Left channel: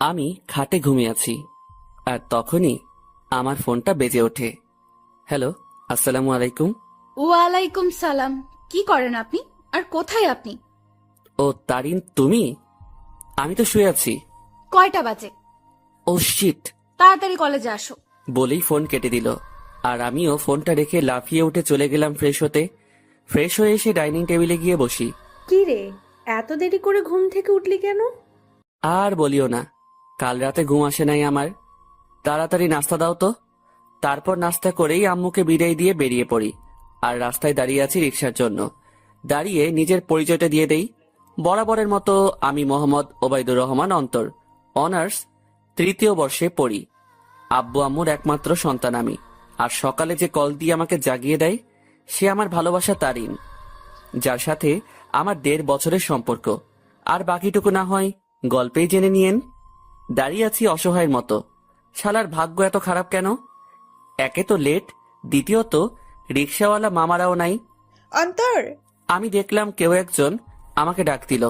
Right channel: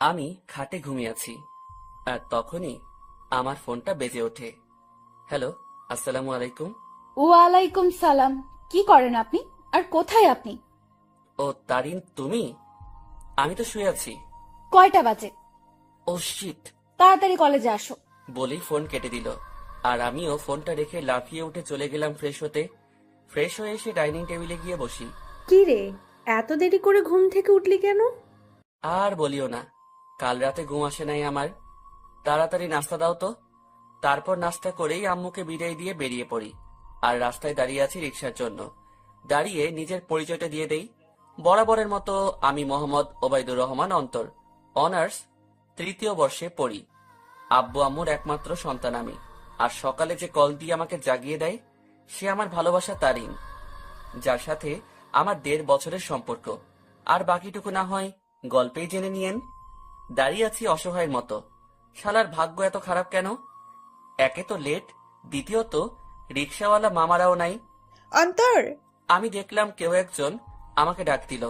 আমি খাটে ঘুমিয়ে আছি, আর তখনই আমার ফোনটা বেজে ওঠে। হ্যালো, আসসালামু আলাইকুম। ওয়ালাইকুম সালাম। কি করেন আপনি? আর কোথায় আপনি? ও তারিন, তুমি? আমি তো শুয়ে আছি। কয়টা বাজে? ও শিট! তাড়াতাড়ি কলেজে আসো। বলেই ফোন কেটে দিল। আর আমিও ফোনটা রেখে লাফিয়ে উঠে চলে গেলাম ফ্রেশ হতে। ফ্রেশ হয়ে এসে ডাইনিং টেবিলে গিয়ে বসি। কি রে, এত দেরি করে ঘুম থেকে উঠলি কেন? আর বলিও না, কাল রাতে ঘুম আসে নাই আমার। তাড়াতাড়ি নাস্তা দাও তো। তারপর নাস্তা করেই আম্মুকে বিদায় দিয়ে বেরিয়ে পড়ি। আর রাস্তায় দাঁড়িয়ে আছি রিক্সার জন্য। দাঁড়িয়ে নিজের পরিচয়টা দিয়ে দেই। বরাবরের মতো আমি মোহাম্মদ ওবায়দুর রহমান অন্তর, অনার্স 3য় বর্ষে পড়ি। আব্বু আম্মুর একমাত্র সন্তান আমি। আর সকালে যে কল দিয়ে আমাকে জাগিয়ে দেয় সে আমার ভালোবাসা তারিন, যার সাথে আমার 1.5 বছরের সম্পর্ক। আর বাকিটুকু না হয় গল্পেই জেনে নিয়েন। দাঁড়িয়ে আছি অসহায়ের মতো। শালার ভাগ্য এত খারাপ কেন? একে তো লেট, দ্বিতীয়ত রিক্সাওয়ালা মামারাও নাই। অন্তর, আমি দেখলাম কেউ একজন আমাকে ডাক দিল।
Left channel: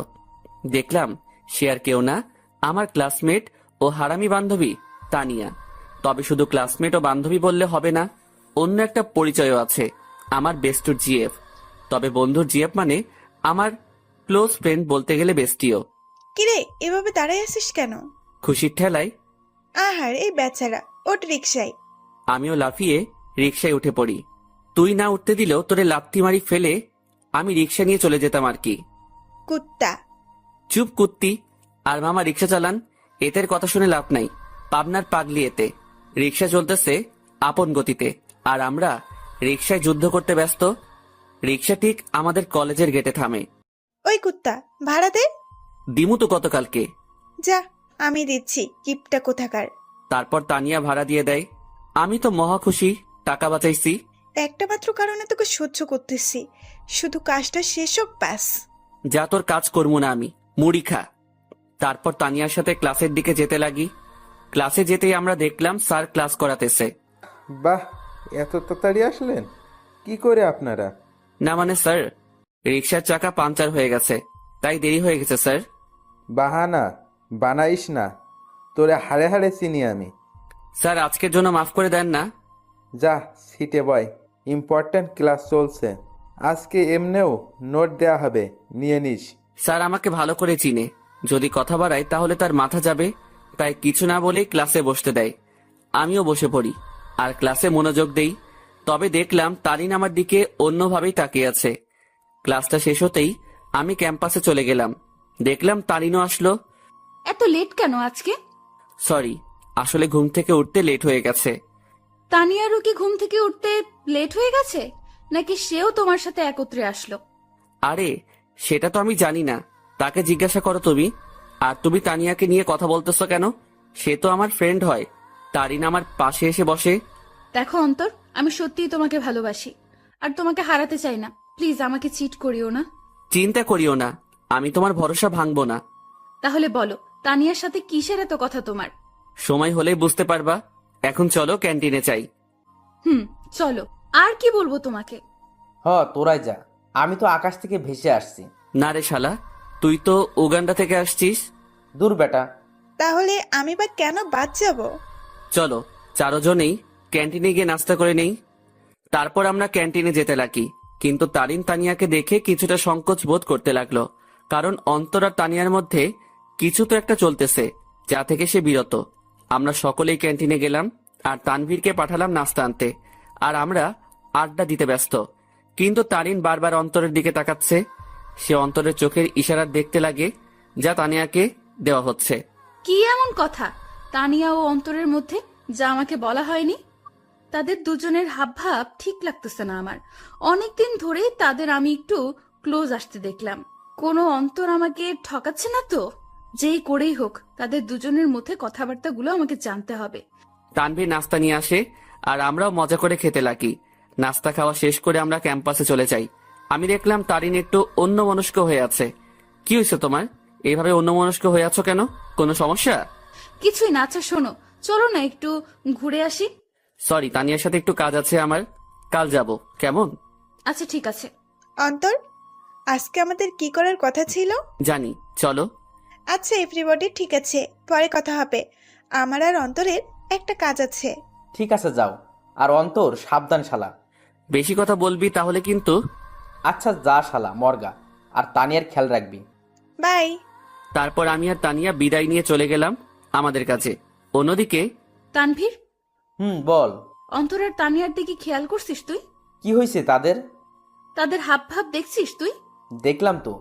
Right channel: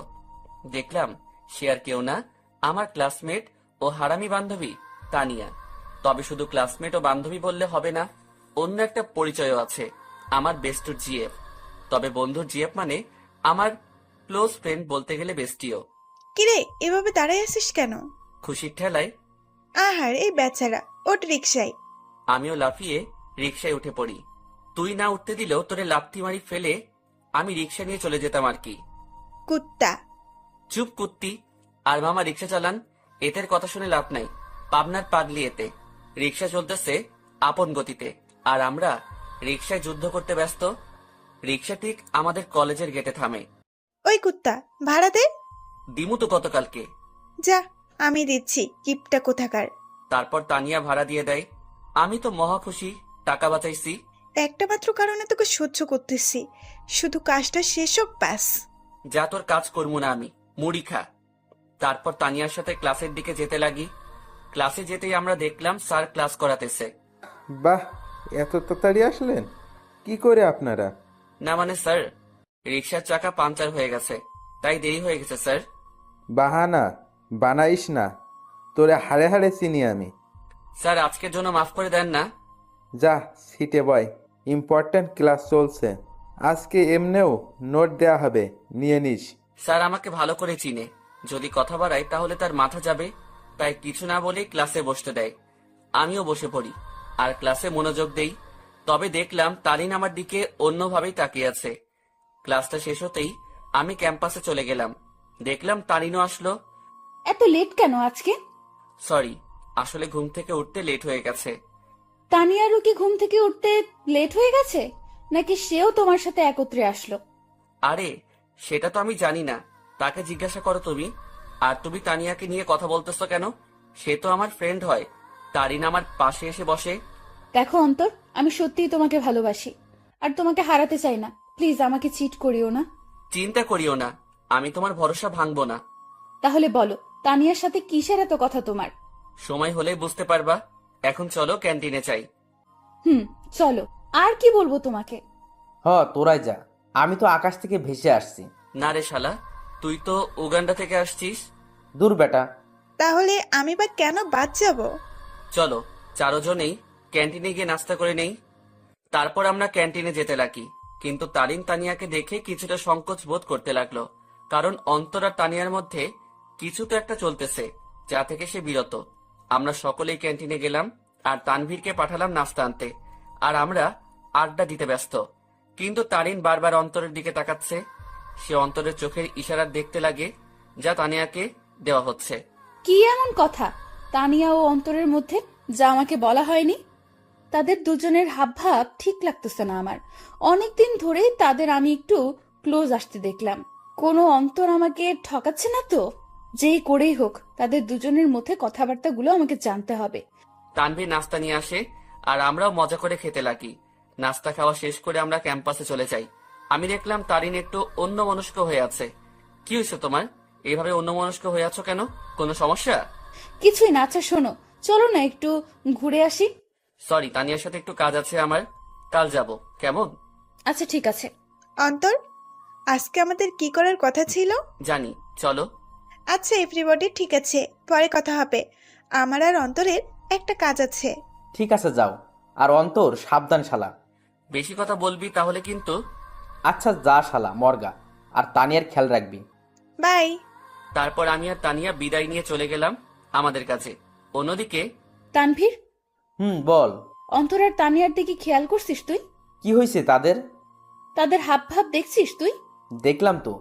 দেখলাম সে আর কেউ না, আমার ক্লাসমেট ও হারামি বান্ধবী তানিয়া। তবে শুধু ক্লাসমেট ও বান্ধবী বললে হবে না, অন্য একটা পরিচয়ও আছে, আমার বেস্টুর জিএফ। তবে বন্ধুর জিএফ মানে আমার ক্লোজ ফ্রেন্ড, বলতে গেলে বেস্টিও। কিরে এভাবে দাঁড়ায় আছিস কেন? খুশির ঠেলায় আহার এই বেচারা, ওঠ রিক্সায়। আমিও লাফিয়ে রিক্সায় উঠে পড়ি। তুই না উঠতে দিলেও তোরে লাথি মারি ফেলে আমি রিক্সা নিয়ে চলে যেতাম আর কি। কুত্তা। চুপ কুত্তি। আর মামা রিক্সা চালান, এতের কথা শুনে লাভ নাই। পাবনার পাগলি এতে। রিক্সা চলতেছে আপন গতিতে, আর আমরা রিক্সায় যুদ্ধ করতে ব্যস্ত। রিক্সা ঠিক আমাদের কলেজের গেটে থামে। ওই কুত্তা, ভাড়া দে। দিমু তো গতকালকে। যা, আমি দিচ্ছি, কিপটা কোথাকার। তারপর তানিয়া ভাড়া দিয়ে দেয়। আমি তো মহা খুশি, টাকা বাঁচাইছি। একটা মাত্র কারণে তোকে সহ্য করতেছি, শুধু কাজটা শেষ হোক ব্যাস। যা, তোর কাজ করবো না আমি, মুড়ি খা। তারপর তানিয়ার সাথে ক্লাসের দিকে যেতে লাগি। ক্লাসে যেতেই আমরা দেখলাম স্যার ক্লাস করাতেছে। বাহ, এত তাড়াতাড়ি আসলেন? কি করে আপনারা? না মানে স্যার, রিক্সার চাকা পাংচার হয়ে গেছে, তাই দেরি হয়ে গেছে স্যার। বাহানা বানাইস না, তোরে হাড়ে হাড়ে চিনি আমি। স্যার আজকের জন্য মাফ করে দেন না। যা সিটে বয়, ইম্পর্ট্যান্ট ক্লাস চলছে। আজকে এমনেও নোট দেয়া হবে, নিয়ে নিস। স্যার আমাকে ভালো করে চিনে, যদি কথা বাড়ায় তাহলে তার মাথা যাবে, তাই কিছু না বলেই ক্লাসে বসতে দেয়। আমিও বসে পড়ি আর ক্লাসে মনোযোগ দেই। তবে দেখলাম তারিন আমার দিকে অন্যভাবেই তাকিয়ে আছে। ক্লাসটা শেষ হতেই আমি ক্যাম্পাসে চলে গেলাম। দেখলাম তারিনও আসলো। এত লেট কেন আজকে? সরি, আসলে ঘুম থেকে উঠতে লেট হয়ে গেছে। তানিয়ারও কি ঘুম থেকে উঠতে লেট হয়ে গেছে, নাকি সেও তোমার সাথে একত্রে আসলো? আরে সেটা তো আমি জানি না, তাকে জিজ্ঞাসা করো তুমি। আর তুমি তানিয়াকে নিয়ে কথা বলতেছো কেন? সে তো আমার ফ্রেন্ড হয়। তারিন আমার পাশে এসে বসে। দেখো অন্তর, আমি সত্যিই তোমাকে ভালোবাসি, আর তোমাকে হারাতে চাই না। প্লিজ আমাকে চিট করিও না। চিন্তা করিও না, আমি তোমার ভরসা ভাঙবো না। তাহলে বলো, তানিয়ার সাথে কিসের এত কথা তোমার? সময় হলেই বুঝতে পারবা। এখন চলো ক্যান্টিনে চাই। হুম, চলো। আর কি বলবো তোমাকে? তোরাই যা, আমি তো আকাশ থেকে ভেসে আসছি। না রে শালা, তুই তো উগান্ডা থেকে আসছিস। দূর বেটা। তাহলে আমি বা কেন বাদ যাব? চলো চারজনেই ক্যান্টিনে গিয়ে নাস্তা করে নেই। তারপর আমরা ক্যান্টিনে যেতে লাগি। কিন্তু তারিন তানিয়াকে দেখে কিছুটা সংকোচ বোধ করতে লাগলো, কারণ অন্তর আর তানিয়ার মধ্যে কিছু তো একটা চলতেছে, যা থেকে সে বিরত। আমরা সকলেই ক্যান্টিনে গেলাম আর তানভীরকে পাঠালাম নাস্তা আনতে। আর আমরা আড্ডা দিতে ব্যস্ত। কিন্তু তারিন বারবার অন্তরের দিকে তাকাচ্ছে। সে অন্তরের চোখের ইশারা দেখতে লাগে, যা তানিয়াকে দেওয়া হচ্ছে। কি এমন কথা তানিয়া ও অন্তরের মধ্যে, যা আমাকে বলা হয়নি? তাদের দুজনের হাবভাব ঠিক লাগতেছে না আমার। অনেকদিন ধরেই তাদের আমি একটু ক্লোজ আসতে দেখলাম। কোনো অন্তর আমাকে ঠকাচ্ছে না তো? যেই করেই হোক, তাদের দুজনের মধ্যে কথাবার্তাগুলো আমাকে জানতে হবে। তানভীর নাস্তা নিয়ে আসে আর আমরাও মজা করে খেতে লাগি। নাস্তা খাওয়া শেষ করে আমরা ক্যাম্পাসে চলে যাই। আমি দেখলাম তারিন একটু অন্যমনস্ক হয়ে আছে। কি হয়েছে তোমার? এইভাবে অন্যমনস্ক হয়ে আছো কেন? কোনো সমস্যা? কিছুই না। আচ্ছা শোনো, চলো না একটু ঘুরে আসি। সরি, তানিয়ার সাথে একটু কাজ আছে আমার, কাল যাব, কেমন? আচ্ছা ঠিক আছে। অন্তর, আজকে আমাদের কি করার কথা ছিল? জানি, চলো। আচ্ছা এভরিবডি, ঠিক আছে, পরে কথা হবে। আমার আর অন্তরের একটা কাজ আছে। ঠিক আছে যাও। আর অন্তর, সাবধান শালা। বেশি কথা বলবি তাহলে কিন্তু। আচ্ছা যা শালা মর্গা। আর তানিয়ার খেয়াল রাখবি। বাই। তারপর আমি আর তানিয়া বিদায় নিয়ে চলে গেলাম আমাদের কাছে। অন্যদিকে তানভীর, বল। অন্তর আর তানিয়ার দিকে খেয়াল করছিস তুই? কি হয়েছে তাদের? তাদের হাব ভাব দেখছিস তুই? দেখলাম তো।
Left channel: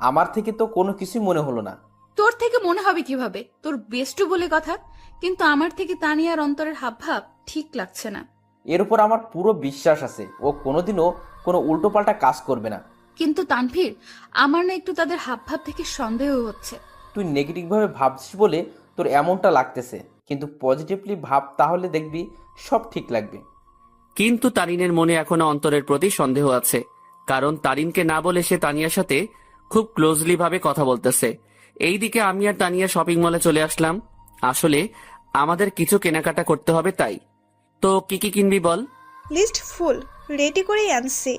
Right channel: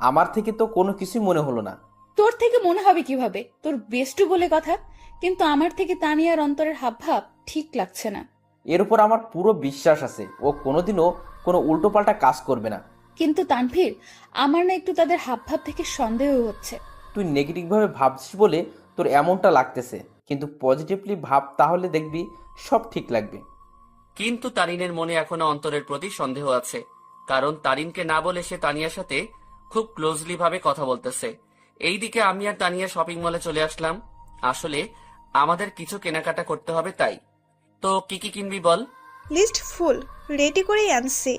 আমার থেকে তো কোনো কিছুই মনে হলো না। তোর থেকে মনে হবে কিভাবে? তোর বেস্টু বলে কথা। কিন্তু আমার থেকে তানিয়ার অন্তরের হাব ভাব ঠিক লাগছে না। এর উপর আমার পুরো বিশ্বাস আছে ও কোনোদিনও কোনো উল্টোপাল্টা কাজ করবে না। কিন্তু তানভীর, আমার না একটু তাদের হাব ভাব থেকে সন্দেহ হচ্ছে। তুই নেগেটিভভাবে ভাবছিস বলে তোর এমনটা লাগতেছে, কিন্তু পজিটিভলি ভাব, তাহলে দেখবি সব ঠিক লাগবে। কিন্তু তারিনের মনে এখনো অন্তরের প্রতি সন্দেহ আছে, কারণ তারিনকে না বলে সে তানিয়ার সাথে খুব ক্লোজলি ভাবে কথা বলতেছে। এইদিকে আমি আর তানিয়া শপিং মলে চলে আসলাম। আসলে আমাদের কিছু কেনাকাটা করতে হবে, তাই। তো কি কি কিনবি বল? লিস্ট ফুল রেডি করেই আনছি।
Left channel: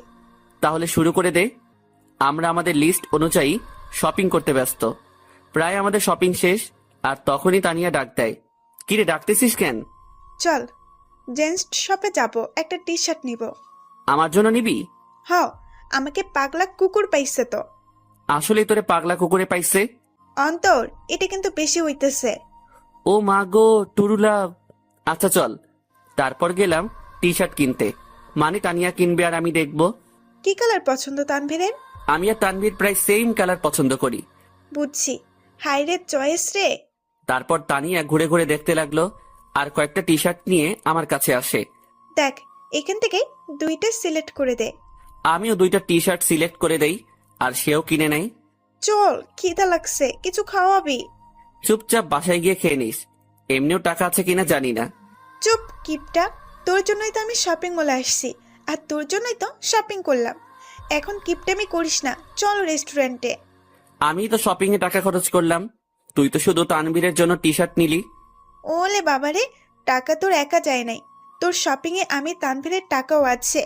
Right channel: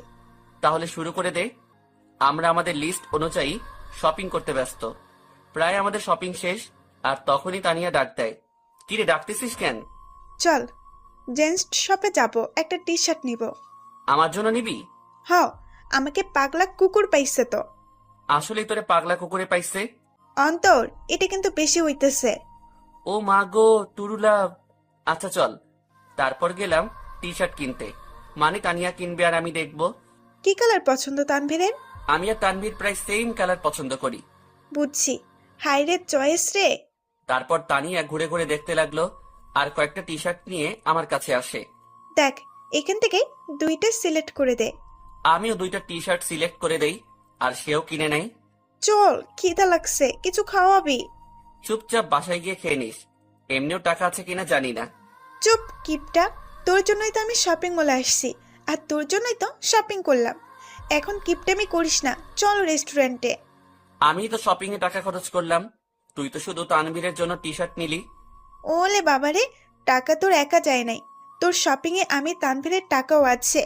তাহলে শুরু করে দে। আমরা আমাদের লিস্ট অনুযায়ী শপিং করতে ব্যস্ত। প্রায় আমাদের শপিং শেষ, আর তখনই তানিয়া ডাক দেয়। কিরে, ডাকতেছিস কেন? চল জেন্টস শপে যাব, একটা টি শার্ট নিব। আমার জন্য নিবি? হ, আমাকে পাগলা কুকুর পাইছে তো। আসলেই তোরে পাগলা কুকুরে পাইছে? অন্তর, এটা কিন্তু বেশি হইতেছে। ও মা গো, টুরুলা। আচ্ছা চল। তারপর গেলাম টি শার্ট কিনতে। মানে তানিয়া কিনবে আর আমি দেখব। কি কালার পছন্দ তানভীরের? আমি আর তানভীর প্রায় সেম কালার পছন্দ করি। বুঝছি, হাইরে চয়েস রে। তারপর তানিয়া ঘুরে ঘুরে দেখতে লাগলো, আর কয়েকটা টি শার্ট নিয়ে আমার কাছে আসে। দেখ, এখান থেকে দুইটা সিলেক্ট করে দে। আমিও দুইটা টি শার্ট সিলেক্ট করে দেই, আর সেও কিনে নেই। চল, খিদা লাগছে, কিছু খাওয়াবি? চুপচাপ বাসায় গিয়ে খেয়ে নিস। এমনিও টাকা আছে কিনা জানি না। চুপ কিপটা, তোর জন্যই তো আমি শপিং মলে আসছি, আর তোর জন্যই তো শপিং করলাম। এখন কিপটামি করিস না, চল রেস্টুরেন্টে। আমি তো শপিং এ টাকা খরচ করলাম, তুই তো শুধু তানভীরের জন্য টি শার্ট নিলি। ওলে বাবারে, টাকা তোর একা যায় নাই, তোর শপিং এ আমি তানভীরের টাকাও আছে।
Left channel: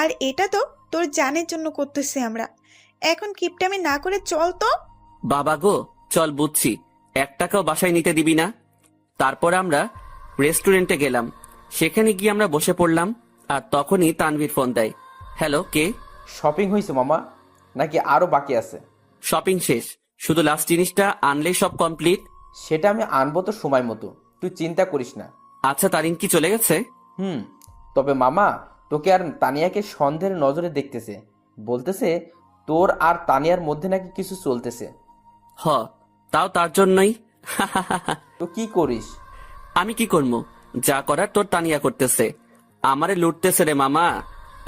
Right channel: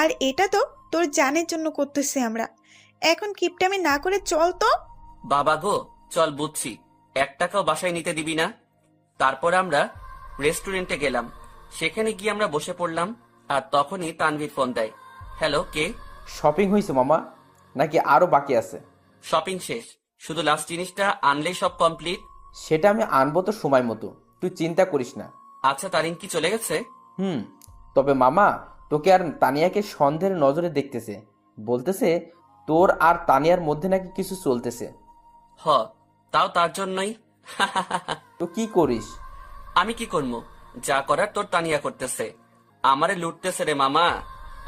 আর এটা তো তোর জানের জন্য করতেছি আমরা। এখন কিপটামি না করে চল তো। বাবা গো, চল বুঝছি, 1 টাকাও বাসায় নিতে দিবি না। তারপর আমরা রেস্টুরেন্টে গেলাম। সেখানে গিয়ে আমরা বসে পড়লাম, আর তখনই তানভীর ফোন দেয়। হ্যালো, কে? শপিং হয়েছে মামা, নাকি আরো বাকি আছে? শপিং শেষ, শুধু লাস্ট জিনিসটা আনলেই সব কমপ্লিট। সেটা আমি আনবো তো সময় মতো, তুই চিন্তা করিস না। আচ্ছা, তারিন কি চলে গেছে? তবে মামা, তোকে আর তানিয়াকে সন্দেহের নজরে দেখতেছে। বলতেছে তোর আর তানিয়ার মধ্যে নাকি কিছু চলতেছে। হ, তাও তার জন্যই। তো কি করিস? আমি কি করবো? যা করার তোর তানিয়া করতেছে। আমারে লুটতেছে রে মামা।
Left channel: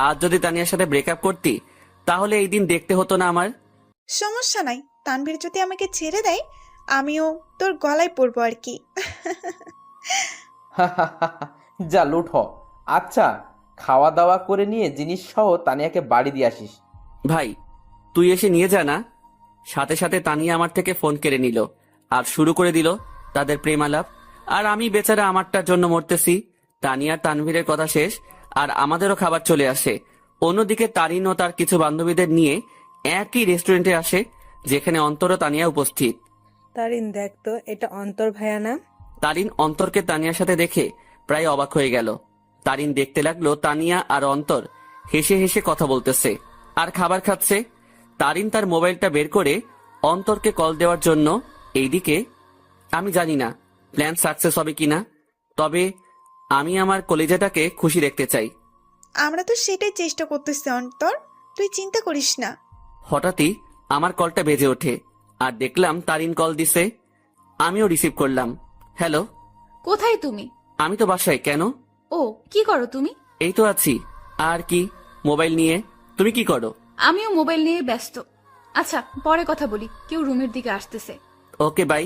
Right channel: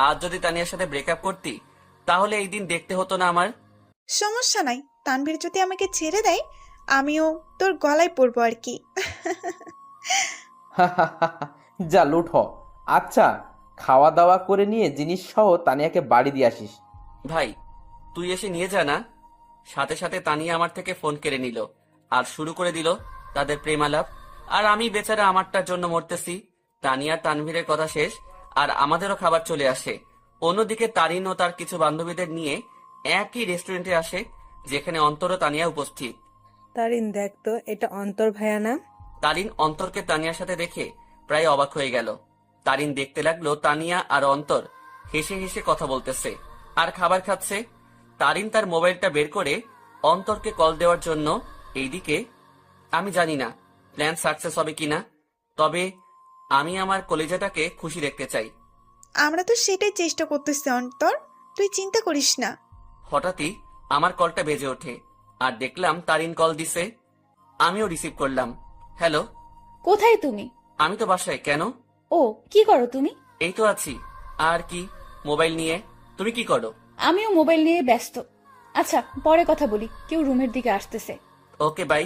আজ যদি তানিয়ার সাথে ব্রেকআপ করতি, তাহলে এই দিন দেখতে হতো না আমার। সমস্যা নাই, তানভীর যদি আমাকে ছেড়ে দেয়, আমিও তোর গলায় পড়বো আর কি। যা লুট হ। আচ্ছা, খাওয়া দাওয়া করে নিয়ে জিনিস সহ তানিয়াকে বাড়ি দিয়ে আসিস। ভাই, তুই এসে নিয়ে যা না। সাথে সাথে তানিয়া আমার থেকে ফোন কেড়ে নিল, আর শুরু করে দিল তাদের প্রেম আলাপ। আর আমি বেচারা আমারটার জন্য মরতেছি। তানিয়া তানভীরের কথা শেষ, আর আমাদেরও খাবার চলে আসে। অন্যদিকে তারিন ও তার কিছু বান্ধবীদের নিয়ে একই রেস্টুরেন্টে আসে, যেখানে অন্তর ও তানিয়া উপস্থিত। তারিন, দেখ তো, এটা অন্তর ভাইয়া না? তারিন অন্তরকে তানিয়ার সাথে দেখে প্রায় অবাক হয়ে গেল। তারিন দেখতে লাগলো তানিয়া আর অন্তর হেসে হেসে কথা বলতেছে আর খাবার খাচ্ছে। তারিন তার মোবাইলটা বের করে অন্তরকে কল দেওয়ার জন্য। এইদিকে আমি জানি না প্ল্যান সাকসেস হবে কিনা, তবে আমি আমার কলিজাটাকে খুশি দেখতে চাই। আমরা তো সেটাই চেষ্টা করতেছি অন্তর, তুই চিন্তা করিস না। হঠাৎই আমার কলটা বেজে ওঠে, আর দেখলাম তারিন কল দিছে। আমিও রিসিভ করলাম। হ্যালো। কোথায় তুমি? আমি তো বাসায়। কেন? ও, কি করো তুমি? এই তো আছি। আর কি, মোবাইল নিয়ে। তুমি কি করো? আমিও মোবাইল নিয়ে ব্যস্ত। আচ্ছা, পরে কথা বলি, কেউ রুমের দিকে আসতেছে। Okay bye.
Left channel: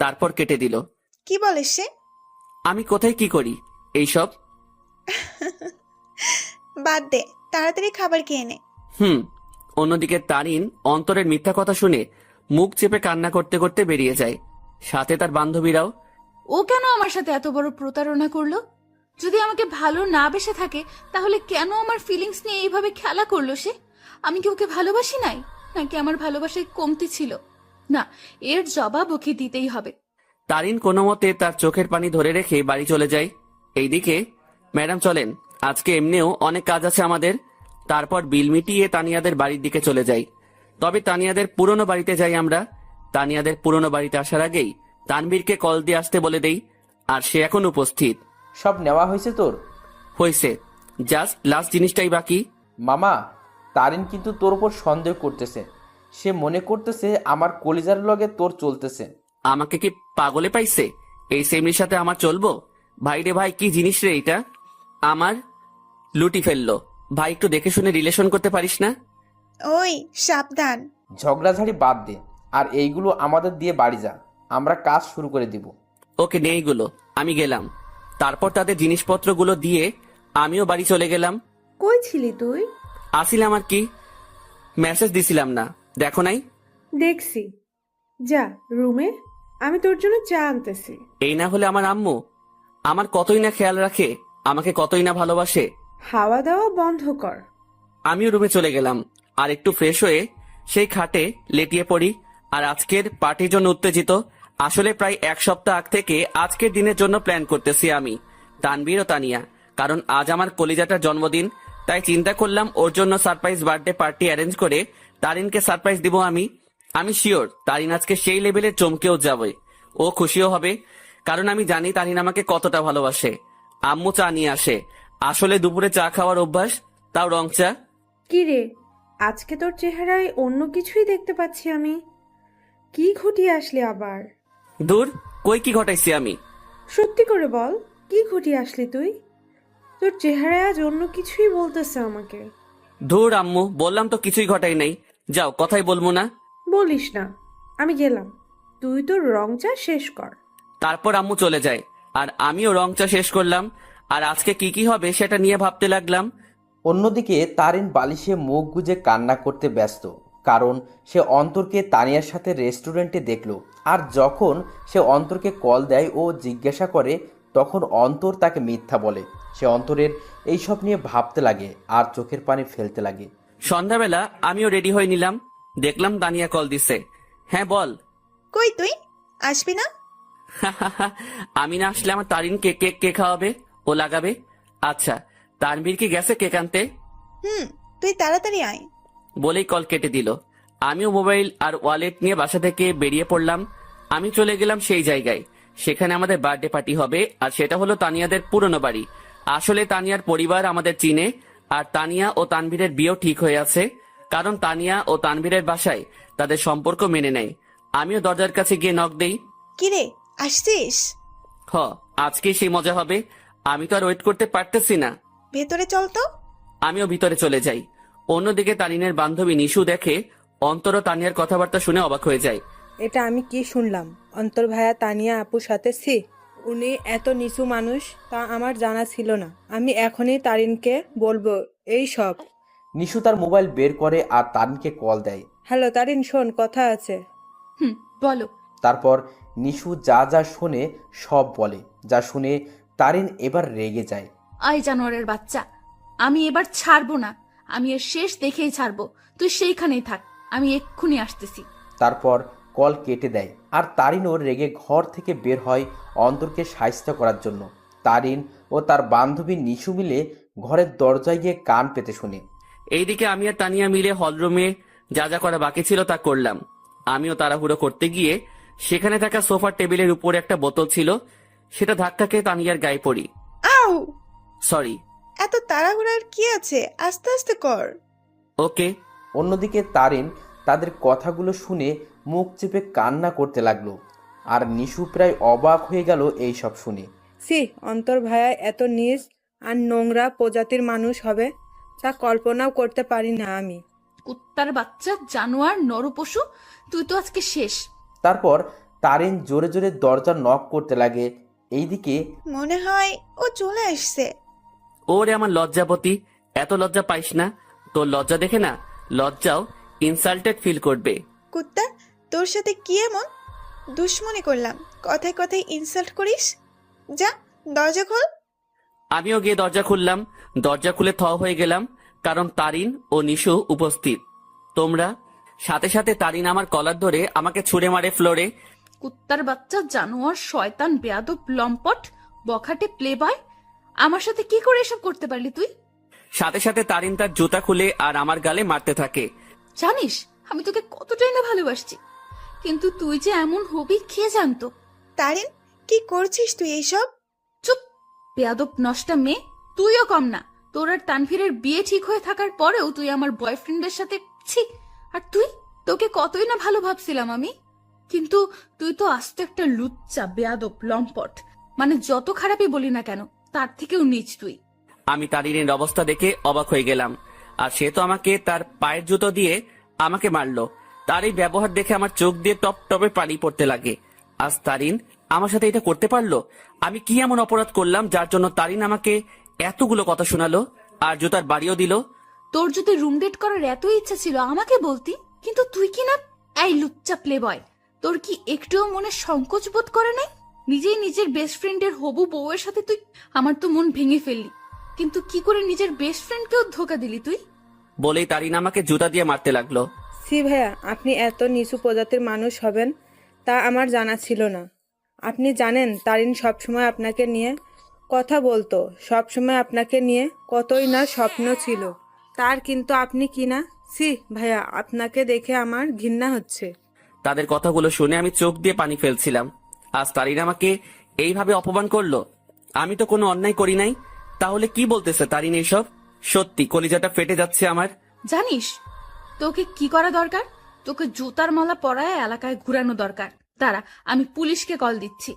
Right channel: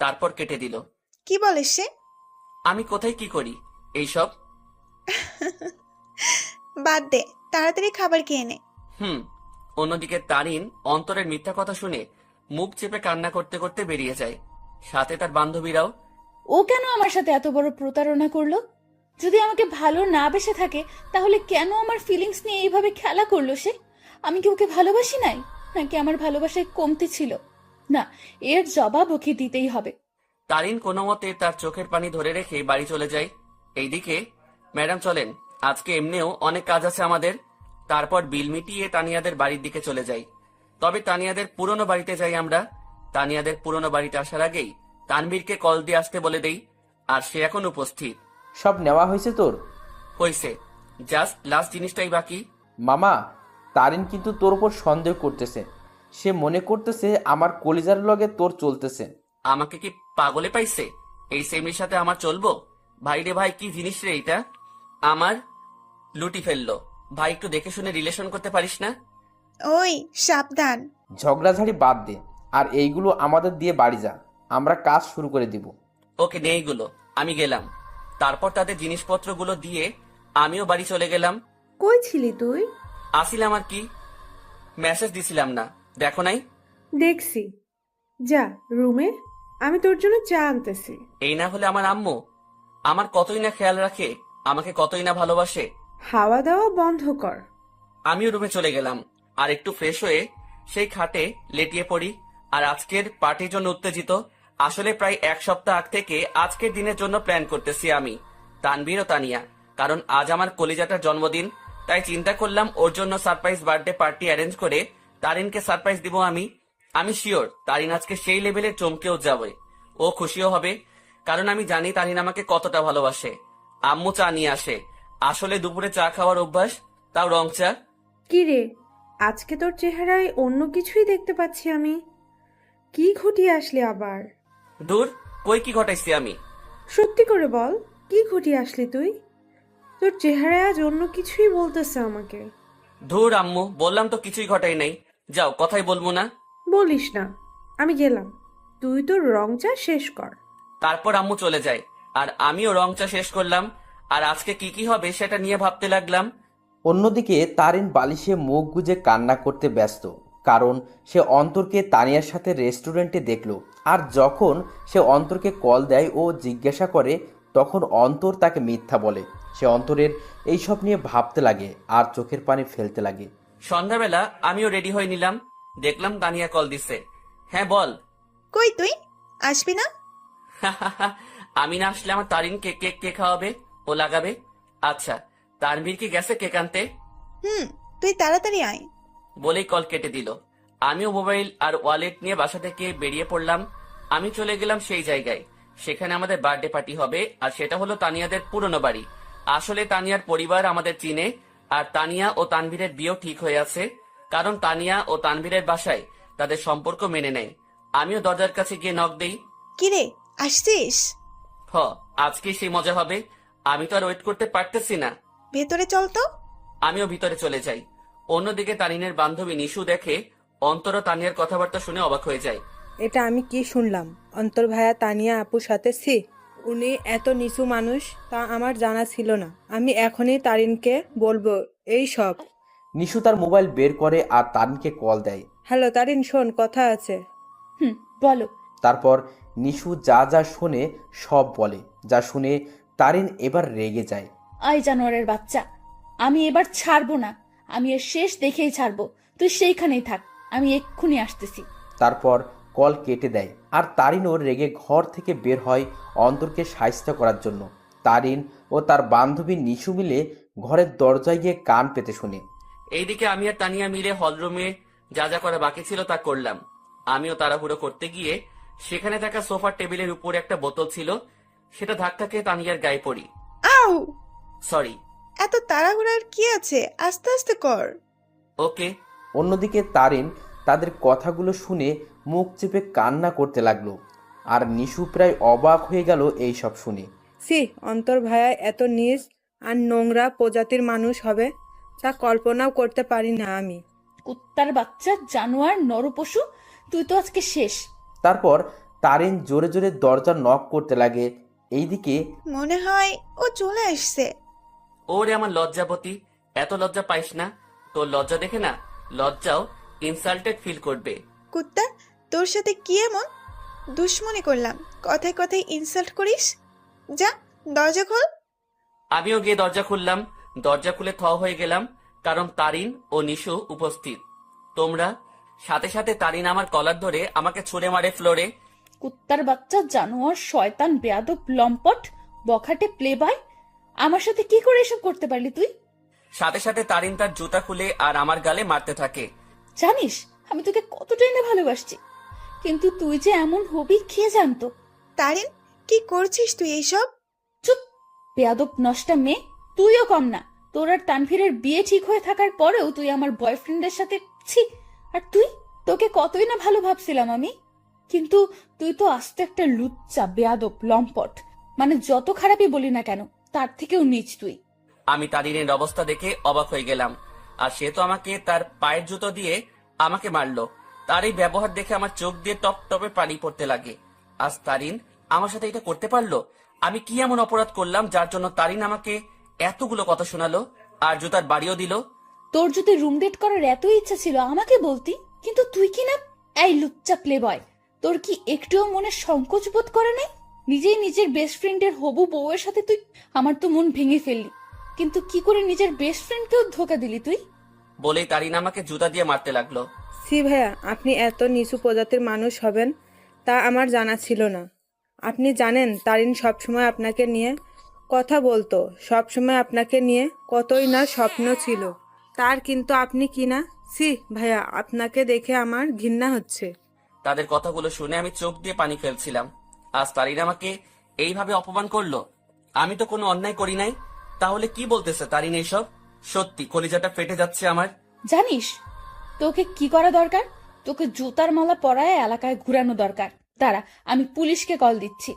তারপর কেটে দিল। কি বলে সে? আমি কোথায় কি করি এইসব? বাদ দে, তাড়াতাড়ি খাবার খেয়ে নে। অন্যদিকে তারিন অন্তরের মিথ্যা কথা শুনে মুখ চেপে কান্না করতে করতে বেরিয়ে যায়, সাথে তার বান্ধবীরাও। ও কেন আমার সাথে এত বড় প্রতারণা করলো? যদি আমাকে ভালো না বেসে থাকে, তাহলে কেন আমার ফিলিংস নিয়ে এইভাবে খেলা করলো সে? আমি কি ওকে ভালোবাসি নাই, নাকি আমার ভালোবাসায় কমতি ছিল? না, এর জবাব ওকে দিতেই হবে। তারিন কোনো মতে তার চোখের পানি ধরে রেখে বাড়ি চলে যায়। এইদিকে, ম্যাডাম চলেন, আজকে এমনিও অনেক কাজ আছে আমাদের। তারপর বিল মিটিয়ে তানিয়াদের বাড়ির দিকে চলে যাই। তবে তানিয়াদের পুরনো বাড়িতে যাই আমরা। তানিয়াদের পুরনো বাড়িতে আসার আগেই তানবীরকে কল দিয়ে আসতে বলে দেই, আর সে এখন উপস্থিত। সব নেওয়া হয়েছে তোর? হয়েছে, জাস্ট লাস্ট জিনিসটাই বাকি। মামা, তারিন কিন্তু তোর উপর সন্দেহ করতেছে। সে মনে করতেছে আমার কলিজার লগে তোর চলতেছে। আমাকে কি পাগলে পাইছে? এই সেমরির সাথে আমার চলবো? ভাই রে ভাই, কি জিনিস রে এটা! আমার লুটি ফেললো। ভাই, একটু দেখে শুনে রিলেশন করতে পারিস না? ওই সাবধান। ঝগড়াঝাড়ি বাদ দে, আর এইগুলো আমাদের দিয়ে বাড়ি যা, আমরা কাজ শুরু করে দিব। ওকে, নে এইগুলো, আমি গেলাম। তারপর তাদের জিনিসপত্রগুলো দিয়ে আমিও বাড়ি চলে গেলাম। কই ছিলি তুই? আসিলাম আর কি, মেসেজ দিছিলাম না, দেখো নাই? দেখছি। যা রুমে, আমি তোর জন্য চা আনতেছি। এই না হলে আমার আম্মু আমার কতই না খেয়াল রাখে, আমাকে কতই না ভালোবাসে। হাওয়া দাওয়া বন্ধ কর। আমিও রুমে চলে গেলাম, আর একটু ফ্রেশ হয়ে সেই খাটে লেটিয়ে পড়ি। আর আজকের পার্টির জন্য উত্তেজিত। আসলে প্রায় এক সপ্তাহ আগ থেকে আজকের দিনের জন্য প্ল্যান করতেছি আমি, তানবীর ও তানিয়া। কারণ আজ আমার কলিজাটার জন্মদিন, তাই চিন্তা করলাম ওর জন্য সারপ্রাইজ বার্থডে পার্টি অ্যারেঞ্জ করে তারিনকে সারপ্রাইজ দিব আমি। আমি শিওর তারিন আজকে সেই লেভেলে চমকেও যাবে, ও খুশিও হবে। কারণ আমি জানি তারিন আমাকে কতটা ভালোবাসে। আম্মু চা নিয়ে আসে। আসলে দুপুরে চা খাওয়ার অভ্যাস, তাও রং চা। কি রে, আজকে তোর চেহারায় অন্য কিছুই দেখতে পাচ্ছি আমি। কি ঘটিয়ে আসলি আবার? দূর, কই কি ঘটাইছি আমি? সত্যি করে বল, কি ঘটিয়ে আসলি তুই? তোর চেহারায় আজ অন্য কিছুই বলতেছে আমাকে। ধুর আম্মু, বললাম তো কিছুই ঘটাই নাই। যাও, কথাই বলবো না। বলিস না, আমি গেলাম। তুই তোর রং চা শেষ কর। তারপর আম্মু চলে যায়, আর আমিও রং চা শেষ করলাম। আর আজকে কি কি হবে সেটা নিয়ে ভাবতে লাগলাম। অন্যদিকে তারিন বালিশে মুখ গুজে কান্না করতে ব্যস্ত, কারণ সে অন্তরকে তানিয়ার সাথে রেস্টুরেন্টে দেখলো। আর যখন সে অন্তরকে কল দেয় ও জিজ্ঞাসা করে, তখন অন্তর তাকে মিথ্যা বলে। সে অন্তরের এইসব নিয়ে ভাবতে লাগে আর চোখের পানি ফেলতে লাগে। সন্ধ্যাবেলা আমিও রেডি হয়ে নিলাম, দেখলাম তানিয়া কল দিছে। হ্যাঁ বল। কই তুই আসবি না? আমি না আসলে আমার তারিনকে কেক কে খাওয়াবে, ও লাগাবে? আচ্ছা, তানভীর কি গেছে কেক আনতে? তুই তাড়াতাড়ি আয়। বলেই কল কেটে দিল। আমিও মোবাইল আর ওয়ালেট নিয়ে বাসা থেকে বেরিয়ে পড়লাম। আমি চলে গেলাম সেই জায়গায়, সেখানে আমাদের বার্থডে পার্টি হবে। আর সেটা হলো তানিয়াদের পুরনো বাড়ি। আসলে তানিয়ার পরিবার আমাদের চিনে, আর তানিয়া ও তানভীরের বিয়েও ঠিক হয়ে আছে। কারণ তানিয়া ও তানভীরের বাসায় তাদের সম্পর্ক মেনে নেয়। আমিও দরজার কাছে গিয়ে নক দেই। কিরে, আসছিস? হ, আজকে সেই মজা হবে। আমি তো আর ওয়েট করতে পারতেছি না। ভেতরে চল তো। আমিও ভিতরে চলে যাই। অন্যদিকে তারিনের বান্ধবী নিশু দেখে অন্তর ও তানিয়ার কথাবার্তা শুনে অবাক হয়ে যায়। এটা আমি কি শুনলাম? অন্তর ভাইয়া তানিয়া আপুর সাথে উনি এত নিচু মানুষ তা আমার জানা ছিল না। আমি এখনই তারিনকে বলবো এই সব। নিশু তার মোবাইল বের করে আর তারিনকে কল দেয়। হ্যালো তারিন, শোন, কথা আছে। বলো। তারপর নিশু যা যা শোনে সব বলে। যা শুনে তারিন এবার রেগে যায়। আই জানোয়ারের বাচ্চা, আমি এবার ছাড়বো না। আমি এর শেষ দেখেই ছাড়বো। তুই সেইখানেই থাক, আমি এক্ষুনি আসতেছি। তারপর কল কেটে দেয়। আর তারিনও রেগে ঘর থেকে বের হয় অন্তরকে সাহায্য করার জন্য। তারিন ও তার বান্ধবী নিশু মিলে ঘরের দরজায় গিয়ে কান পেতে শুনে। এইদিকে আমি আর তানিয়া মিলে হলরুমে যা যা করা বাকি ছিল তা করলাম। আমিও তাড়াহুড়ো করতে গিয়ে সেখানে থাকা সোফার টেবিলের উপরে একটা বোতল ছিল, সেটা ধাক্কা খেয়ে তানিয়ার গায়ে পড়ি। আউ! সরি। এত তাড়াহুড়ার কি আছে, আস্তে আস্তে কর। ওকে। অন্যদিকে তারিন তাদের কথাগুলো শুনে মুখ চেপে কান্না করতে লাগলো। আর নিশু প্রায় অবাক হয়ে গেল এই সব শুনে। অন্তর ভাইয়া এত নিচ আর নোংরা প্রজাতির মানুষ হবে তা কল্পনাও করতে পারি না আমি। কুত্তার বাচ্চা, জানোয়ার, নরপশু, তুই তো আজকে শেষ। তারপর তারিন জোরে জোরে দরজা নক করতে লাগে। এইদিকে মনে হয় ও চলে আসছে। ওরে আমার লজ্জাপতি, এত লজ্জা পাইস না। তোর লজ্জা দেখে না লজ্জাও ইনসাল্টেড ফিল করবে। কুত্তা, তোর সাথে কি এমন দুশ্মনী করলাম, কথায় কথায় ইনসাল্ট করিস? যা, দরজা খোল। আমিও গিয়ে দরজা খুললাম। দরজা খুলে থ হয়ে গেলাম, কারণ তারিন ও নিশু উপস্থিত। তোমরা সাথে সাথে তারিন আমার কলার ধরে আমাকে ছুঁড়ে মারে ফ্লোরে। কুত্তার বাচ্চা, জানোয়ার, শয়তান, বেয়াদব, লম্পট, বখাটে, প্লে বয়, আমার সাথে কি করে এসব করতে পারলি তুই? সাথে সাথে তারিন তার জুতা খুলে আর আমার গালে মারতে থাকে। জানিস আমি তোকে কতটাই না ভালোবাসছি, কিন্তু তুই যে এমন হবি কে জানতো? তারিন, কি করছিস তুই এইসব? চুপ, বেয়াদব নষ্টা মেয়ে। তুইও কম না। তোর আর তানভীরের বিয়ে ঠিক হয়ে থাকার পরেও তুই আমার বয়ফ্রেন্ডের সাথে ছি। আর তুই, তোকে কতই না ভালো ভাবছিলাম আমি, কিন্তু তুই তো আস্ত একটা লুচ্চা, বেয়াদব, লম্পট। মানে যত খারাপই বলি না কেন, তার থেকেও নিচ তুই। আমি তারিনের অবস্থা দেখে অবাক হয়ে গেলাম। আর সে তো আমাকে তার পায়ের জুতো দিয়ে আমাকে মারলো। তার এই ব্যবহার দেখে আমার চোখ দিয়ে টপ টপে পানি পড়তে লাগে। আজ তারিন আমার সাথে এটা করতে পারলো? আমি কি এমন অপরাধ করলাম যার জন্য তারিন আমাকে এতগুলো কথা শোনালো আর জুতার বাড়িও দিল? তোর যদি রুম ডেট করার এত ইচ্ছা ছিল আমাকে বলতি, কিন্তু তুই কি না। এই লুচ্চা প্লে বয়, তোর কি একটুও মনে সংকোচ বোধ করে নাই? নিজেই নিজের বেস্ট ফ্রেন্ডের হবু বউয়ের সাথে তুই। আমার তো মন ভেঙে ফেললি, কিন্তু কি করে নিজের বেস্ট ফ্রেন্ডকেও ধোকা দিলি তুই? বলেই তারিন আমাকে জুতা দিয়ে মারতে লাগলো। সি ভাইয়া, আপনি এত নিচু প্রজাতির মানুষ হবেন তা আমার জানা ছিল না। আপনি জানেন তারিন সবসময় আপনাকে নিয়ে কথা বলতো, সবসময় আপনাকে নিয়ে কতই না স্বপ্ন ছিল তার, কিন্তু আপনি কি না। সি ভাইয়া, আপনাকে দেখে আমার ঘৃণা হচ্ছে। তাদের কথাগুলো শুনে আমি চোখ দিয়ে পানি ফেলছিলাম। আজ তারিন আমাকে এইভাবে অপমান করলো। আমি তো কোনো অন্যায় করি নাই, তাহলে কি বলতেছে তারিন এইসব? সত্যি কলিজাটা ফেটে যাচ্ছে আমার। জানিস তোকে কি করা দরকার? তোকে জুতার মালা পরায় এলাকায় ঘুরানো দরকার। দাঁড়া, আমি পুলিশকে কল দিচ্ছি।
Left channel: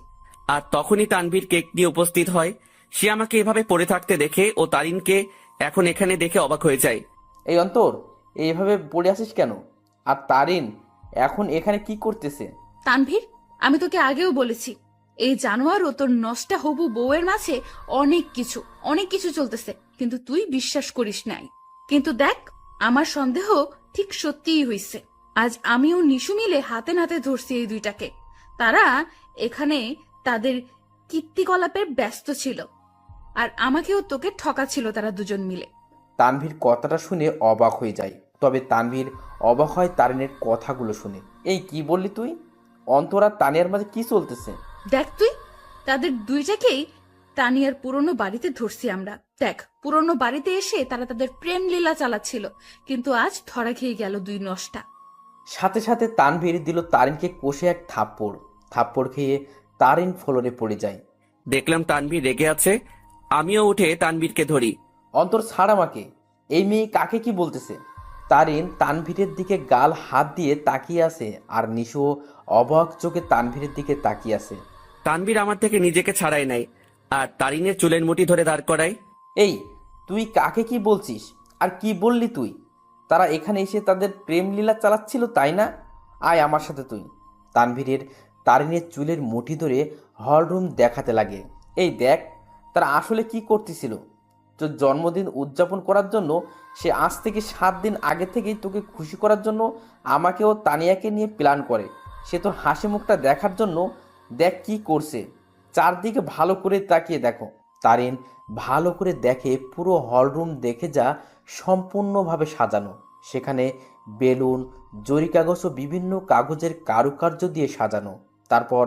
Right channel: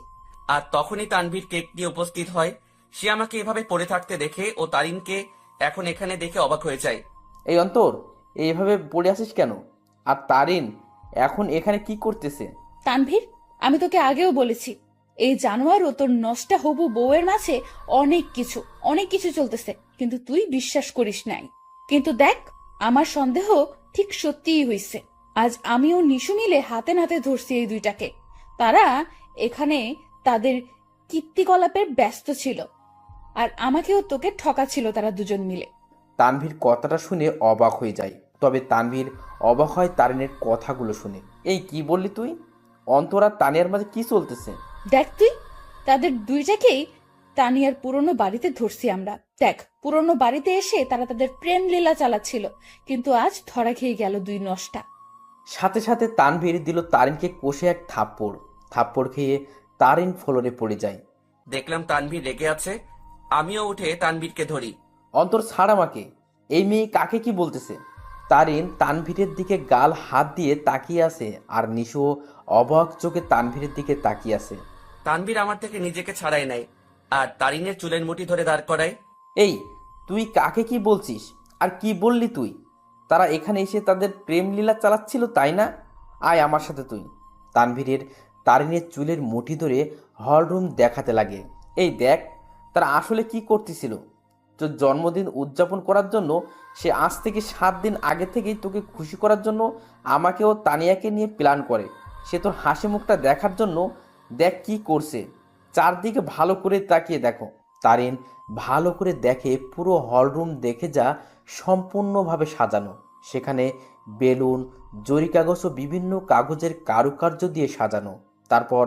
আর তখনই তানভীর কেক নিয়ে উপস্থিত হয়। সে আমাকে এভাবে পড়ে থাকতে দেখে ও তারিনকে এখন এখানে দেখে অবাক হয়ে যায়। এই অন্তর, এইভাবে পড়ে আসিস কেন? আর তারিন এখন এখানে কি করতেছে? তানভীর, আমি তোকে আগেও বলেছি, এই জানোয়ার ও তোর নষ্টা হবু বউয়ের মাঝে অনেক কিছু চলতেছে, কিন্তু তুই বিশ্বাস করিস নাই। কিন্তু দেখ, আমার সন্দেহ ঠিক সত্যিই হইছে। আজ আমিও নিশু মিলে হাতে নাতে ধরছি এই দুইটাকে। তারা এখানে তাদের কীর্তিকলাপে ব্যস্ত ছিল, আর আমাকেও তোকে ঠকাচ্ছিল তারা দুজন মিলে। তানভীর কথাটা শুনে অবাক হয়ে যায়, তবে তানভীর অবাক হয় তারিনের কথাগুলো শুনে। এই কি বললি তুই? অন্তর আর তানিয়ার মাঝে কি চলতেছে? দেখ তুই, তাদের দুইটাকেই তানিয়ার পুরনো বাড়িতে ধরছি আমরা। দেখ, পুরনো বাড়িতে এসে তারা তাদের প্রেম লীলা চালাচ্ছিল, কিন্তু আজ ধরা খেয়ে গেল দুই নষ্টা। সাথে সাথে তানভীর দিল তারিনকে কষে এক থাপ্পড় খেয়ে তারিন ফ্লোরে পড়ে যায়। দেখলাম তানভীর রেগে আছে। আমিও উঠে তানভীরকে ধরি। অন্তর, ছাড় আমাকে। এই মেয়ে কাকে কি বলতেছে? তারিন তানভীরের দিকে গাল হাত দিয়ে তাকিয়ে আছে, আর নিশু অবাক চোখে তানভীরের দিকে তাকিয়ে আছে। তানভীর আমার থেকে নিজেকে ছাড়াই নাই আর তারিনের চুলের মুঠি ধরে দাঁড় করায়। এই, তুই কাকে কি বলছিস? আর কি বললি তুই? তারা এখানে এসে তাদের প্রেম লীলা চালাচ্ছিল, তাই না? আয় আমার সাথে তুই। তারিনের চুলের মুঠি ধরে হলরুম দেখাতে লাগে। এই দেখ, তারা আসলে কি করতেছিল। তোর জন্মদিন উদযাপন করার জন্য সে আজ থেকে 7 দিন আগে থেকেই তোকে খুশি করার জন্য আমাকে ও তানিয়াকে নিয়ে প্ল্যান করে। সে তোর হাসি মুখটা দেখার জন্য দেখ কি করছে। চারদিকে ভালো করে তাকিয়ে দেখো। তারিন ভালো করে দেখে পুরো হলরুম দেখে যা সম্পূর্ণভাবে সাজানো। সেখানে বেলুন, জরি কাগজ ও বিভিন্ন কাগজের কারুকার্য দিয়ে সাজানো। তারপর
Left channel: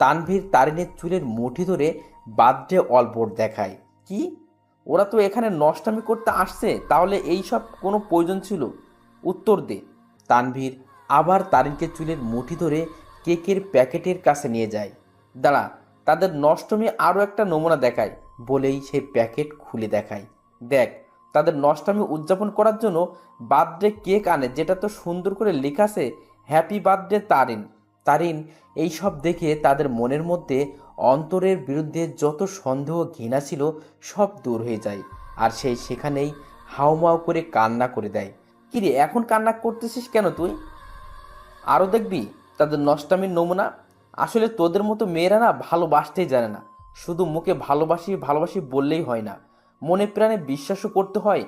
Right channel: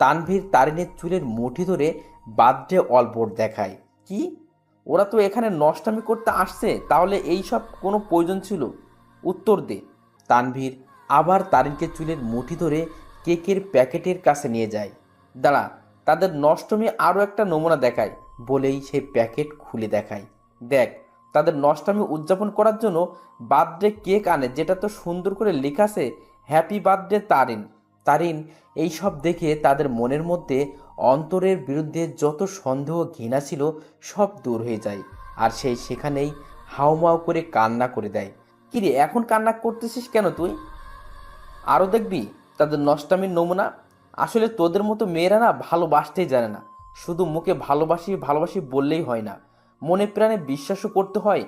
তানভীর তারিনের চুলের মুঠি ধরে বার্থডে অলবোর্ড দেখায়। কি, ওরা তো এখানে নষ্টামি করতে আসছে, তাহলে এই সব কোনো প্রয়োজন ছিল? উত্তর দে। তানভীর আবার তারিনকে চুলের মুঠি ধরে কেকের প্যাকেটের কাছে নিয়ে যায়। দাঁড়া, তাদের নষ্টমী আরও একটা নমুনা দেখায় বলেই সেই প্যাকেট খুলে দেখায়। দেখ, তাদের নষ্টামি উদযাপন করার জন্য বার্থডে কেক আনে, যেটা তো সুন্দর করে লেখা আছে হ্যাপি বার্থডে তারিন। তারিন এই সব দেখে তাদের মনের মধ্যে অন্তরের বিরুদ্ধে যত সন্দেহ ঘৃণা ছিল সব দূর হয়ে যায়, আর সেই সেখানেই হাউমাউ করে কান্না করে দেয়। কিরে, এখন কান্না করতেছিস কেন তুই? আরও দেখবি তাদের নষ্টামির নমুনা। আসলে তোদের মতো মেয়েরা না ভালোবাসতেই জানে না। শুধু মুখে ভালোবাসি ভালোবাসি বললেই হয় না, মনে প্রাণে বিশ্বাসও করতে হয়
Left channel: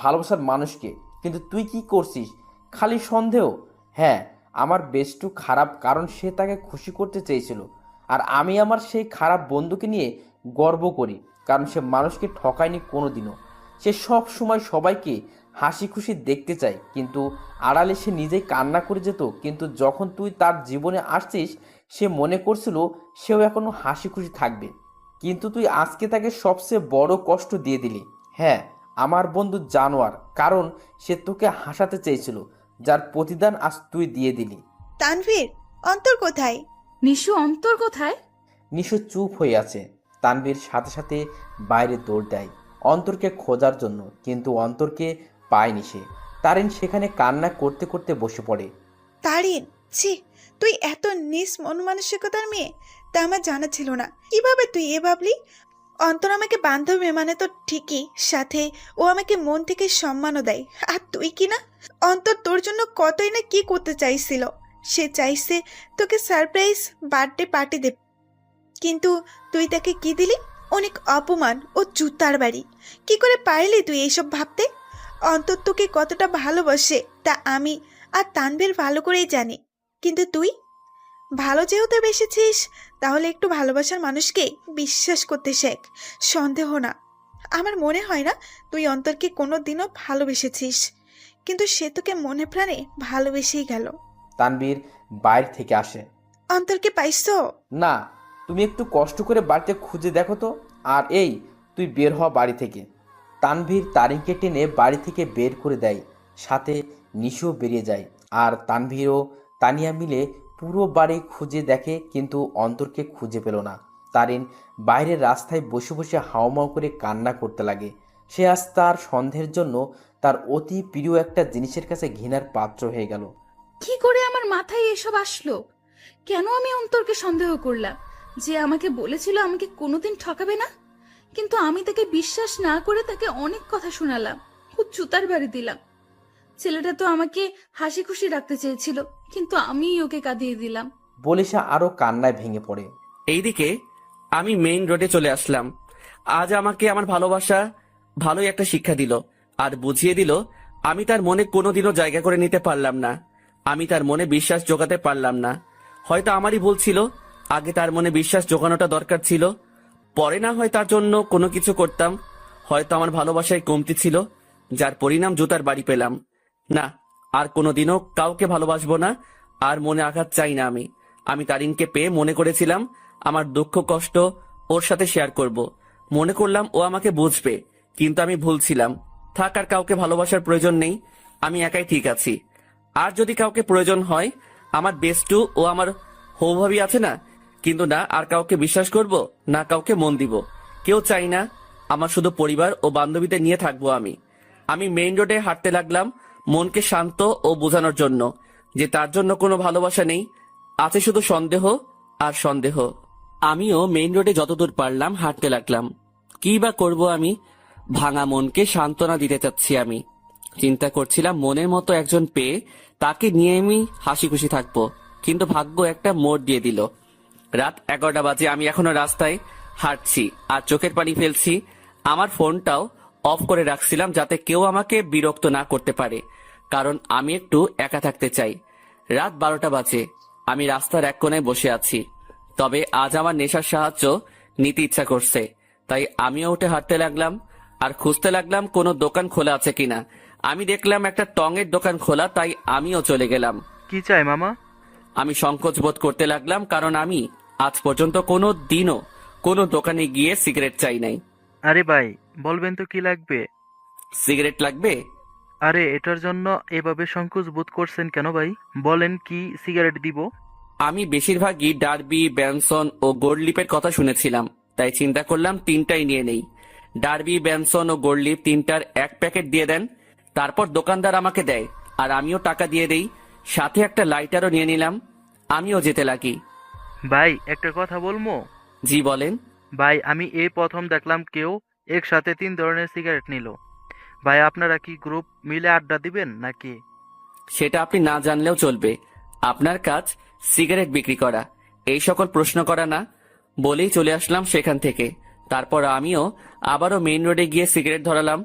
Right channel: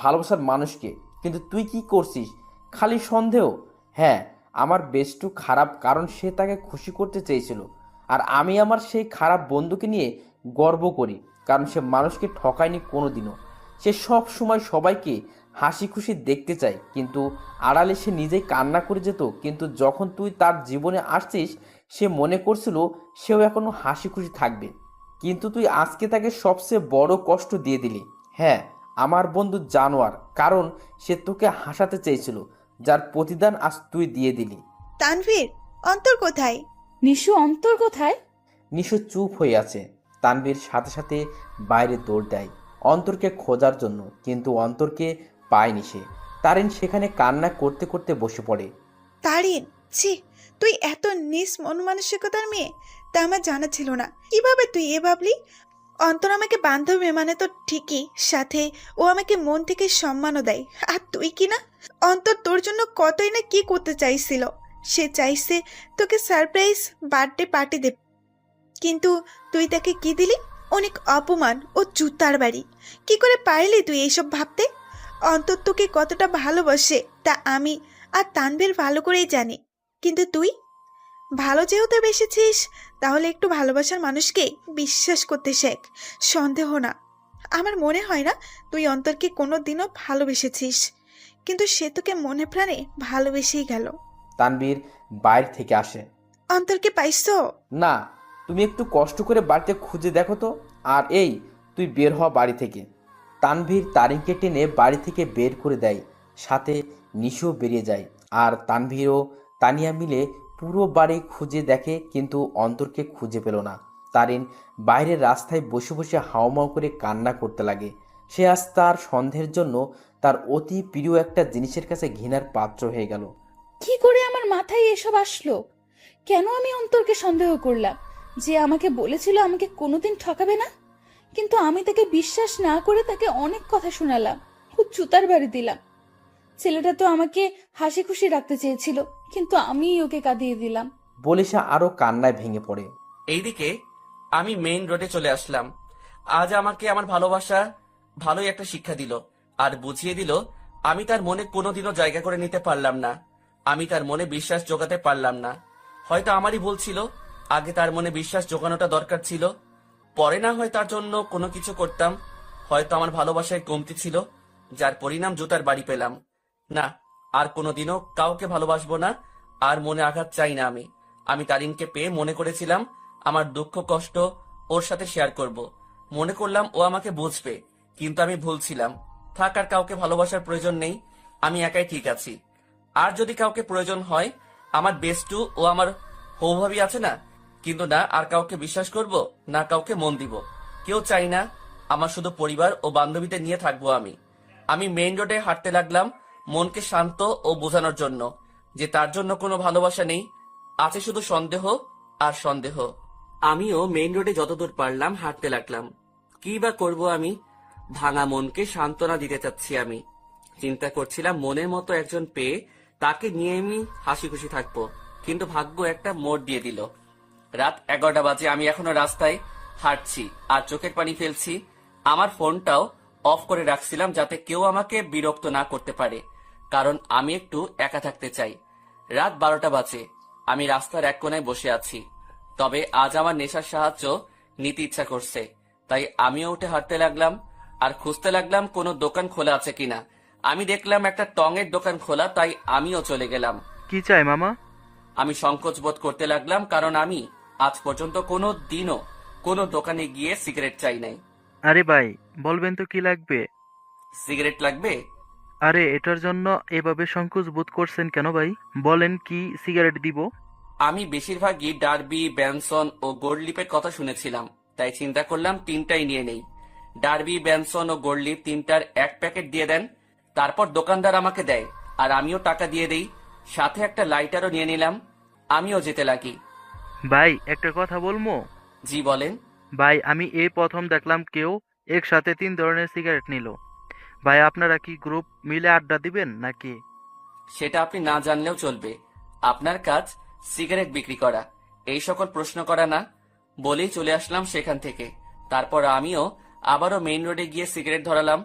ভালোবাসার মানুষকে। কিন্তু তুই কি করছিস? খালি সন্দেহ। হ্যাঁ, আমার বেস্টু খারাপ, কারণ সে তাকে খুশি করতে চেয়েছিল। আর আমি আমার সেই খারাপ বন্ধুকে নিয়ে গর্ব করি, কারণ সে মানুষকে ঠকায়নি কোনো দিনও। সে সব সময় সবাইকে হাসি খুশি দেখতে চাই, কিন্তু আড়ালে সে নিজেই কান্না করে যেত। কিন্তু যখন তুই তার জীবনে আসছিস, সে মনে করছিল সেও এখনো হাসি খুশি থাকবে, কিন্তু তুই আজকে তাকে সবচেয়ে বড় কষ্ট দিয়ে দিলি। হ্যাঁ, আমার বন্ধু জানোয়ার, কারণ সে তোকে হাসাতে চেয়েছিল, যার প্রতিদান আজ তুই দিয়ে দিলি। তানভীর, অন্তর কোথায়? নিশু, অন্তর কোথায়? নিশু চুপ হয়ে আছে। তানভীর সাথে সাথে বাইরে দৌড় দেয় অন্তরকে খোঁজার জন্য, কিন্তু অন্তরকে পায়নি সে। তারিন সেখানে কান্না করতে করতে বসে পড়ে। তারিন, ছি, তুই এত নিস মন মানসিকতার মেয়ে, তা আমার জানা ছিল না। কিভাবে তুই এ ভাবলি? অন্তর আমাকে বান্ধবী মানে তো ঠিকই, সাথে ও আমাকে মন থেকে সম্মানও দেয়। আর তুই কি না, অন্তর তোর জন্য কতই না কি করতে চাইছিল। সে চাইছে তোকে সারপ্রাইজ বার্থডে পার্টি দেবে, কিন্তু তুই তাকে কি দিলি? অনেক অপমান ও জুতার বাড়ি। কি করে পারলি তুই এইসব ভাবতে? অন্তর তোকে কতটা ভালোবাসে তা আমি আর তানভীর ভালো করেই জানি, কিন্তু তুই ভালো যেহেতু বেসেছিস, তাহলে একটু ভালোবাসার মানুষকে বিশ্বাস করতে শেখ, সন্দেহ না। আমার মনে হয় না তুই অন্তরকে কোনো দিনও ভালোবেসেছিস, কিন্তু সে তোকে মনে প্রাণে ভালোবেসেই গেল। তানভীর বাইরে থেকে আসে। অন্তরকে পাইছো? না, তুমি একটু কষ্ট করে বাড়িতে খুঁজে দেখো তো। আর এই, তুই বের হ বাড়ি থেকে। তানভীর তারিনকে টেনে বাড়ি থেকে বের করে দেয়, সাথে নিশিও বেরিয়ে যায়। আর তানভীর ও তানিয়া মিলে পুরো বাড়ি খুঁজে দেখে, কিন্তু অন্তরকে খুঁজে পেল না। তারিন বাইরের রাস্তায় বসে বসে হাউমাউ করে কান্না করতে লাগে। সে আজ তার সন্দেহের জন্য তার অতি প্রিয় একটা জিনিসের কাছে ঘৃণার পাত্র হয়ে গেল। কি করে আমার মাথায় এসব আসলো? কেন আমি অন্তরকে সন্দেহ করলাম? যে আমাকে বলেছিল আমাকে কোনোদিন ঠকাবে না, কিন্তু আমি তাকে বিশ্বাস না করে তাকে অনেক কথা শোনালাম, খুব জুতার বাড়ি দিলাম। ছেলেটা তো আমাকে হাসি খুশি রাখতে চেয়েছিল, কিন্তু আমিই ওকে কাঁদিয়ে দিলাম। বলে সে আরো কান্নায় ভেঙে পড়ে। এইদিকে আমি মেইন রোডে চলে আসলাম। আজ আমাকে আমার ভালোবাসা ভালোই একটা শিক্ষা দিল, আর বুঝিয়ে দিল আমি তার মনে কোনোদিনও জায়গা করে নিতে পারলাম না। আমি তার মনে বিশ্বাস জোগাতে পারলাম না। হয়তো আমারই ভুল ছিল, আগে তার মনে বিশ্বাস জোগানোটা দরকার ছিল। পরে না হয় তার জন্য কোনো কিছু করতাম। হয়তো আমার ভালোবাসায় কমতি ছিল, যার পরিণাম জুতার বাড়ি পেলাম। না, আর কোনোদিনও কাউকে ভালোবাসবো না, আর মনে আঘাত চাই না। আমি তারিনকে পেয়ে মনে করেছিলাম আমার দুঃখ কষ্ট ওর সাথে শেয়ার করব। মনে করলাম ও আমাকে বুঝবে, কিন্তু আমি ভুল ছিলাম। থাক, আর কাউকে ভালোবাসার প্রয়োজন নেই, আমি একাই ঠিক আছি। আর যদি কাউকে প্রয়োজন হয়, আমার বেস্টু ও আমার হৌভাবি আছে না, কিন্তু না আর কাউকে বিশ্বাস করব, না কাউকে মন দিব। কেউ চাই না, আমার শুধু পরিবার ও বান্ধবীদের নিয়ে থাকবো আমি মেইন রোডে হাঁটতে লাগলাম, মনকে শান্ত ও বোঝানোর জন্য যে তার জন্য কোনো ভালোবাসা নেই, আছে শুধু সন্দেহ আর সন্দেহ। আমিও মেইন রোডে যতদূর পারলাম হাঁটতে লাগলাম। কি বা করব আমি? ভাঙা মনকে সান্ত্বনা দিতে চাচ্ছি আমি। চিন্তা করছিলাম মনের মতো একজন পেয়ে তাকে নিয়ে আমি হাসি খুশি থাকবো, কিন্তু ভাগ্য একটা মোড় দিয়ে দিল। রাত 11টা বাজে, আমি এখনো রাস্তায় হাঁটছি আর চোখের পানি ফেলছি। আমার ফোনটাও অফ করে রাখছিলাম যাতে কেউ আমাকে বিরক্ত না করতে পারে, কারণ আমি একটু একা থাকতে চাই। রাত 12টা বাজে, আমি রাস্তার এক কোণায় বসে আছি। তবে আজ আমার নেশার সাহায্য নিতে ইচ্ছা করছে, তাই আমিও উঠে হাঁটতে লাগলাম আর খুঁজতে লাগলাম কোনো দোকান খোলা আছে কিনা। আমি দেখলাম একটা টঙের দোকান খোলা, তাই আমিও চলে গেলাম। কি চাই মামা? আমি সংকোচ বোধ করতে লাগলাম, কারণ আমি আজ পর্যন্ত কোনো দিনও কোনো দোকানে গিয়ে সিগারেট চাই নাই। আরে ভাই, বলবেন তো কি লাগবে? সিগারেট লাগবে? আরে এটার জন্য এভাবে সংকোচ বোধ করছেন কেন ভাই? বলেন কি সিগারেট দিব? আমি বেশিরভাগই ডার্বি, ব্যানসন ও গোল্ডলিপের কথা শুনেছিলাম, তাই চিন্তা করলাম তিনটাই নিয়ে নেই। ডার্বি, ব্যানসন ও গোল্ডলিপ তিনটার এক প্যাকেট দিয়ে দেন। তারপর দোকানদার আমাকে দেয় আর আমিও টাকা দিয়ে দেই। সাথে একটা লাইটারও নিয়ে নিলাম। আমিও যেতে লাগি। ভাই একটা কথা বলবো? জি বলেন। ভাই আমি এই প্রথম দেখলাম কেউ একসাথে 3 ধরনের সিগারেট নিল। ভাই আপনারা কি গ্রুপ মিলে আড্ডা দিবেন নাকি? সেটা আপনি না জানলেও চলবে। আপনার কাজ সিগারেট বিক্রি করা, এই সকল প্রশ্ন করা না। বলেই চলে আসলাম সেখান থেকে। তারপর আমিও আবারও মেইন রোডে গিয়ে সিগারেট ধরালাম।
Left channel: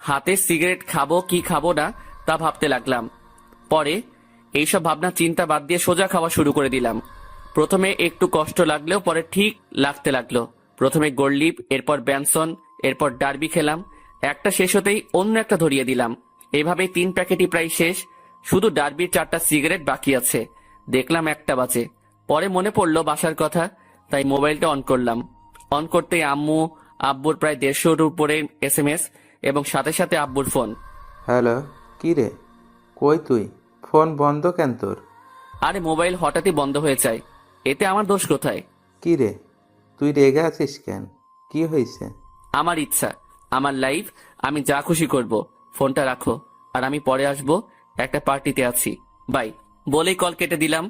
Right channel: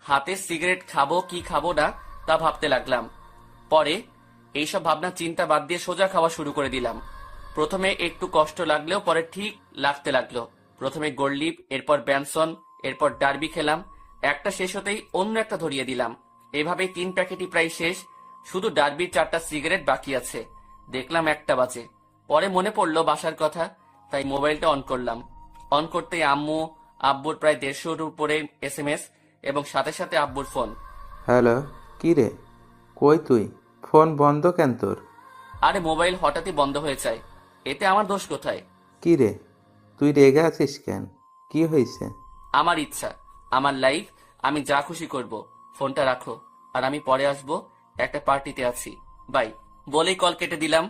হাতে সিগারেট খাবো কি খাবো না তা ভাবতে লাগলাম। পরে এইসব ভাবনা চিন্তা বাদ দিয়ে সোজা খাওয়া শুরু করে দিলাম। প্রথমে একটু কষ্ট লাগলেও পরে ঠিক লাগতে লাগলো। প্রথমে গোল্ডলিপ, এরপর ব্যানসন, এরপর ডার্বি খেলাম। একটা শেষ হতেই অন্য একটা ধরিয়ে দিলাম। এভাবে 3 প্যাকেটই প্রায় শেষ। শুধু ডার্বির 4টা সিগারেট বাকি আছে। দেখলাম 1টা বাজে। পরে মনে পড়লো বাসার কথা, তাই মোবাইলটা অন করলাম। অন করতেই আব্বুর প্রায় 150-র উপরে SMS এবং সাথে সাথে আব্বুর ফোন। হ্যালো, কি রে? কই তুই? ফোন বন্ধ কেন তোর? আরে মোবাইল হঠাৎই বন্ধ হয়ে যায়, এতে আমার দোষ কোথায়? কি রে, তুই রেগে আছিস কেন? কি হয়েছে? আমার ইচ্ছা, আমার লাইফ, আমি যা খুশি করব। ফোনটা রাখো, আর আমি পরে আসবো, একটা পার্টিতে আছি, বাই বলেই কল কেটে দিলাম।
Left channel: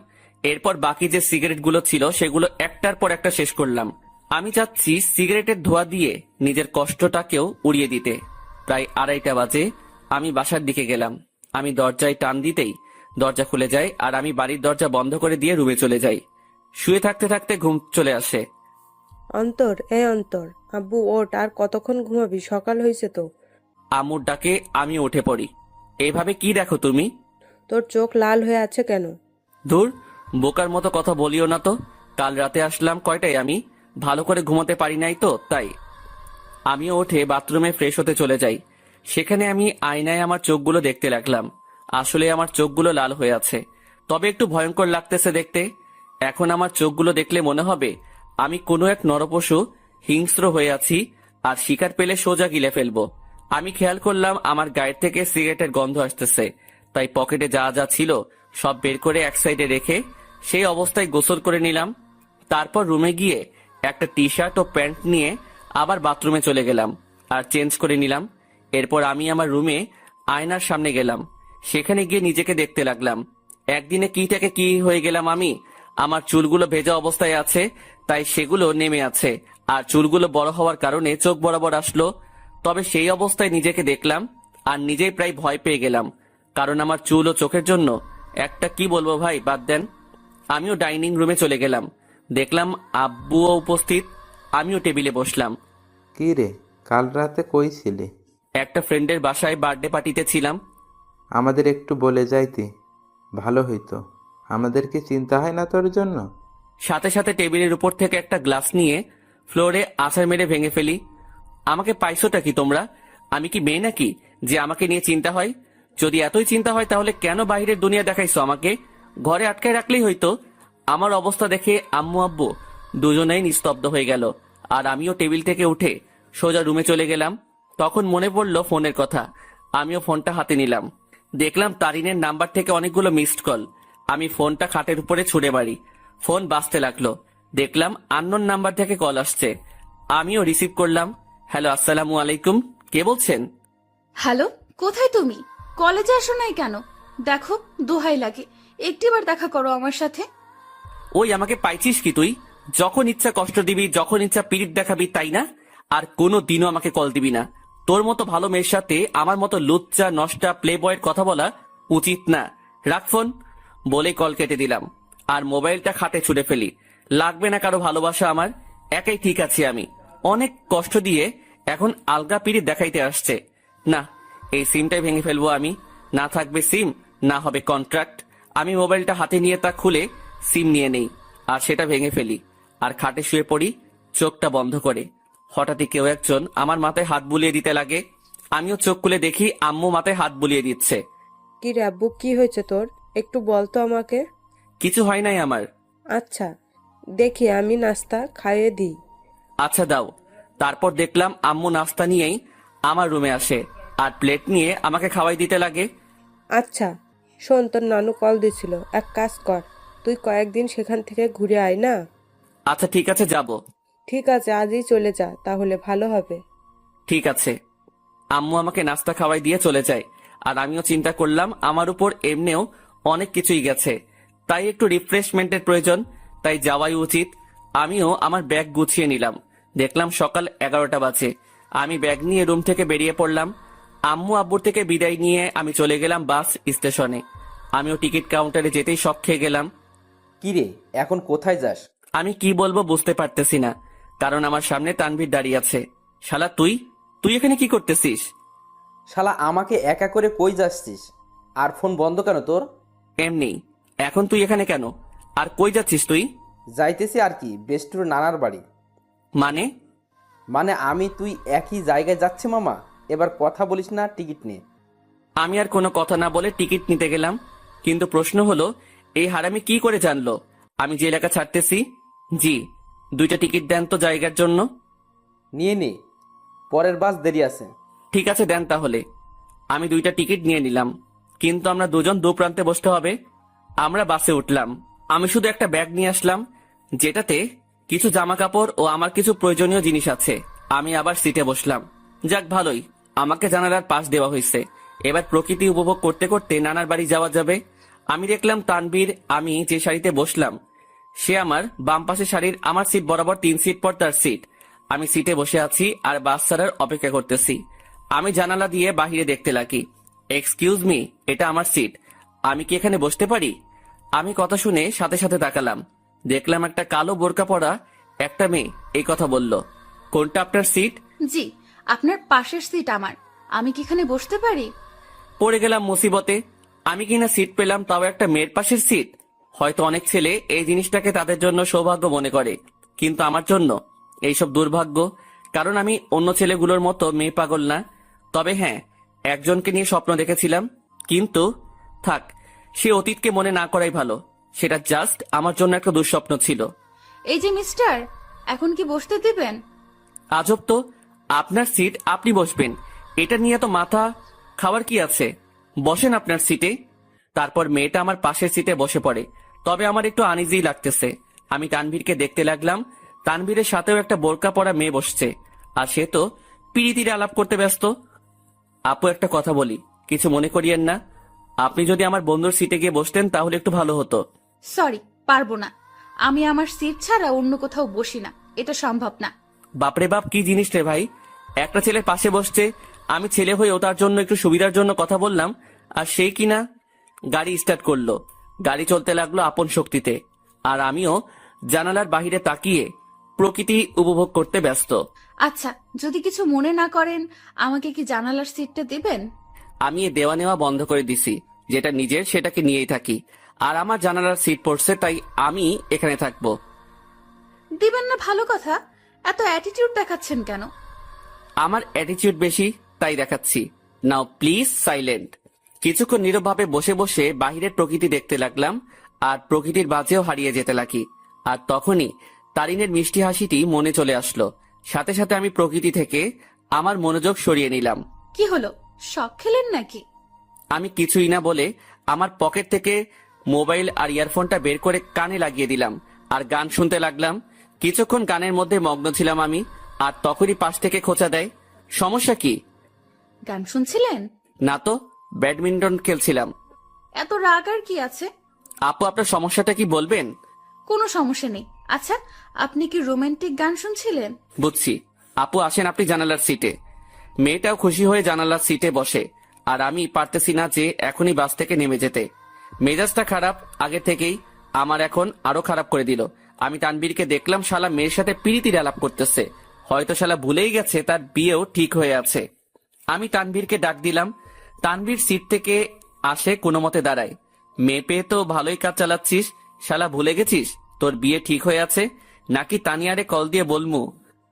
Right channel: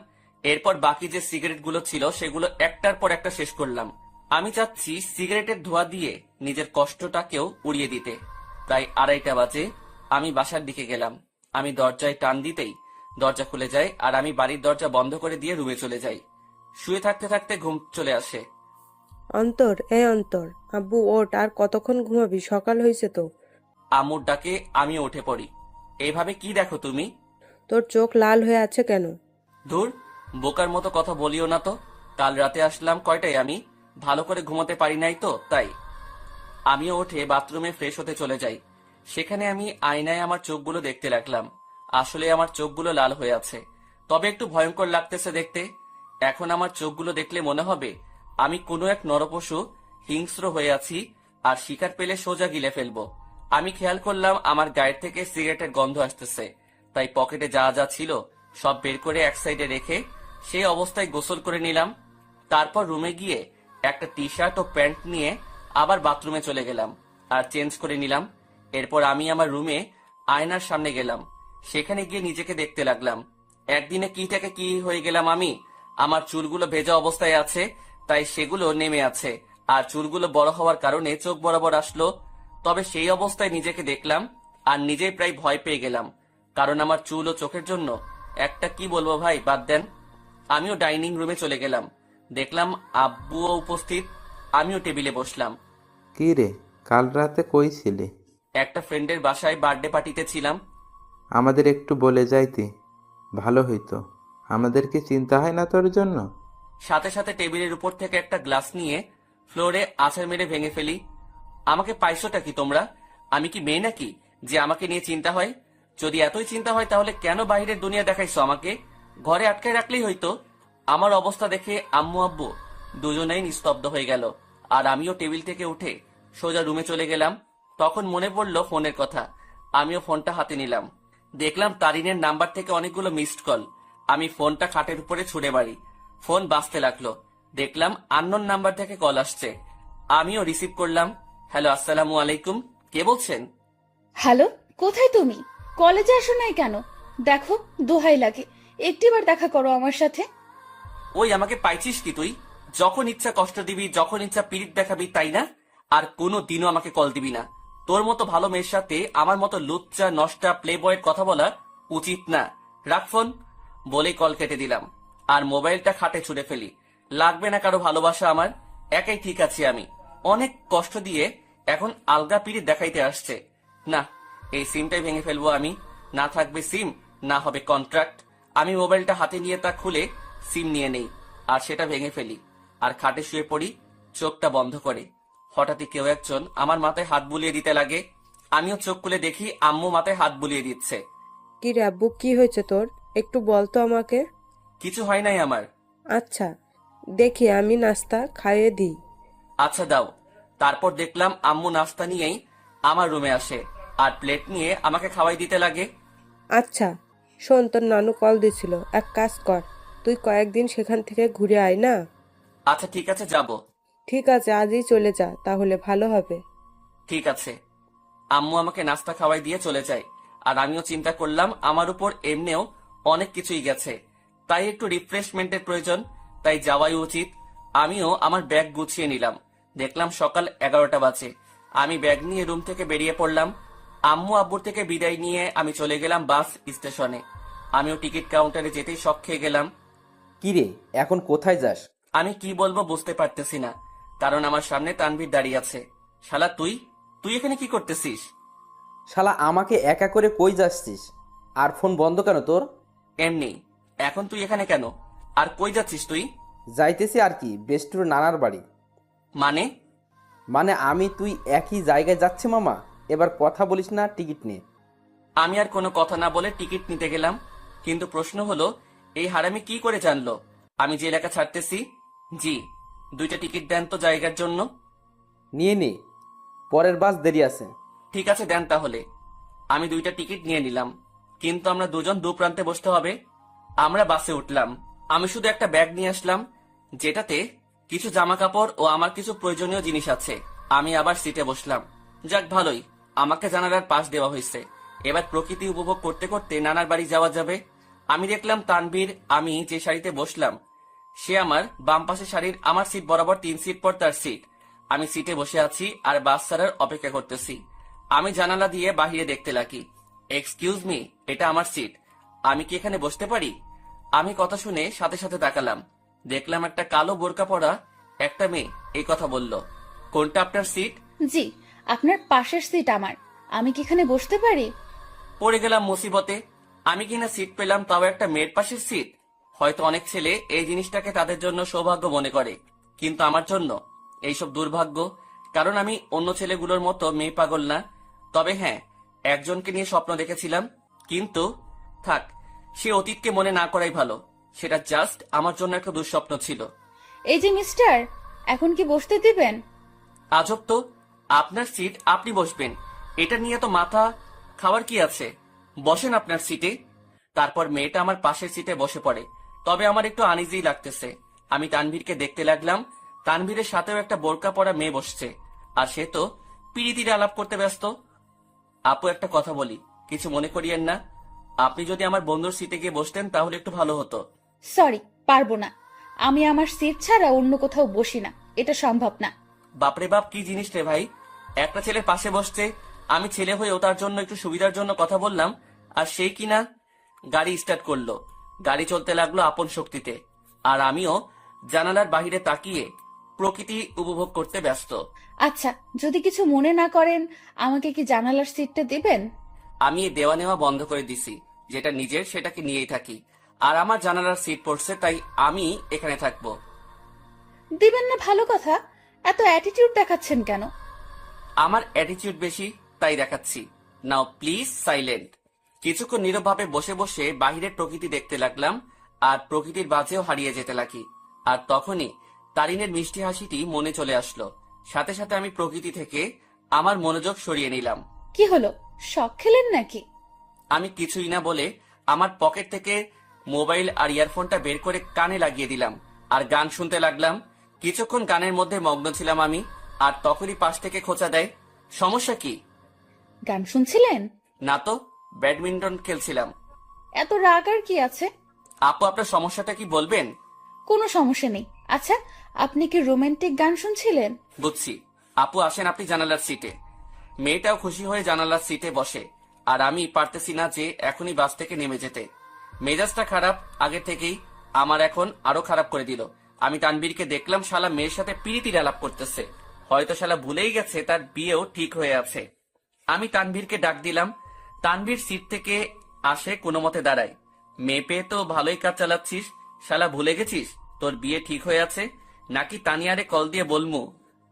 এরপর বাকি যে সিগারেটগুলো ছিল সেগুলো একটার পর একটা শেষ করলাম। আমি চাচ্ছি সিগারেটের ধোঁয়া দিয়ে নিজের কষ্টটাকেও উড়িয়ে দিতে। প্রায় 2:30 বাজে আমি বাসার দিকে গেলাম। আমি দরজায় টান দিতেই দরজা খুলে যায়, আর আমি বাড়ির দরজা বন্ধ করে দিয়ে রুমে চলে যাই। শুয়ে থাকতে থাকতে ঘুম চলে আসে। অন্তর, অন্তর, আব্বু ওঠ, আর কতক্ষণ ঘুমাবি? সকাল হয়েছে তো। আম্মুর ডাকে আমি উঠে পড়ি। এইভাবে কি দেখো তুমি? তোর চোখ লাল হয়ে আছে কেন? ধুর, বোকার মতো কথা বলিও না তো। কাল রাতে আসলাম কয়টায়, আমি ভালো করে ঘুমোতে পারি নাই তো তাই। আমিও উঠে বাথরুমে ফ্রেশ হতে চলে যাই। সেখানে আমি আয়নায় আমার চোখগুলো দেখতে লাগলাম। আসলে আমার চোখগুলো লাল হয়ে আছে, তবে একটু ভয়ঙ্কর লাগতেছে দেখতে। এখন আমার চোখগুলো দেখলে মনে হবে আমি কোনো এক নরপশু হিংস্র হয়ে আছি, আর শিকার পেলে সোজা গিলে ফেলবো। আমি খেয়াল করলাম আমার গায়ের থেকে সিগারেটের গন্ধ আসতেছে, তাই পকেটে যা যা ছিল সব বের করে এক সাইডে রেখে সেই অবস্থায় গোসল করে নিলাম। তারপর রুমে গিয়ে একটা টি শার্ট ও প্যান্ট নিয়ে আবার বাথরুমে চলে গেলাম আর চেঞ্জ করে নিলাম। এরপর আমি আমার রুমে আয়নার সামনে গেলাম। সেখানে গিয়ে নিজেকে দেখতে লাগলাম। একদিনে কি থেকে কি হয়ে গেলাম আমি। আমার চুলগুলো ভেজা অবস্থায় আছে, তাই সেগুলো নেমে আছে, আর চুলগুলো বড় হওয়ার কারণে চোখ বরাবর আসলো। তবে সেই অবস্থায় নিজেকে দেখলাম আর নিজেই প্রায় ভয় পেয়ে গেলাম, কারণ আমার চুল ও চোখের জন্য একটা কি বলবো ভাই, বাদ দেন। আমিও ডাইনিং রুমে চলে গেলাম। দেখলাম আব্বুও উপস্থিত। আমিও টেবিলে বসলাম। কি রে, কাল রাতে কই ছিলি? একটা ফ্রেন্ডের বাসায় বার্থডে পার্টিতে ছিলাম। আমাদের একটু বলে যাইতি, ভালো হইতো। আমাদের কি চিন্তা হয় না তোর জন্য? সাথে সাথে টেবিলের উপর থেকে একটা গ্লাস নিয়ে ফ্লোরে আছাড় মেরে ভেঙে ফেলি। আমাকে পাইছোটা কি তোমরা? আমি কি মেয়ে নাকি যে আমাকে নিয়ে চিন্তা হয়? যদি এতই চিন্তা হয় তাহলে কেন বাইরের দুনিয়া দেখাইছো আমাকে? ঘরে আটকায় রাখলেই হইতো। আমার অবস্থা দেখে আম্মু আব্বু দুজনেই নিস্তব্ধ হয়ে গেল, আর আমিও টেবিল থেকে উঠে সোজা রুমে চলে গেলাম। তখন মনে পড়লো ফোনের কথা। আমিও ফোনটা হাতে নিলাম। দেখলাম তারিনের নাম্বার থেকে অনেকগুলো মিসড কল। আমি ফোনটা খাটের উপরে ছুঁড়ে মারি। ফোন বাজতে লাগলো। দেখলাম আননোন নাম্বার থেকে কল আসছে। আমিও রিসিভ করলাম। হ্যালো, আসসালামু আলাইকুম, কে বলছেন? হ্যালো, কোথায় তুমি? কলেজে আসো নাই কেন? দেখো, দোহাই লাগে, একটিবার দেখা করো আমার সাথে। ওই আমাকে পাইছিস কি তুই? যখন ইচ্ছা কষ্ট দিবি, যখন ইচ্ছা পিরিত দেখাবি, তাই না? আর কোনো দিনও আমাকে কল দিবি না। তোর মতো ভালো মেয়ের সাথে আমার মতো লুচ্চা নষ্টা প্লে বয়ের কথা বলা উচিত না। রাখ ফোন বলে কল কেটে দিলাম, আর মোবাইলটা খাটে ছুড়ে ফেলি। লাগবে না কারো ভালোবাসা আমার, একাই ঠিক আছি আমি। অনেক কষ্ট দিয়ে এখন আলগা পিরিত দেখাইতে আসছে। না, এই সিমটাই ভেঙে ফেলবো আমি। না থাকবে সিম, না হবে কন্ট্রাক্ট। আমি মোবাইলটা হাতে নিয়ে তা খুলে সিম নিয়ে নেই, আর সেটা ভেঙে ফেলি, আর খাটে শুয়ে পড়ি চোখটা বন্ধ করে। হঠাৎই কেউ একজন আমার মাথায় হাত বুলিয়ে দিতে লাগে। আমিও চোখ খুলে দেখি আম্মু মাথায় হাত বুলিয়ে দিচ্ছে। কি রে আব্বু, কি হয়েছে তোর? একটু বল তো আমাকে। কিছু হয় নাই আমার। আচ্ছা, দেখি আমি নাস্তা খাইয়ে দিই। আচ্ছা দাও। তারপর দেখলাম আম্মু নাস্তা নিয়েই আমার রুমে আসে, আর প্লেট নিয়ে আমাকে খাওয়াই দিতে লাগে। আচ্ছা শোন, তোর নানু কল দিছিল, এক কাজ কর, তুই কয়েকদিন সেখান থেকে ঘুরে আয় না। আচ্ছা ঠিক আছে, যাব। ঠিক আছে, আজই চলে যা, তাহলে ভালো হবে। ঠিক আছে। আম্মু আমাকে নাস্তা খাওয়াই দিয়ে চলে যায়, আর আমিও চিন্তা করলাম আমার উপর এমনিও অনেক কিছুই গেছে, তাই একটু রিফ্রেশমেন্টের প্রয়োজন, তাই যাওয়াই উচিত। আমিও আমার ব্যাগ গুছিয়ে নিলাম। দেখলাম সকাল 11টা বাজে। আমি ব্যাগ নিয়ে রুম থেকে বেরিয়ে পড়লাম। আম্মু আব্বুর থেকে বিদায় নিয়ে আমি চলে গেলাম বাস স্টেশনে। আমিও টিকিট কাউন্টারে যেতেই শক খেয়ে গেলাম। কি রে, এখন কোথায় যাস? আমি কি বলবো বুঝতে পারতেছি না, কারণ আমার সামনে তানভীর দাঁড়িয়ে আছে। শালা তুই তুই এখানে কি করতেছিস? শালা আমাকে একা করে কই যাচ্ছিস? আর ফোন বন্ধ কেন তোর? এমনি। এখন তুই এখানে কেন? আর কই যাচ্ছিস তুই? যাইতেছি আর কি, বেস্টুর নানার বাড়ি। মানে? মানে আমি তুই একই জায়গায় যাচ্ছে মামা। এবার কথা বলিস না, টিকিট নে। আমি আর কোনো কথা না বলে টিকিট নিতে গেলাম, কিন্তু প্রশ্ন হলো এই হারামি কি করে জানলো আমি যে এলাকা ছাড়তেছি? জি, 2টা টিকিট দেন তো জায়গার জন্য। নিয়ে নে, পরের বাস দেরি আছে। ঠিক আছে, দেন তাহলে। আমি 2টা টিকিট নিয়ে নিলাম, কিন্তু আমরা দুজন দু প্রান্তে বসতে হবে। আমরা বাসে উঠলাম। আমি শুধু একটা ব্যাগ নিয়ে আসলাম, যেটাতে কিছু জামা কাপড় ও আমার কিছু প্রয়োজনীয় জিনিস আছে। আমি আবার সিটে বসলাম। যাক ভালোই, আমাকে জানালার পাশ দেওয়া হয়েছে। এবার প্রকৃতি উপভোগ করতে করতে নানার বাড়ি যাওয়া যাবে। আমি দেখলাম তানভীর, আমি যে সারিতে বসলাম সে আমার বাম পাশে সারির আমার সিট বরাবর 3 সিট পর তার সিট। আমি সিটে বসে আছি আর বাস ছাড়ার অপেক্ষা করতেছি। আমি জানালা দিয়ে বাহিরে দেখতে লাগি। এক্সকিউজ মি, এটা আমার সিট, আমি কি এখানে বসতে পারি? আমি কথা শুনে সাথে সাথে তাকালাম। দেখলাম একটা কালো বোরকা পরা একটা মেয়ে এই কথা বলল। কোনটা আপনার সিট? জি, আপনার পাশের সিট আমার। আমি কি এখানে বসতে পারি? পড়ে গেলাম মুসিবতে। আমি কিনা সিট পেলাম, তাও একটা মেয়ের পাশের সিট। হয়তো অনেক ছেলে এই জিনিসটাকে তাদের জন্য সৌভাগ্য মনে করে, কিন্তু আমার জন্য এইসব দুর্ভাগ্য। কারণ আমি অন্য ছেলেগুলোর মতো মেয়ে পাগল না। তবে হ্যাঁ, একজনকে নিয়ে স্বপ্ন দেখেছিলাম, কিন্তু থাক, সে অতীতকে মনে না করাই ভালো। সেটা জাস্ট আমার জন্য একটা দুঃস্বপ্ন ছিল। এই যে মিস্টার, এখন কি বসতে দিবেন? আজব তো, আপনার সিট আপনি বসবেন, এটা নিয়ে তো মাথা খাওয়ার কি আছে? বসেন আপনার সিটে। তারপর মেয়েটা আমার পাশের সিটে বসে পড়ে। তবে আমার একটু আনইজি লাগতেছে। আমি তানভীরকে দেখতে লাগলাম। তানভীরের সাথেও একটা বোরকা পরা মেয়ে বসছে, আর সে তো পিড়িতিরে আলাপ করতে ব্যস্ত। আপু, একটা কথা বলি, কিছু মনে করিয়েন না। আপনি যদি আমার বন্ধুর সিটে গিয়ে বসতেন তাহলে একটু ভালো হতো। সরি, পারবো না। আমি আমার সিট ছাড়া অন্য কোথাও বসি না, এটা সম্ভব না। বাপরে বাপ, কি জিনিস রে ভাই! একটা ছেলে পাশে বসছে, আমি ছেলে হয়েও তার জন্য একটু সুবিধার জন্য কথা বললাম, আর সেই কিনা গাড়ি স্টার্ট করলো। গাড়ি চলতে লাগলো আপন শক্তিতে, আর আমিও জানালার বাহিরে তাকিয়ে প্রকৃতি উপভোগ করতে ব্যস্ত। আচ্ছা, যদি কিছু মনে না করেন, আমাকে কি জানালার সিটটা দিবেন? আমি এই দেওয়া নেওয়া বন্ধ করে দিছি। যেটা নিজের সেটাকে নিয়েই থাকি, আর আমার জানালার সিট পড়ছে তাই আমি এখানে থাকবো। দিবেন না ভালো কথা, এত অ্যাটিটিউড দেখাচ্ছেন কেন? আমার অ্যাটিটিউড বেশি তাই দেখাচ্ছি। নাও প্লিজ সাইলেন্ট। কিছুক্ষণ নীরবভাবে বসে বসে বাহিরের প্রকৃতি দেখতে লাগলাম, আর প্রকৃতির বাজেও হারিয়ে যেতে লাগি। আর তখনই তারিনের মিষ্টি হাসিটি মনে চলে আসলো। সাথে সাথে আমি প্রকৃতি থেকে আমার মনোযোগ সরিয়ে নিলাম। কি হলো, শখ খেলেন নাকি? আমি কিছুই না বলে আমার পকেট থেকে মোবাইল আর ইয়ারফোনটা বের করে কানে লাগিয়ে দিলাম আর গান শুনতে লাগলাম। কিছুক্ষণ গানের মধ্যে মগ্ন ছিলাম আমি, আর তখনই পাশ থেকে খোঁচা দেয়। সমস্যা কি? গান শুনছিলেন? না তো, ব্যাডমিন্টন খেলছিলাম। এত রাগ আর কি আছে? আপু, আপনার সমস্যাটা কি বলবেন? কোনো সমস্যা নেই। আচ্ছা, আপনি কি রোমান্টিক গান শুনছিলেন? বুঝছি। আপু আসেন আপনি জানালার সিটে। মেয়েটাও খুশি হয়ে জানালার সিটে বসে, আর আমি পারতেছি না যে এখনই বাস থেকে নেমে যেতে। মেজাজটা খারাপ আগে থেকেই, আমার এখন আরো খারাপ করে দিল। আমি তানবীরকে দেখলাম শালা মেয়ের সাথে পিরিতির আলাপ করতেছে। হয়তো শালা ভুলেই গেছে তার বিয়েও ঠিক হয়ে আছে। আমি তানভীরকে ডাক দিলাম। তানভীর সিট থেকে আসে, কোনো মতে দাঁড়ায়। মেয়ে পেয়ে তো ভালোই কাজ চালাচ্ছিস, শালা ভুলে গেছিস তোর বিয়ে ঠিক হয়ে আছে? নাকি তানিয়ারে কল দিয়ে বলমু?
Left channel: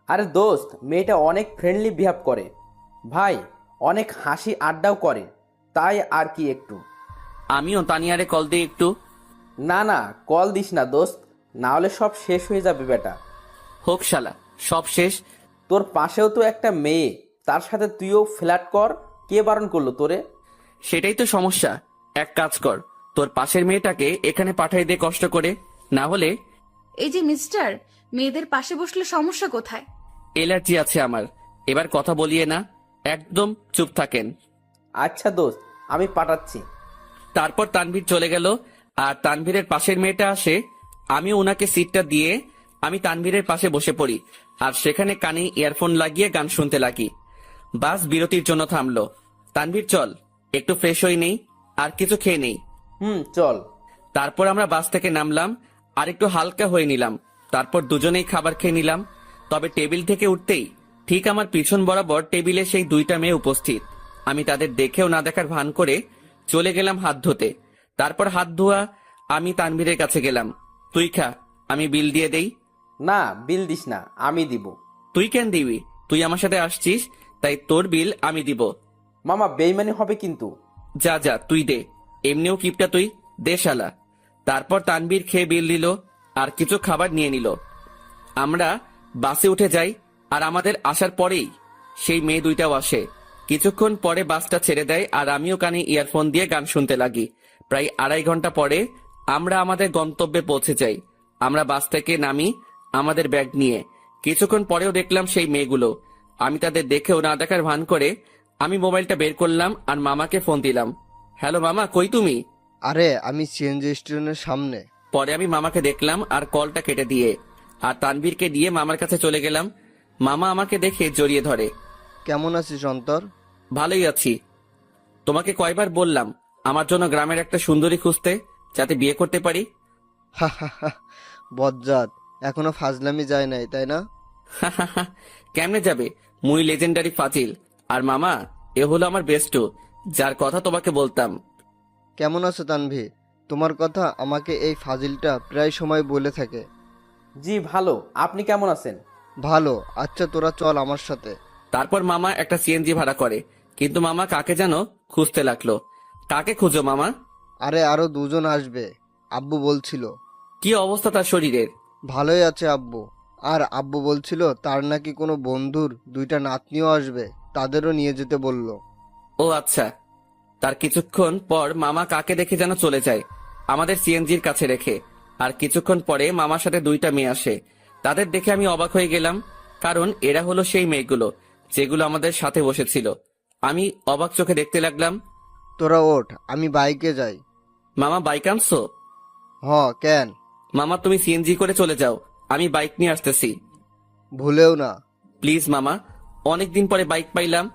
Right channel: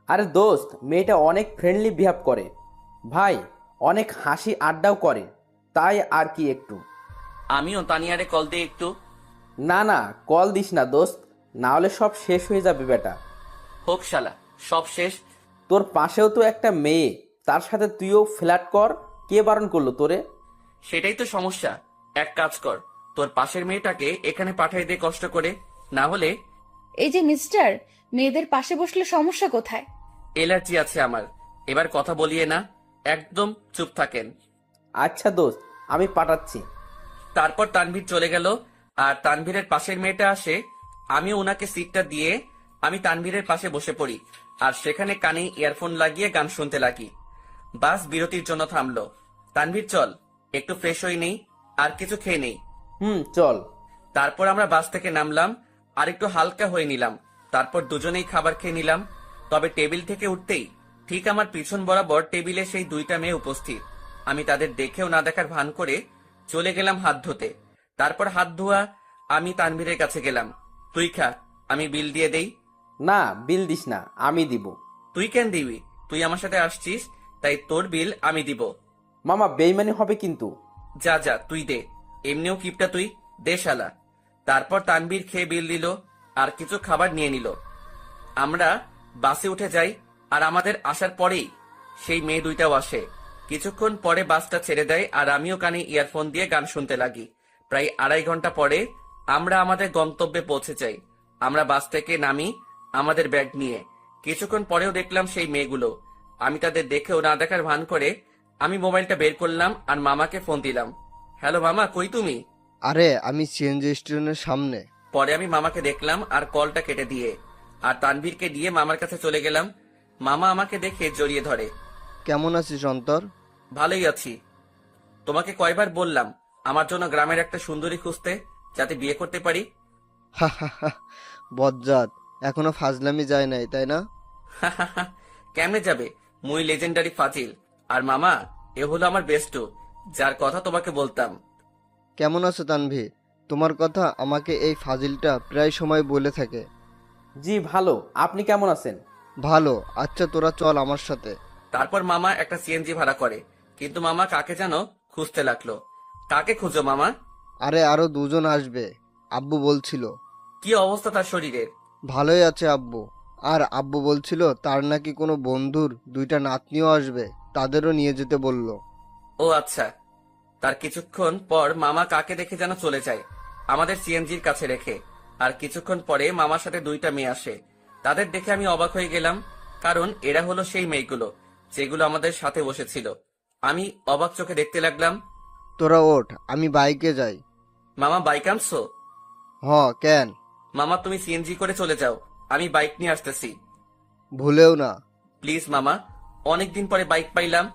আরে দোস্ত, মেয়েটা অনেক ফ্রেন্ডলি বিহেভ করে ভাই, অনেক হাসি আড্ডাও করে, তাই আর কি একটু। আমিও তানিয়ারে কল দিয়ে একটু। না না, কল দিস না দোস্ত, না হলে সব শেষ হয়ে যাবে বেটা। হোক শালা, সব শেষ। তোর পাশেও তো একটা মেয়ে, তার সাথে তুইও ফ্ল্যাট কর, কে বারণ করলো তোরে? সেটাই তো সমস্যা। এক কাজ কর, তোর পাশের মেয়েটাকে এখানে পাঠাই দে কষ্ট করে, না হলে। এই যে মিস্টার, মেয়েদের পাশে বসলে সমস্যা কোথায়? এলার্জি আছে আমার। এবার কথা বলিয়ে না, একদম চুপ থাকেন। আচ্ছা দোস্ত, আমি পাঠাচ্ছি। তারপর তানভীর চলে গেল, আর তানভীরের পাশের মেয়েটা আসে। আমি ওনাকে সিটটা দিয়ে আমি তানভীরের পাশে বসে পড়ি, আর সেখানে কানে ইয়ারফোন লাগিয়ে গান শুনতে লাগি। বাস বিরতির জন্য থামলো। তানভীর চল, একটু ফ্রেশ হয়ে নেই, আর কিছু খেয়ে নেই। চল। তারপর আমরা বাস থেকে নামলাম, আর একটু হালকা হয়ে নিলাম। তারপর দুজনেই খাবার খেয়ে নিলাম। তবে টেবিল থেকে উঠতেই ঠিক আমার পিছন বরাবর টেবিলে সেই 2টা মেয়ে উপস্থিত। আমি তাদের দেখেও না দেখার ভান করে চলে গেলাম হাত ধুতে। তারপর হাত ধোয়া আমি তানভীরের কাছে গেলাম। তুই খা, আমি বিল দিয়ে দেই। না, বিল দিস না, আমি দিব। তুই কেন দিবি? তুই আমার সাথে আসছিস, তাই তোর বিল আমি দিব। মামা বেইমানি হবে কিন্তু। যা যা তুই দে, এমনিও কিপটা তুই, দে শালা। তারপর তানবীর খেয়ে বিল দিল আর কিছু খাবার নিয়ে নিল। আমরা বাসে উঠে যাই আর আমাদের আসার পরেই সেই মেয়ে দুইটাও আসে। কিছুক্ষণ পরে বাসটা ছেড়ে দেয় আর আমিও কানে ইয়ারফোন দিয়ে গান শুনতে লাগি। প্রায় 2.5 ঘন্টা পরে আমরা আমাদের গন্তব্যে পৌঁছে যাই। আমরা বাস থেকে নামি আমাদের ব্যাগ নিয়ে। কিছুক্ষণ পরেও দেখলাম সেই মেয়েগুলো। আমি তাদের দেখেও না দেখার ভান করে আমি মোবাইলটা বের করলাম আর মামাকে ফোন দিলাম। হ্যালো মামা, কই তুমি? আরে আমি সিএনজি স্টেশনের সামনে। পরে আমি মামাকে দেখলাম আর কলটা কেটে দিয়ে আর তানভীরকে দিয়ে মামার কাছে চলে গেলাম। মামা আমাকে দেখে জড়িয়ে ধরে। কেমন আছিস অন্তর? ভালোই আছি। তোমাকে কয়বার বললাম আমার জন্য গ্রামের একটা সুন্দরী খুঁজতে, যাতে বিয়ে করতে পারি? হা হা হা, বজ্জাত, এখনো ফাজলামি যায় নাই তাই না? কেমনে যাবে? মুই লেজেন্ডারি ফাজিল। আর মামা, এ হলো আমার বেস্টু, যার কথা তোমাকে বলতাম। কেমন আছো তানভীর? তোমার কথা আমাকে এই ফাজিলটা প্রায় সময় বলে থাকে। জি ভালো, আপনি কেমন আছেন? ভালো। আচ্ছা তোরা চল আমার সাথে। তারপর মামা একটা সিএনজি ভাড়া করে, কিন্তু মামা কাকে যেন খুঁজতে লাগলো। কাকে খুঁজো মামা? আরে আরো দুজন আসবে, আব্বু বলছিল। কি অবস্থা তার শরীরের? ভালোই আছে আব্বু। আর আব্বু বলছিল তার নাকি কোনো বন্ধুর 2টা নাতনিও আসবে, তাদেরও নিয়ে যেতে বলল। ও আচ্ছা। তার কিছুক্ষণ পর মামা কাকে দেখে যেন চলে যায় আমাদের সিএনজির কাছে রেখে। আর কিছুক্ষণ পরে মামার সাথে 2টা মেয়ে আসে। তাদের দেখে আমি অবাক হয়ে গেলাম, কারণ এরা হলো সেই মেয়েগুলো যেগুলো আমাদের সাথে বসেছিল। আমি অবাক চোখে দেখতে লাগলাম। তোরা ওঠ, আমি বাইকে যাই। মামা বাইক আনছো? হ, কেন? মামা তুমি সিএনজি করে চলে যাও, আমি বাইক নিয়ে আসতেছি। ভুলেও না। প্লিজ মামা, অনেকদিন পরে বাইক পাইলাম।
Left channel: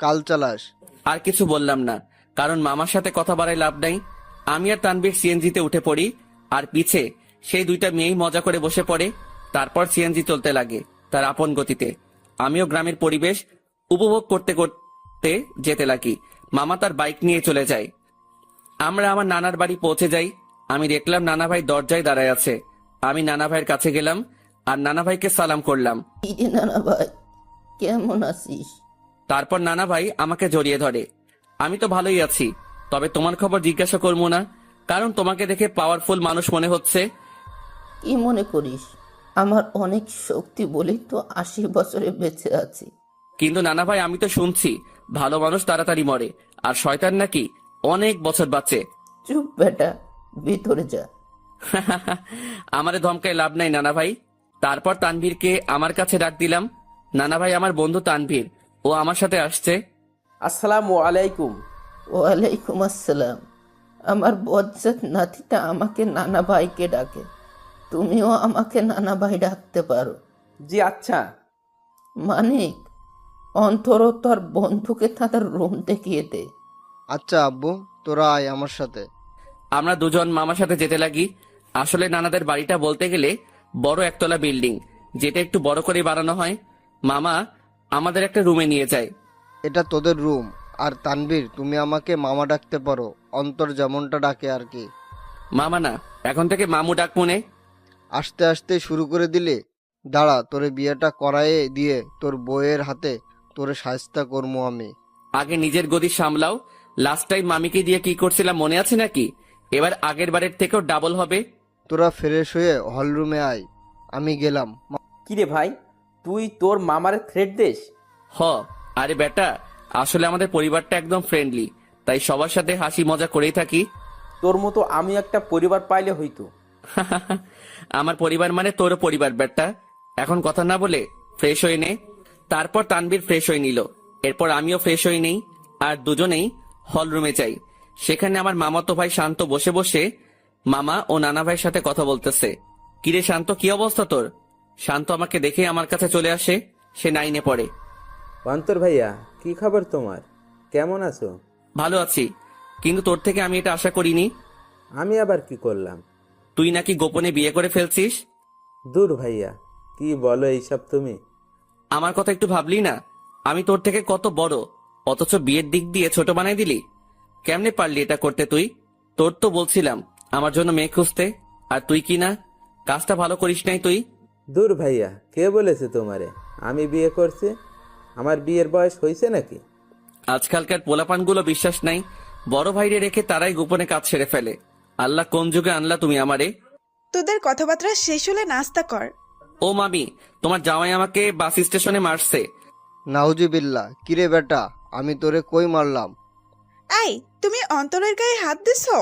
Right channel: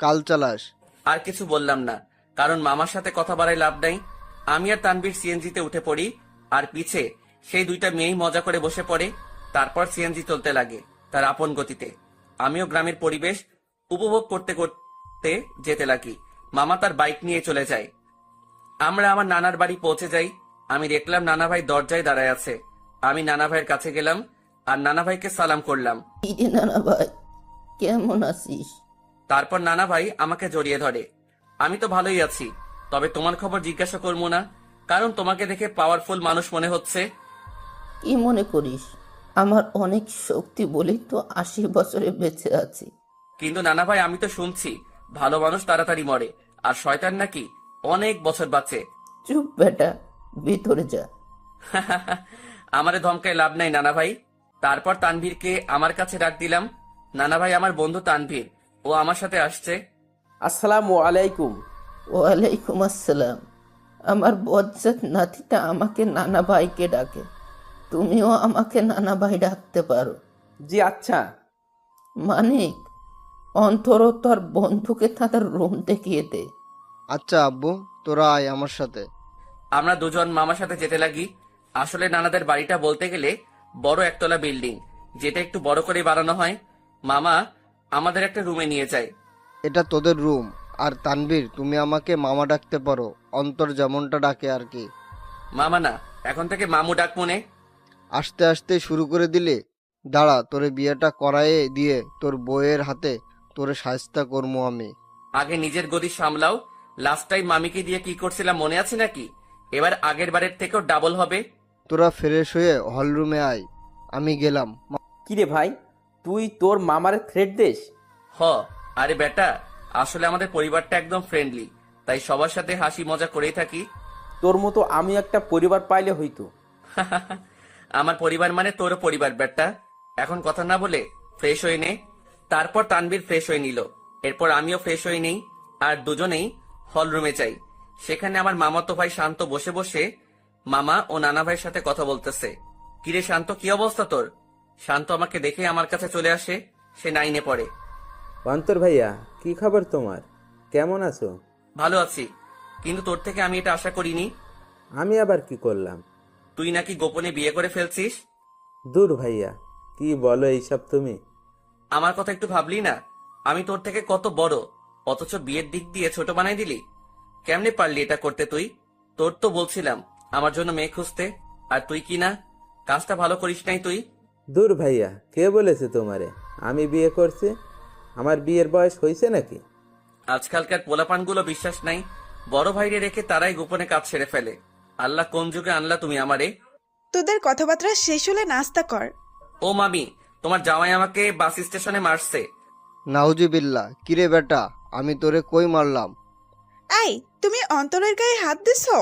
কাল চালাস। আর কিছু বললাম না, কারণ মামার সাথে কথা বাড়ায় লাভ নাই। আমি আর তানবীর সিএনজিতে উঠে পড়ি আর পিছে সেই 2টা মেয়েই মজা করে বসে পড়ে। তারপর সিএনজি চলতে লাগে তার আপন গতিতে। আমিও গ্রামের পরিবেশ উপভোগ করতে করতে যেতে লাগি। মামা তার বাইক নিয়ে চলে যায়। আমরা আমার নানার বাড়ি পৌঁছে যাই। আমি দেখলাম নানা ভাই দরজায় দাঁড়ায় আছে। আমি নানা ভাইয়ের কাছে গেলাম আর নানা ভাইকে সালাম করলাম। ইরে নানা ভাই, কেমন আছিস? তারপর নানা ভাই আমাকে জড়িয়ে ধরে। আমি তো ভালোই আছি, তবে তোমার খবর জিজ্ঞাসা করবো না, কারণ তোমাকে দেখে পাওয়ারফুল মানুষ মনে হচ্ছে। কি মনে করিস? আমার অনেক শক্তি বলেই তো 80 বছরে বেঁচে আছি। কিন্তু নানা ভাই, আমি তো শুনছি ভালো মানুষ তাড়াতাড়ি মরে আর শয়তান নাকি অনেক বছর বাঁচে। চুপ বেটা, ভিতরে যা। আমারে ধমকায় লাভ নাই নানা ভাই। তারপর তানভীরকে আমার কাছে ডাক দিলাম। নানা ভাই, আমার বন্ধু তানভীর, ও আমার সাথে আসছে। আসসালামু আলাইকুম। ওয়ালাইকুম আসসালাম। আমার বজ্জাত নাতিটা আমাকে নানা ভাইকে ডাকে, তুমিও আমাকে নানা ভাই ডাকতে পারো। জি আচ্ছা। মানিক, অন্তর তোর বন্ধুকে তাদের রুম দেখিয়ে দে। আচ্ছা আব্বু, তোরা আয় আমার সাথে। আমরা দুজন মামার সাথে যেতে লাগি। আসলে নানাদের বাড়িটা বলতে গেলে বড় একতলা বিল্ডিং, যেটা একটু বড় করে বানানো হয়। মামা আমাদের একটা রুমে নিয়ে যায়। এটা তোদের রুম। আর তানভীর, তুমি আমাকে মামা ডাকতে পারো, অন্তর যেমনটা ডাকে আর কি। মামা না, এখন থেকে মামু ডাক মনে। আস্তে আস্তে শুরু করে দিলে। দাঁড়া, তোরে বিয়েটা করায়ে দিয়ে তোর বউয়ের হাতে তোরে শায়েস্তা করবো আমি। আগে নিজের গদি সামলাও। লাস্ট টাইম মামিকে দিয়ে কি করছিলাম মনে আছে নাকি? এবার আগের বারের থেকেও ডাবল হবে। তোরা ফ্রেশ হয়ে হলরুমে আয়, আমি গেলাম। কিরে ভাই, তুই তোর মামার থ্রেট দেশ? হ, আরে বেটা, আসলে আমাদের পরিবারটা একদম ফ্রেন্ডলি, তাই সবার সাথে হাসি মজা করেই থাকি। তোর মতো আমি একটা পরিবার পাইলে হইতো। আমার পরিবার মানে তোরও পরিবার বেটা। এখন কথা না বলে ফ্রেশ হয়ে নে। তারপর তানভীর ফ্রেশ হয়ে নিল। এরপর আমিও ফ্রেশ হয়ে নেই আর দুজনেই হল রুমে যাই। সেখানে আমার মামাতো ভাই শান্ত বসে বসে মামা ও নানা ভাইয়ের সাথে কথা বলতেছে। কিরে শান্ত, কি অবস্থা তোর? শান্ত আমাকে দেখে আমার কাছে চলে আসে। সে 9-এ পড়ে। অন্তর ভাইয়া, কি খবর তোমার? কেমন আছো? ভালো আছি, কিন্তু তোর থেকে আমি এটা আশা করিনি। আমি আবার কি করলাম? তুই নাকি গোপনে বিয়ে করে ফেলছিস। দূর ভাইয়া, কি বলো এইসব তুমি? আমার কথা একটু ভাবলি না? আমি তোর থেকে কত বড়, অথচ বিয়ের দিক দিয়ে ছোট বানাই দিলি। কেমনে পারলি এটা করতে তুই? তোর তো বলছিলাম আমার জন্য মেয়ে খুঁজতে, আর তুই কি না, কাজটা ভালো করিস নাই তুই। দূর ভাইয়া, কে বলেছে তোমারে আমি বিয়ে করছি? আমার বিয়ের বয়স হয়েছে নাকি? আজকালকার পোলাপানগুলো বিশ্বাস নাই, বড় ভাইরে রেখে তারাই গোপনে কাজ সেরে ফেলে। আল্লাহ কোন যুগে আনলা তুমি আমারে? তোদের কথাবার্তা শেষ হলে নাস্তা কর। ও মামি, তোমার জামাই আমাকে বাস স্টেশনে মারছে। নাউজুবিল্লাহ, কিরে বেটা, আমি তোরে কই মারলাম? এই, তুমি অন্তরের গায়ে হাত দিছো?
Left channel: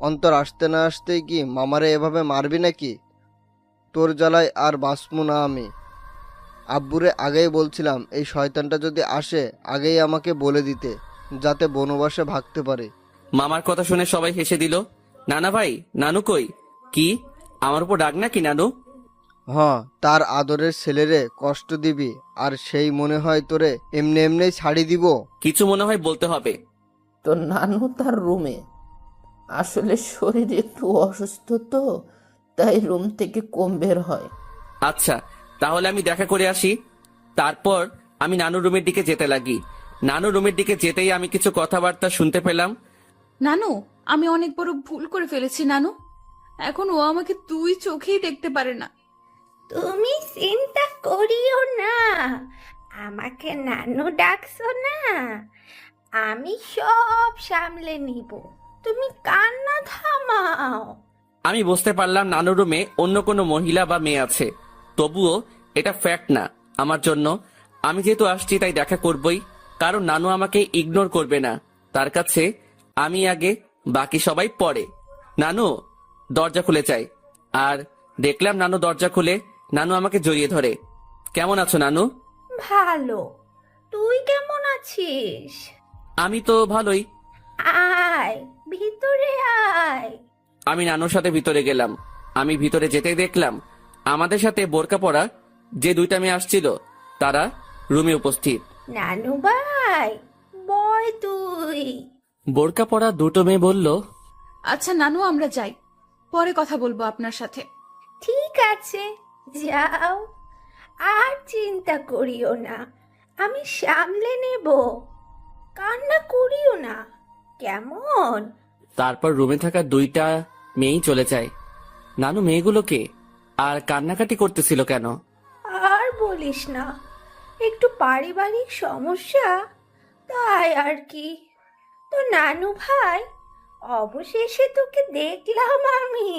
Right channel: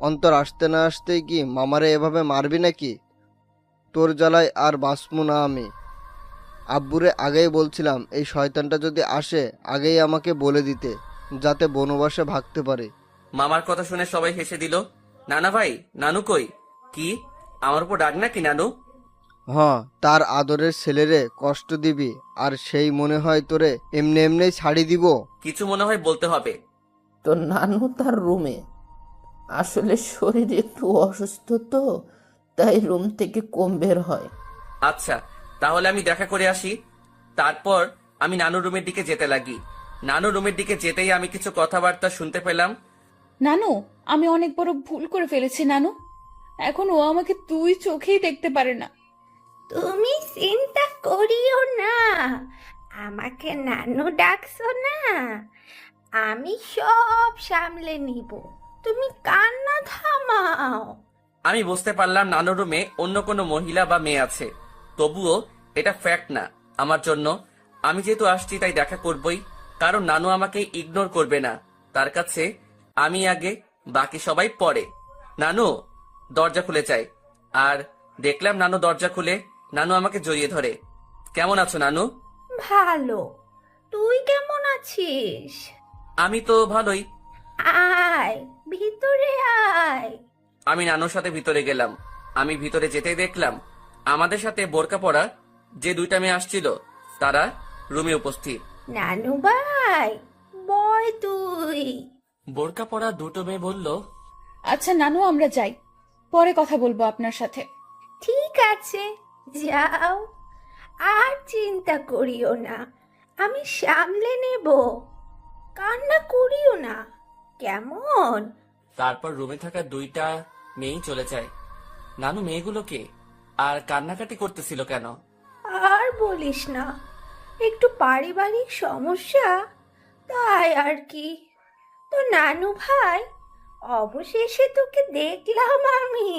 অন্তর আসতে না আসতেই কি মামারে এভাবে মারবি নাকি? তোর জ্বালায় আর বাঁচবো না আমি। আব্বুরে আগেই বলছিলাম এই শয়তানটা যদি আসে আগেই আমাকে বলে দিতে, যাতে বনবাসে ভাগতে পারে। মামার কথা শুনে সবাই হেসে দিল। নানা ভাই, নানু কই? কি আমার উপর ডাক নাকি নানু? হ্যাঁ, তার আদরের ছেলেরে কষ্ট দিবি আর সেই মনে হয় তোরে এমনি এমনি ছাড়ি দিব? কিছু মনে হয় বলতে হবে। তো নানু তার রুমে, আসলে শরীর একটু অসুস্থ তো, তাই রুম থেকে কম বের হয়। আচ্ছা, তাহলে আমি দেখা করে আসি। তারপর আমি নানুর রুমের দিকে যেতে লাগি। নানুর রুমের দিকে যেতেই আমি কিছু কথাবার্তা শুনতে পেলাম। নানু, আমি অনেক বড় ভুল করে ফেলেছি নানু। এখন ও আমাকে দুই চোখেই দেখতে পারে না। তুমি চিন্তা করিও না, আমাকে নানু ডাকছো না, আমি সব সামলে নিব, তুমি কান্না থামাও। আমি বুঝতে পারলাম নানুর রুমে অন্য কোনো মহিলা বা মেয়ে আছে। তবুও এটা ফ্যাক্ট না আমার জন্য। আমি যেহেতু আসছি তাই দেখা করবই, কারণ নানু আমাকে ইগনোর করবে না। তার কাছে আমি আগে, বাকি সবাই পরে। নানু, দরজা খুলে চাই। আর দেখলাম নানু দরজা খুলে নানু আমাকে জড়িয়ে ধরে। কেমন আছো নানু? ভালো, তুই কেমন আছিস? আমি তো ভালোই। আয় ভিতরে আয়। আমি নানুর সাথে ভিতরে গেলাম। আমি ভিতরে যেতেই দেখলাম আমাদের সাথে বোরকা পরা যে দুইটা মেয়ে আসছিল তারা রুমে উপস্থিত। নানু ভাই, বয় তুই। বোরকা পরা দুটো মেয়ে বলল, আচ্ছা নানু, আমরা যাই, পরে কথা বলবো আপনার সাথে। ঠিক আছে, যাও, আর চিন্তা করিও না, আমি সামলে নেব, কান্না করিও না, কেমন? তারপর রুমে থাকা দুইটা মেয়েই চলে যায়। নানু মেয়েগুলোকে আর কান্নাকাটি করতেছিল কেন? আর বলিস না, একটু পারিবারিক সমস্যা, তাই আর কি। তো নানু ভাই, অবশেষে তোকে দেখলাম আমি,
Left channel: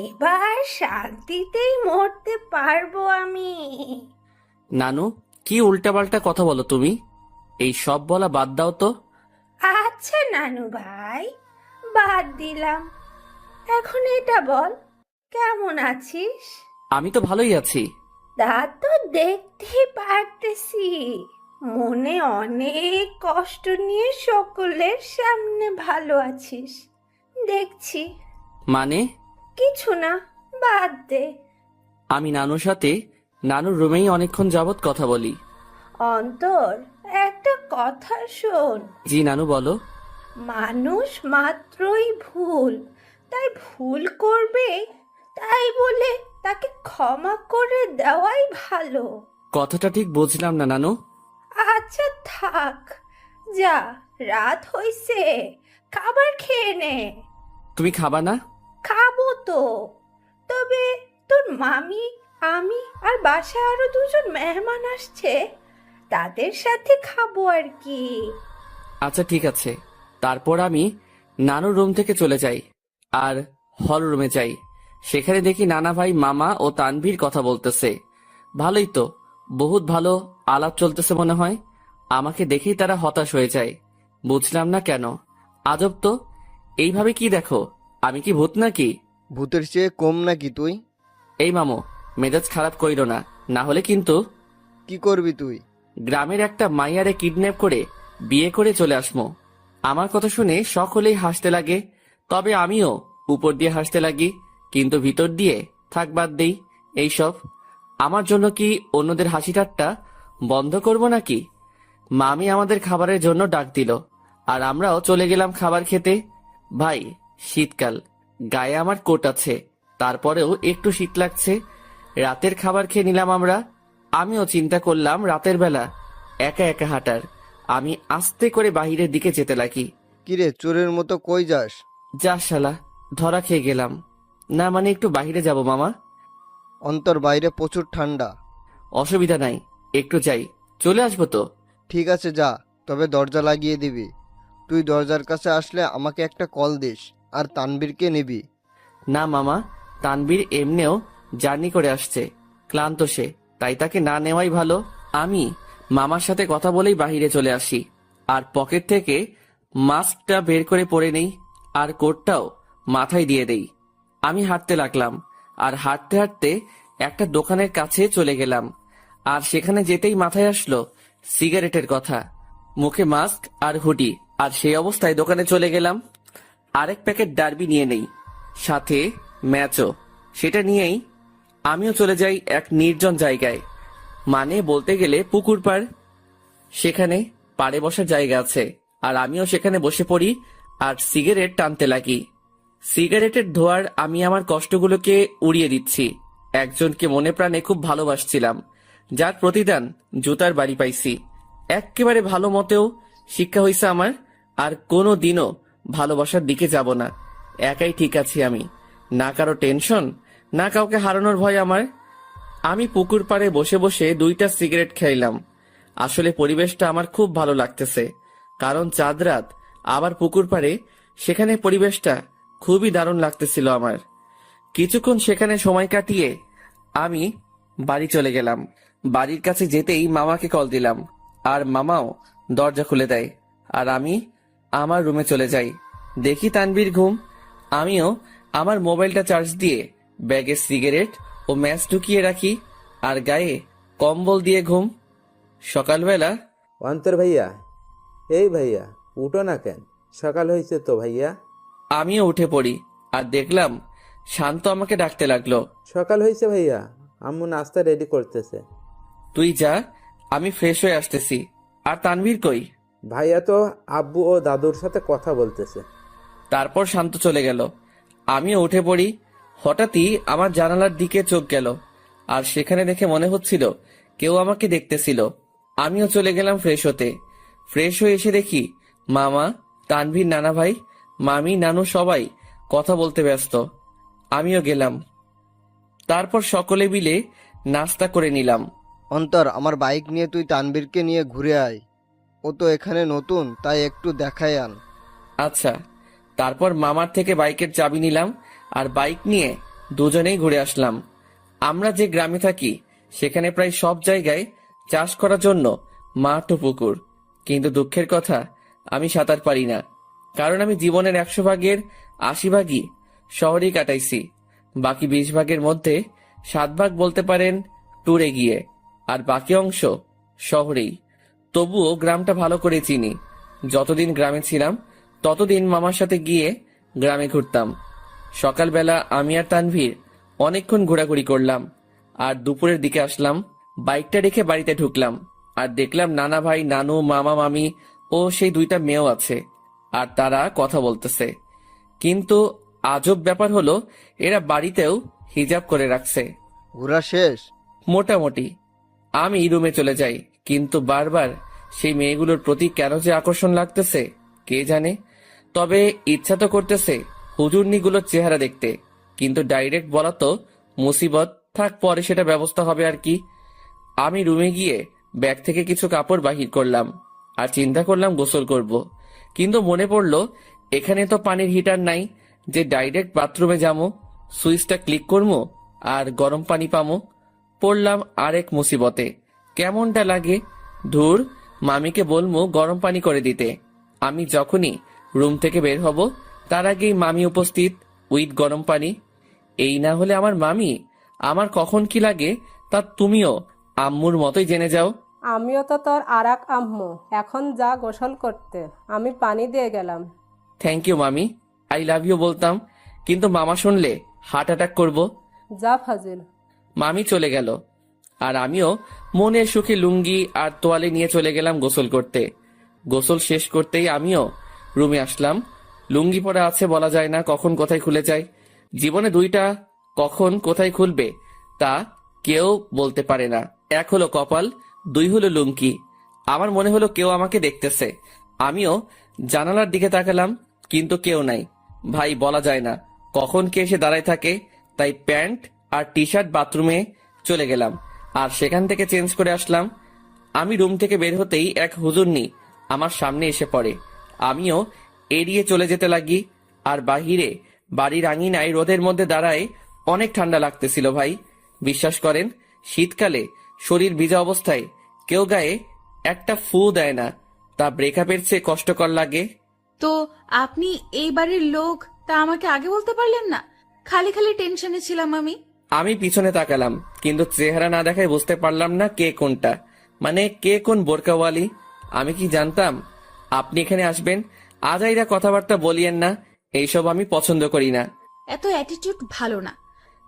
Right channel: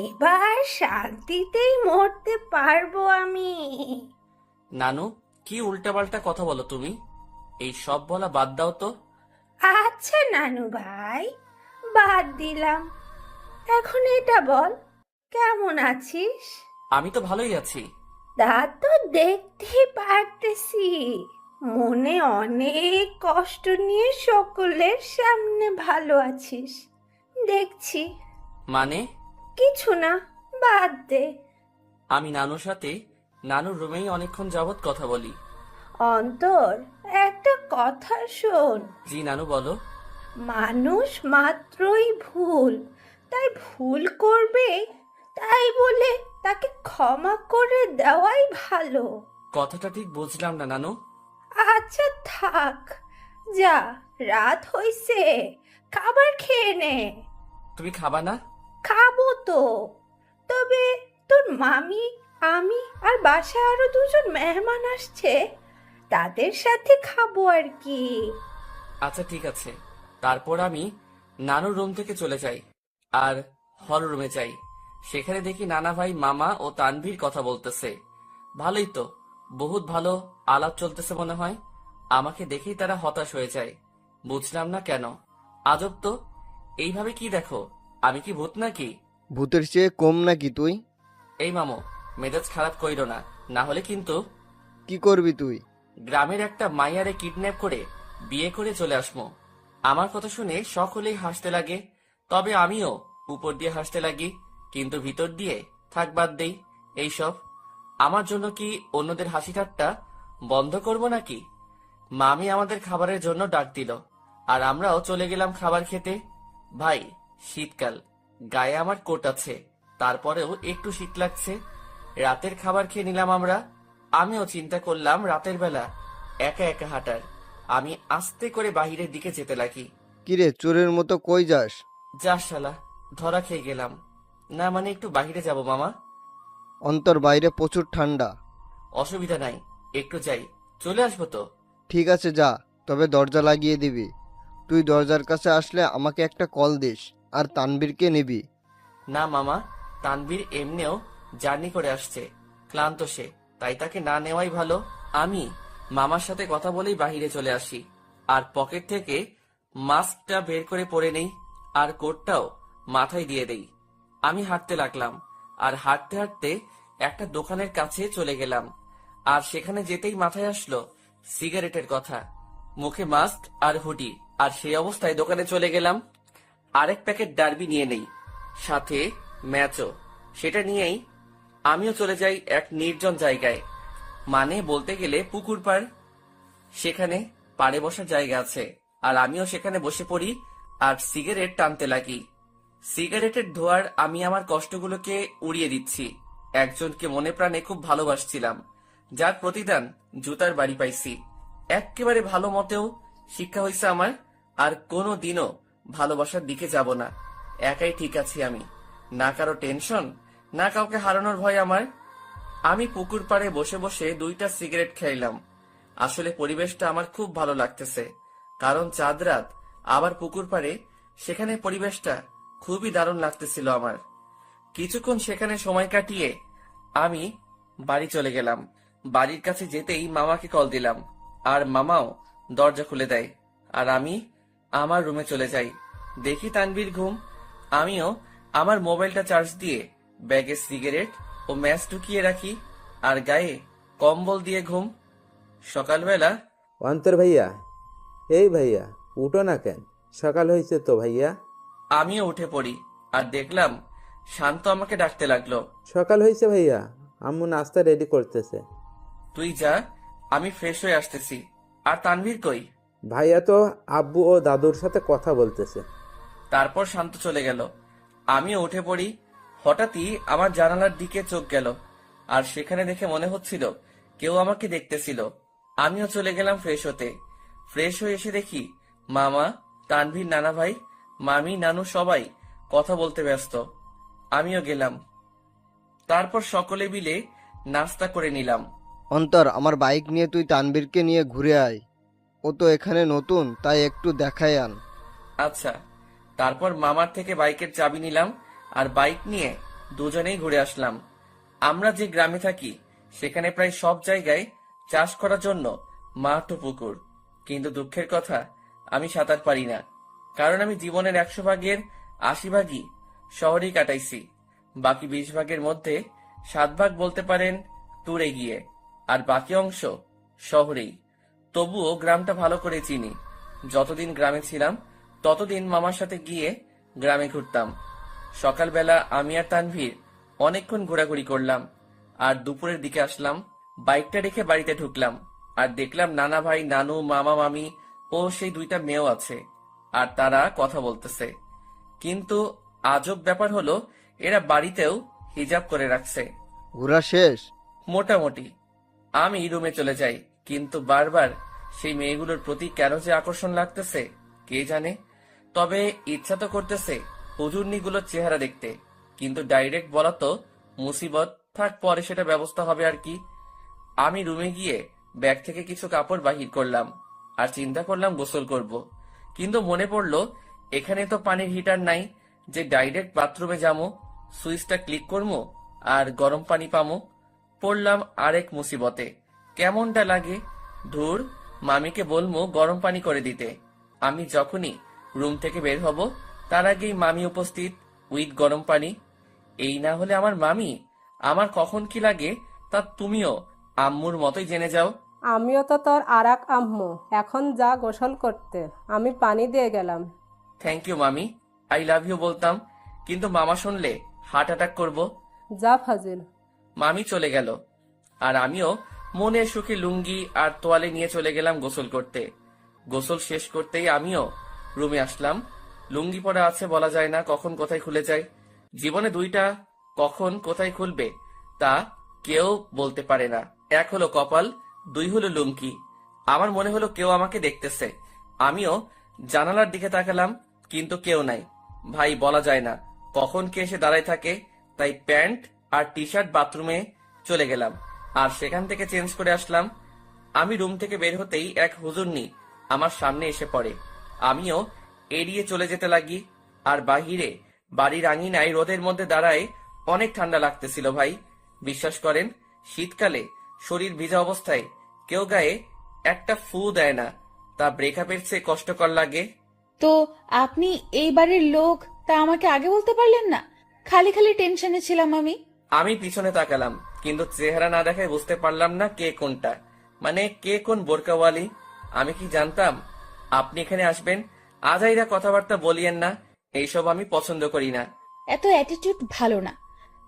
এবার শান্তিতেই মরতে পারবো আমি। নানু, কি উল্টাপাল্টা কথা বলো তুমি? এই সব বলা বাদ দাও তো। আচ্ছা নানু ভাই, বাদ দিলাম, এখন এটা বল, কেমন আছিস? আমি তো ভালোই আছি। তা তো দেখতেই পারতেছি, মনে অনেক কষ্ট নিয়ে সকলের সামনে ভালো আছিস দেখছি। মানে? কিছু না, বাদ দে। আমি নানুর সাথে নানুর রুমেই অনেকক্ষণ যাবৎ কথা বলি। অন্তর, একটা কথা শোন। জি নানু, বলো। মানুষ মাত্রই ভুল, তাই ভুল করবে, তাই বলে তাকে ক্ষমা করে দেওয়াই ভালো। কথাটা ঠিক বুঝলাম না নানু। আচ্ছা থাক, যা, রাত হইছে, খাবার খেয়ে নে। তুমি খাবা না? খাবো তো, তবে তোর মামি, আমি আর বাসায় আরো দুজন মেহমান আসছে, তাদের সাথে খাবো আর কি। আচ্ছা ঠিক আছে। তারপর আমি নানুর রুম থেকে চলে যাই আর হল রুমে যাই। সেখানে দেখি নানা ভাই, মামা ও তানভীর কথা বলতেছে। ভালোই তো, বহুত ভালো আলাপ চলতেছে মনে হয়। আমাকে দেখেই তারা হতাশ হয়ে যায়। বুঝলাম না কেন। আজব তো, এইভাবে কি দেখো? আমি কি ভূত নাকি? ভূতের চেয়ে কম নাকি তুই? এই মামু, মেজাজ খারাপ কইরো না, না হলে কিন্তু। কি করবি তুই? গ্রামের একটা মাইয়ারে কিডন্যাপ করে বিয়ে করে চলে আসমো। আমার কথা শুনে সকলেই হাসতে লাগে, তবে আমিও উপর দিয়ে হাসতে লাগি, কিন্তু ভিতর দিয়ে থাক বাদ দেই এইসব। আমার জন্য কি অন্যদের হাসি ঠাট্টা বন্ধ করব নাকি? মামি আমাদের খাবারের জন্য ডাক দিল আর আমরাও চলে গেলাম খাবার খেতে। ভাই, শীতকাল, গায়ে আমার কোট আছে, তারপরেও একটু শীত লাগছে। রাতের খাবার খেয়ে নিলাম আমরা। আমিও চিন্তা করলাম রাতের বেলা একা একা হাঁটার। আমি আস্তে করে বাহিরের দিকে যেতে লাগি। কিরে, চোরের মতো কই যাস? যা শালা, ধরা খেয়ে গেলাম। না মানে একটু বাহিরে যাব মামা। অন্তর, বাইরে প্রচুর ঠান্ডা। অসুবিধা নাই, একটু যাই, চলে আসবো তো। ঠিক আছে, যা, তবে দরজা লাগিয়ে দিবি। তুই দরজার কাছে আসলে আমাকে একটা কল দিস, আর তানবীরকে নিবি। না মামা, তানবীর এমনিও জার্নি করে আসছে, ক্লান্ত সে, তাই তাকে না নেওয়াই ভালো। আমি মামার সাথে কথা বলেই বাইরে চলে আসি আর পকেট থেকে মাস্কটা বের করে পরে নেই আর কোটটাও মাথায় দিয়ে দেই। আমি হাঁটতে লাগলাম আর হাঁটতে হাঁটতে একটা দোকানের কাছে চলে গেলাম। আর সেখানে যেতেই মাথায় আসলো সিগারেটের কথা, মুখে মাস্ক আর হুডি, আর সেই অবস্থায় দোকানে চলে গেলাম। আরেক প্যাকেট ডার্বি নিয়ে নেই, সাথে ম্যাচও। সেটা নিয়েই আমিও চলে যাই এক নির্জন জায়গায়, মানে বলতে গেলে পুকুর পাড়। সেখানে পাড়ে বসার জায়গা আছে আর আমিও সেখানে বসে পড়ি আর সিগারেট টানতে লাগি। সিগারেটের ধোঁয়ার আমি আমার কষ্টগুলোকে উড়িয়ে দিচ্ছি। একজনকে মনে প্রাণে খুব ভালোবাসছিলাম, যার প্রতিদান জুতার বাড়ি পাইছি। এক্কেবারে ভালো মতেও শিক্ষা হয়েছে আমার, আর কোনো দিনও ভালোবাসার দিকে যাব না। একাই ঠিক আছি আমি, না কারো টেনশন, না কাউকে হারানোর ভয় আমার। আমি পুকুর পাড়ে বসে বসে 2টা সিগারেট খাইলাম। আসলে পরিবেশটা আমার খুব ভালো লাগতেছে, কারণ চাঁদ রাত, আবার পুকুর পাড়ে, সেখানে পরিবেশটা খুবই দারুণ লাগতেছিল আমার। কিছুক্ষণ সেখানে সময় কাটিয়ে আমি বাড়ি চলে গেলাম। বাড়ির কাছে যেতেই মামাকে কল দিলাম আর মামাও দরজা খুলে দেয় আর আমি আমার রুমে চলে যাই। দেখি তানবীর ঘুম। আমিও আমার মোবাইলটা চার্জ দিয়ে ব্যাগে সিগারেট ও ম্যাচ ঢুকিয়ে রাখি আর গায়ে কম্বল দিয়ে ঘুম। সকালবেলা অন্তর ভাইয়া, এই ভাইয়া উঠো না কেন? সকাল হয়েছে তো ভাইয়া। আমিও উঠে পড়ি আর দেখলাম শান্ত আমাকে ডাকতে লাগলো। সকাল হয়েছে ভাইয়া, আম্মু নাস্তা রেডি করতেছে। তুই যা, আমি ফ্রেশ হয়ে আসতেছি। আর তানভীর কই? ভাইয়া তো আব্বু ও দাদুর সাথে কথা বলতেছে। তারপর শান্ত চলে গেল। আমিও উঠে পড়ি। হঠাৎই আমার জানালার দিকে চোখ গেল আর সেখানে দেখে মনে হচ্ছিল কেউ আমাকে দেখতেছিল। আমিও চলে গেলাম ফ্রেশ হতে। ফ্রেশ হয়ে এসে দেখি মামা, তানভীর, নানা ভাই, মামি, নানু সবাই কথা বলতে ব্যস্ত। আমিও গেলাম। তারপর সকলে মিলে নাস্তা করে নিলাম। অন্তর, আমার বাইক নিয়ে তুই তানবীরকে নিয়ে ঘুরে আয়। ও তো এখানে নতুন, তাই একটু দেখায় আন। আচ্ছা। তারপর মামার থেকে বাইকের চাবি নিলাম আর বাইক নিয়ে দুজনেই ঘুরে আসলাম। আমরা যে গ্রামে থাকি সেখানে প্রায় সব জায়গায় চাষ করার জন্য মাঠ ও পুকুর, কিন্তু দুঃখের কথা আমি সাঁতার পারি না, কারণ আমি জীবনের 100 ভাগের 80 ভাগই শহরেই কাটাইছি। বাকি 20 ভাগের মধ্যে 7 ভাগ বলতে পারেন ট্যুরে গিয়ে, আর বাকি অংশ শহরেই। তবুও গ্রামটা ভালো করে চিনি। যতদিন গ্রামে ছিলাম ততদিন মামার সাথে গিয়ে গ্রামে ঘুরতাম। সকালবেলা আমি আর তানভীর অনেকক্ষণ ঘোরাঘুরি করলাম আর দুপুরের দিকে আসলাম। বাইকটা রেখে বাড়িতে ঢুকলাম আর দেখলাম নানা ভাই, নানু, মামা, মামি ও সেই 2টা মেয়েও আছে আর তারা কথা বলতেছে। কিন্তু আজব ব্যাপার হলো এরা বাড়িতেও হিজাব করে রাখছে। ঘোরা শেষ? মোটামুটি। আমি রুমে চলে যাই, কিন্তু বারবার সেই মেয়েগুলোর প্রতি কেন যে আকর্ষণ লাগতেছে কে জানে। তবে ইচ্ছা তো করতেছে হুজুরনিগুলোর চেহারা দেখতে, কিন্তু ডাইরেক্ট বলা তো মুসিবত, থাক পরে সেটা ব্যবস্থা হবে আর কি। আমি রুমে গিয়ে ব্যাগ থেকে কিছু কাপড় বাহির করলাম আর চিন্তা করলাম গোসল করব, কিন্তু মনে পড়লো এখানে তো পানির হিটার নাই যে ডাইরেক্ট বাথরুমে যাবো, সুইচটা ক্লিক করবো আর গরম পানি পামো। পড়লাম আরেক মুসিবতে। কেমনটা লাগে, ধুর, মামিকে বলবো গরম পানি করে দিতে। আমি যখনই রুম থেকে বের হব তার আগেই মামি উপস্থিত উইথ গরম পানি। এই না হলে আমার মামি, আমার কখন কি লাগে তা তুমিও আম্মুর মতোই জেনে যাও। আমিও তো তোর আরাক আম্মু, এখন যা গোসল করতে, আমি পানি দিয়ে গেলাম। থ্যাংক ইউ মামি, আই লাভ ইউ বলতাম, কিন্তু মামা শুনলে হার্ট অ্যাটাক করবো। যা ফাজিল। মামি চলে গেল আর আমিও মনের সুখে লুঙ্গি আর তোয়ালে নিয়ে চলে গেলাম গোসল করতে। গোসল শেষ করতেই আমিও রুমে আসলাম। লুঙ্গি পরা আছে, বলা যায় না কখন কোথায় খুলে যায়। জীবনে 2টা কখন কোথায় খুলবে তা কেউ বলতে পারে না। 1 হলো কপাল, 2 হলো লুঙ্গি। আমার মনে হলো কেউ আমাকে দেখতেছে। আমিও জানালার দিকে তাকালাম, কিন্তু কেউ নাই। ভাই, বলা যায় না কখন কে এসে দাঁড়ায় থাকে, তাই প্যান্ট আর টি শার্ট বাথরুমে চলে গেলাম আর সেখান থেকে চেঞ্জ করে আসলাম। আমি রুম থেকে বের হতেই এক হুজুরনি আমার সামনে এসে পড়ে। আমিও এড়িয়ে চলে যেতে লাগি। আর বাহিরে বাড়ির আঙিনায় রোদের মধ্যে দাঁড়ায় অনেক ঠান্ডা লাগতেছিল ভাই। বিশ্বাস করেন, শীতকালে শরীর ভিজা অবস্থায় কেউ গায়ে একটা ফু দেয় না, তা ব্রেকআপের চেয়ে কষ্টকর লাগে। তো আপনি এই বাড়ির লোক, তা আমাকে আগে বলতে পারলেন না? খালি খালি টেনশনে ছিলাম আমি। আমি পিছনে তাকালাম, কিন্তু চেহারা না দেখায় বুঝতে পারলাম না কে কোনটা, মানে কে কোন বোরকাওয়ালি। আমি কি জানতাম আপনি এখানে আসবেন? আজাইরা কথাবার্তা বলিয়েন না, এইসব আমি পছন্দ করি না। এত অ্যাটিটিউড ভালো না।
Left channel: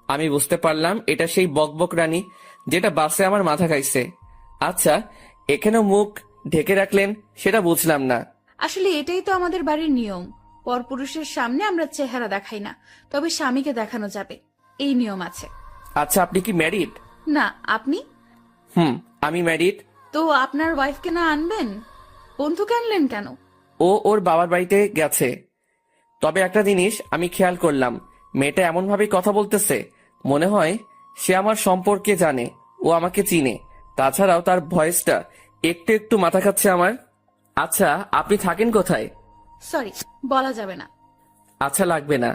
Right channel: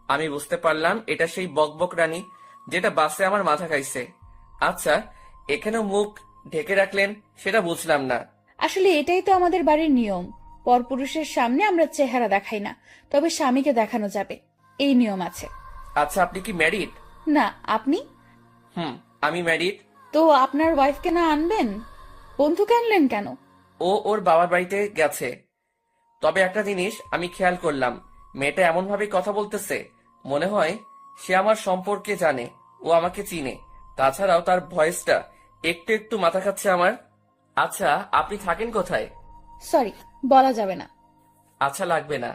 আমি বুঝতে পারলাম এটা সেই বকবক রানী যেটা বাসে আমার মাথা খাইছে। আচ্ছা, এখানেও মুখ ঢেকে রাখলেন সেটা বুঝলাম না। আসলে এটাই তো আমাদের বাড়ির নিয়ম। পরপুরুষের সামনে আমরা চেহারা দেখাই না, তবে স্বামীকে দেখানো যাবে, এই নিয়ম আছে। আচ্ছা, আপনি কি ম্যারিড? না, আপনি? আমি ম্যারিড। তো আপনার ওয়াইফকে না আনবেন? বন্ধুকে আনলেন কেন? ও ওর বাবার বাড়িতে গেছে। তবে একটা জিনিস আমি খেয়াল করলাম, মেয়েটা এমন ভাবে কথা বলতেছে, মনে হয় সে আমার সম্পর্কে জানে, ও আমাকে চিনে। তাছাড়াও তার ভয়েসটা একটু একটু মাথা খাচ্ছে আমার। আচ্ছা, আপনি থাকেন কোথায়? সরি, বলা যাবে না। আচ্ছা, লাগবে না।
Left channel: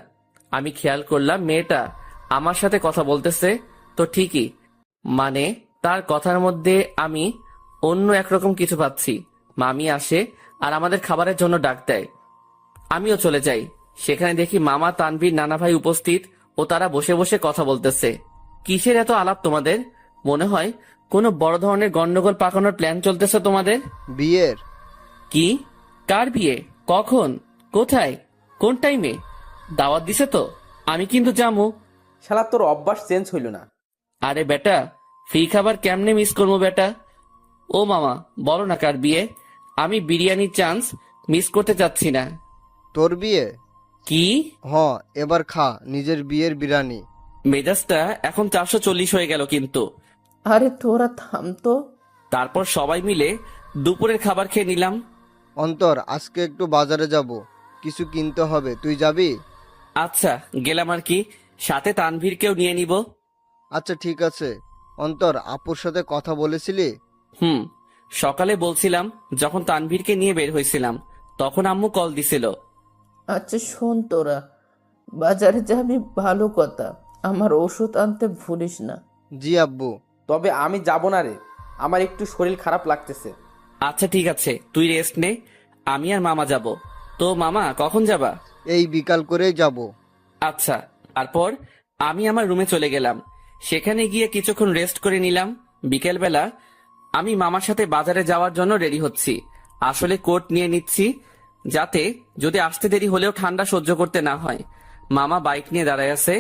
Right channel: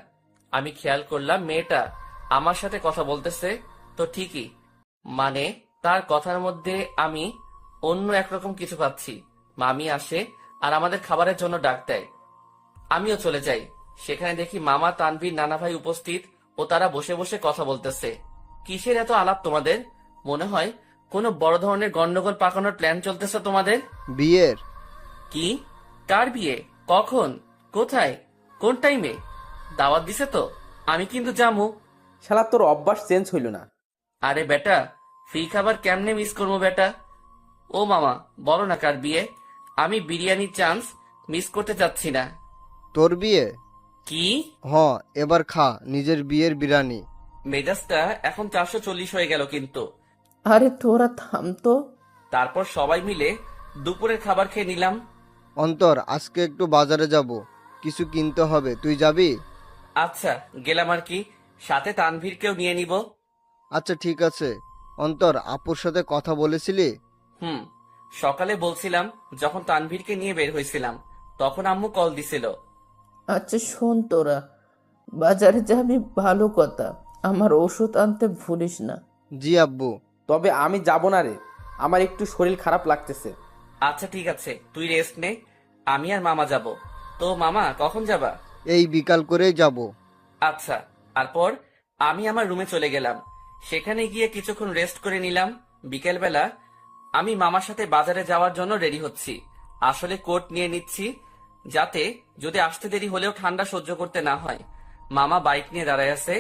আমি খেয়াল করলাম মেয়েটা আমার সাথে কথা বলতেছে তো ঠিকই, মানে তার কথার মধ্যে আমি অন্য একরকম কিছু পাচ্ছি। মামি আসে আর আমাদের খাবারের জন্য ডাক দেয়। আমিও চলে যাই। সেখানে দেখি মামা, তানভীর, নানা ভাই উপস্থিত ও তারা বসে বসে কথা বলতেছে। কিসের এত আলাপ তোমাদের? মনে হয় কোনো বড় ধরনের গন্ডগোল পাকানোর প্ল্যান চলতেছে তোমাদের। বিয়ের? কি? কার বিয়ে? কখন? কোথায়? কোন টাইমে? দাওয়াত দিছে তো? আমি কিন্তু যাবো। শালা তোর অভ্যাস চেঞ্জ হইল না। আরে বেটা, ফ্রি খাবার কেমনে মিস করবো বেটা? ও মামা, বলো না কার বিয়ে? আমি বিরিয়ানির চান্স মিস করতে চাচ্ছি না। তোর বিয়ে? কি? এবার খা নিজের বিয়ের বিরিয়ানি। মেজাজটা এখন 440 হয়ে গেল কিন্তু। আরে তোরা থাম তো। তারপর সবাই মিলে দুপুরের খাবার খেয়ে নিলাম। অন্তর, আজকে একটু বাজারে যাব, কিছু কিনতে হবে, তুই যাবি? আচ্ছা, গেলাম আর কি, সাথে তানভীরকেও নিয়ে নিব। আচ্ছা ঠিক আছে। অন্তর, আপুর সাথে কথা বলেছিলি? সকালে বলছিলাম, যখন তানভীরকে নিয়ে বের হয়েছিলাম তখন আম্মু কল দিছিল। আচ্ছা শোন, তোরা বাজারে যাবি ভালো কথা, আমার ওষুধ আনতে ভুলিস না। জি আব্বু। তবে আমি যাব না রে, আমার একটু শরীর খারাপ লাগতেছে। আচ্ছা ঠিক আছে, তুই রেস্ট নে, আমি আর মামা যাব। তো মামা কখন যাবা? এই বিকাল করেই যাব। আচ্ছা। তারপর আমি আমার রুমে চলে গেলাম। সেখানে গিয়ে কিছুক্ষণ রেস্ট করে নিলাম। বিকেলবেলা আমি মামার সাথে বাজারে যাওয়ার জন্য রেডি হচ্ছি। আসলে কোট নিয়ে নিচ্ছি, যাতে যদি আসতে দেরি হলেও ঠান্ডা সহ্য করতে না হয়। মামা বাইক নিয়ে দাঁড়ায় আছে,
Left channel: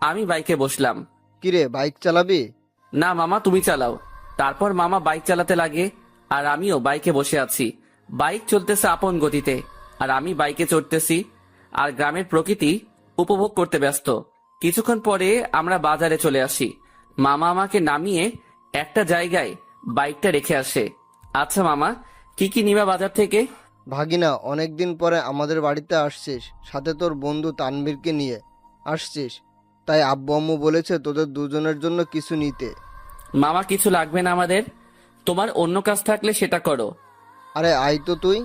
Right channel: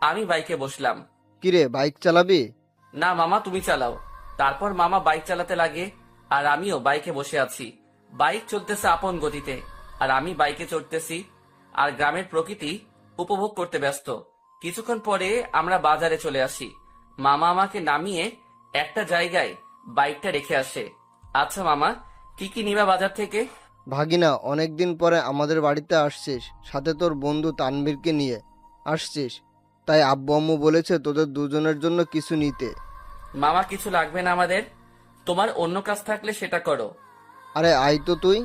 আমি বাইকে বসলাম। কিরে, বাইক চালাবি? না মামা, তুমি চালাও। তারপর মামা বাইক চালাতে লাগে আর আমিও বাইকে বসে আছি। বাইক চলতেছে আপন গতিতে আর আমি বাইকে চড়তেছি আর গ্রামের প্রকৃতি উপভোগ করতে ব্যস্ত। কিছুক্ষণ পরে আমরা বাজারে চলে আসি। মামা আমাকে নামিয়ে একটা জায়গায় বাইকটা রেখে আসে। আচ্ছা মামা, কি কি নিবা বাজার থেকে? ভাগিনা, অনেকদিন পরে আমাদের বাড়িতে আসছিস, সাথে তোর বন্ধু তানভীরকে নিয়ে আসছিস, তাই আব্বু আম্মু বলেছে তোদের দুজনের জন্য কিছু নিতে। মামা, কিছু লাগবে না আমাদের, তোমার অন্য কাজ থাকলে সেটা করো। আরে আয় তো তুই।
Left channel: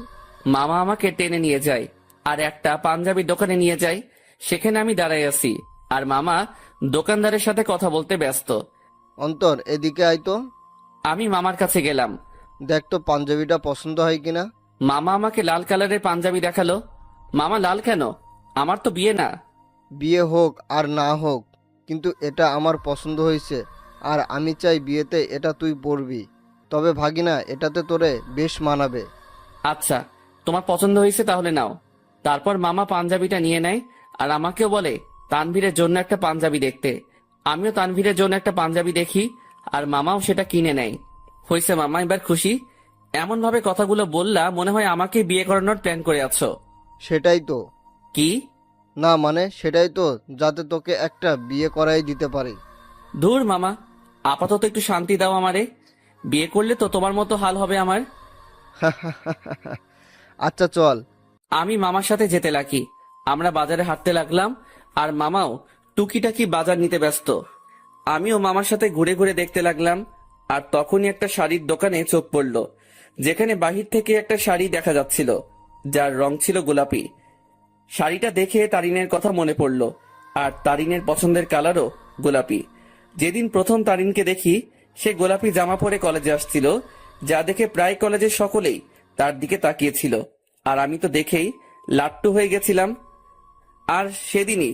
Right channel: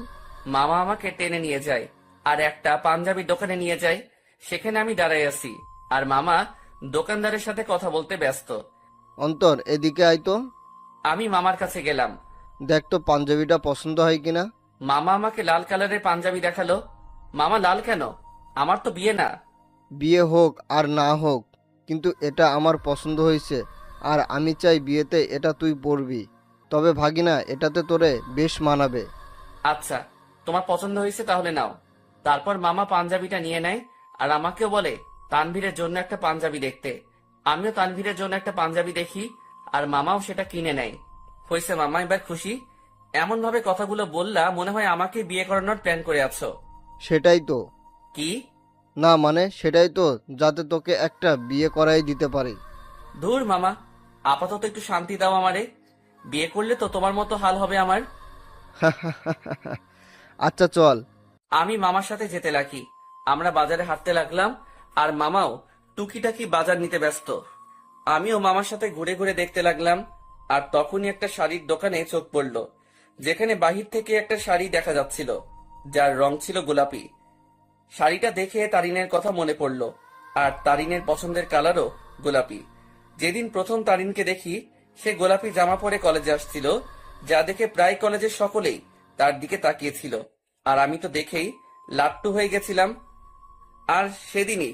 মামা আমাকে টেনে নিয়ে যায় আর একটা পাঞ্জাবির দোকানে নিয়ে যায়। সেখানে আমি দাঁড়াই আছি আর মামা দোকানদারের সাথে কথা বলতে ব্যস্ত। অন্তর, এদিকে আয় তো। আমি মামার কাছে গেলাম। দেখ তো পাঞ্জাবিটা পছন্দ হয় কিনা। মামা আমাকে লাল কালারের পাঞ্জাবি দেখালো। মামা, লাল কেন? আমার তো বিয়ে না। বিয়ে হোক আর না হোক, কিন্তু এটা আমার পছন্দ হয়েছে আর আমি চাই বিয়েতে এটা তুই পরবি। তবে ভাগিনা, এটাতে তোরে বেশ মানাবে। আচ্ছা, তোমার পছন্দ হয়েছে তাহলে নাও। তারপর মামা পাঞ্জাবিটা নিয়ে নেয় আর আমাকেও বলে তানভীরের জন্য একটা পাঞ্জাবি দেখতে। আমিও তানভীরের জন্য একটা পাঞ্জাবি দেখি আর মামাও সেটা কিনে নেয়। হয়েছে মামা, এবার খুশি? এমন ভাবে কথাগুলো বললা মনে হয় আমাকে বিয়ে করানোর প্ল্যান করে আছো। সেটাই তো। কি? না মানে সেটাই তো, যাতে তোকে একটা বিয়ে করাই দিতে পারি। ধুর মামা, আপাতত একটু শান্তি দাও আমারে। বিয়ে করলে তো তোমার মতো হাল হবে আমার। আচ্ছা চল। আমি মামার সাথে যেতে লাগি। আমরা বাজারে হাঁটতে লাগলাম আর মামাও টুকিটাকি বাজার নিতে ব্যস্ত। আমিও মামার সাথে ঘুরে ঘুরে দেখতে লাগলাম আর তখনই একটা শাড়ির দোকানে চোখ পড়লো। যেখানে বাহির থেকে একটা শাড়ি দেখা যাচ্ছিল, যার রং ছিল গোলাপি। শাড়িটা দেখে তারিনের কথা মনে পড়ল, আর তারিনের পছন্দের কালারও গোলাপি। যেদিন প্রথম তারিনকে দেখি, সে গোলাপি জামা পরে কলেজে আসছিল, যা দেখে প্রায় কলেজের সকলেই তার দিকে তাকিয়েছিল। আর আমি তো দেখেই লাট্টু হয়ে গেছিলাম। আর সেদিনই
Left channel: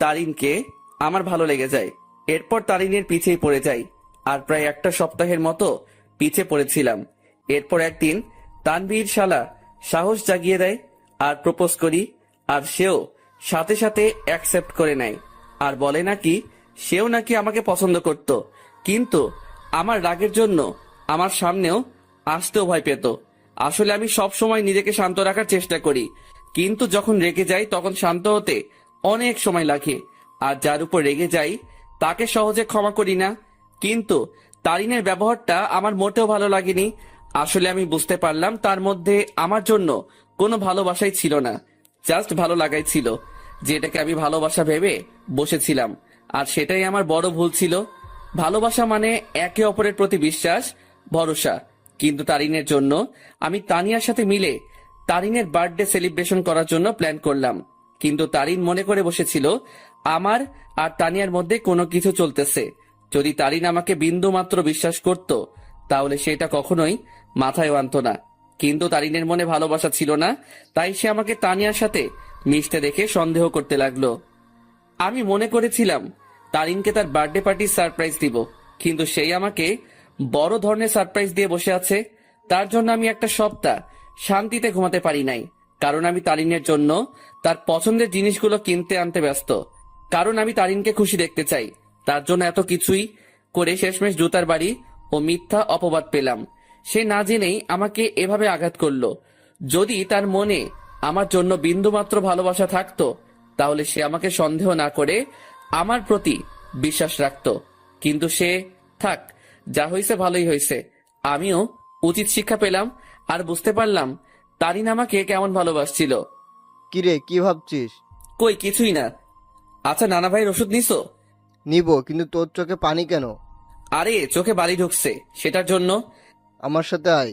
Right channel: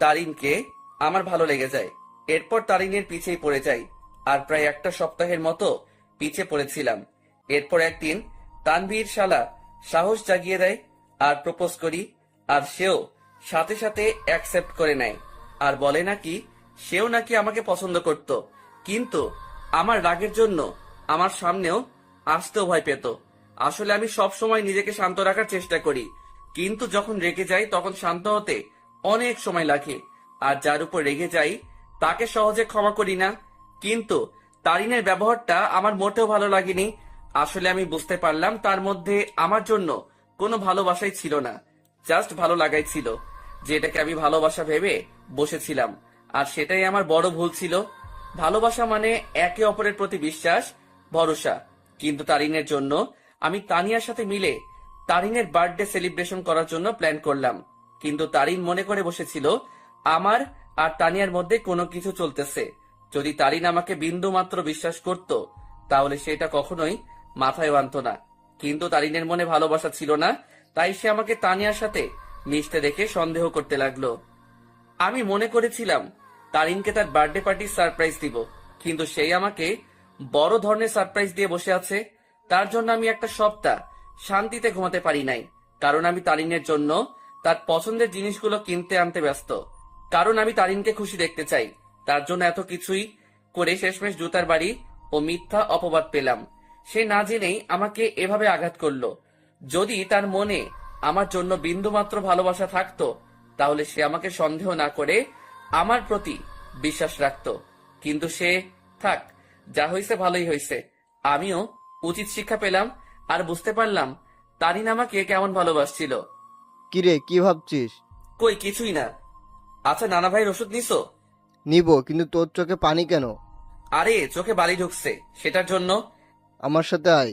তারিনকে আমার ভালো লেগে যায়। এরপর তারিনের পিছেই পড়ে যাই, আর প্রায় একটা সপ্তাহের মতো পিছে পড়েছিলাম। এরপর একদিন তানভীর শালা সাহস জাগিয়ে দেয় আর প্রপোজ করি, আর সেও সাথে সাথে অ্যাকসেপ্ট করে নেয় আর বলে নাকি সেও নাকি আমাকে পছন্দ করত, কিন্তু আমার রাগের জন্য আমার সামনেও আসতেও ভয় পেত। আসলে আমি সব সময় নিজেকে শান্ত রাখার চেষ্টা করি, কিন্তু যখন রেগে যাই তখন শান্ত হতে অনেক সময় লাগে। আর যার উপর রেগে যাই তাকে সহজে ক্ষমা করি না। কিন্তু তারিনের ব্যবহারটা আমার মোটেও ভালো লাগেনি। আসলে আমি বুঝতে পারলাম তার মধ্যে আমার জন্য কোনো ভালোবাসাই ছিল না, জাস্ট ভালো লাগাই ছিল, যেটাকে আমি ভালোবাসা ভেবে বসেছিলাম। আর সেটাই আমার বড় ভুল ছিল। ভালোবাসা মানে একে অপরের প্রতি বিশ্বাস, ভরসা। কিন্তু তারিনের জন্য আমি তানিয়ার সাথে মিলে তারিনের বার্থডে সেলিব্রেশন করার জন্য প্ল্যান করলাম। কিন্তু তারিন মনে করে বসেছিল আমার আর তানিয়ার মধ্যে কোনো কিছু চলতেছে। যদি তারিন আমাকে বিন্দু মাত্র বিশ্বাস করত, তাহলে সেটা কখনোই মাথায় আনতো না। কিন্তু তারিনের মনে ভালোবাসা ছিল না, তাই সে আমাকে তানিয়ার সাথে মিশতে দেখে সন্দেহ করতে লাগলো। আমি মনে করেছিলাম তারিনকে তার বার্থডে পার্টির সারপ্রাইজ দিব, কিন্তু সেই আমাকে বড় ধরনের সারপ্রাইজ দিয়ে বসে আছে। তার জন্য আমি একটা সপ্তাহ শান্তিতে ঘুমাতে পারি নাই, কারণ আমি তারিনের জন্য তার পছন্দের জিনিসগুলো কিনতে আনতে ব্যস্ত। কারণ আমি তারিনকে খুশি দেখতে চাই। তার জন্য এত কিছুই করে শেষমেশ জুতার বাড়ি ও মিথ্যা অপবাদ পেলাম। সে না জেনেই আমাকে এভাবে আঘাত করলো। যদি তার মনে আমার জন্য বিন্দুমাত্র ভালোবাসা থাকতো, তাহলে সে আমাকে সন্দেহ না করে আমার প্রতি বিশ্বাস রাখতো। কিন্তু সে থাক, যা হয়েছে ভালোই হয়েছে। আমিও উচিত শিক্ষা পেলাম আর বুঝতে পারলাম তারিন আমাকে কেমন ভালোবাসছিল। কিরে, কি ভাবছিস? কই কিছুই না। আচ্ছা নানা ভাইয়ের ওষুধ নিছো? নিব, কিন্তু তোর চোখে পানি কেন? আরে চোখে বালি ঢুকছে, সেটার জন্য। আমার সাথে আয়।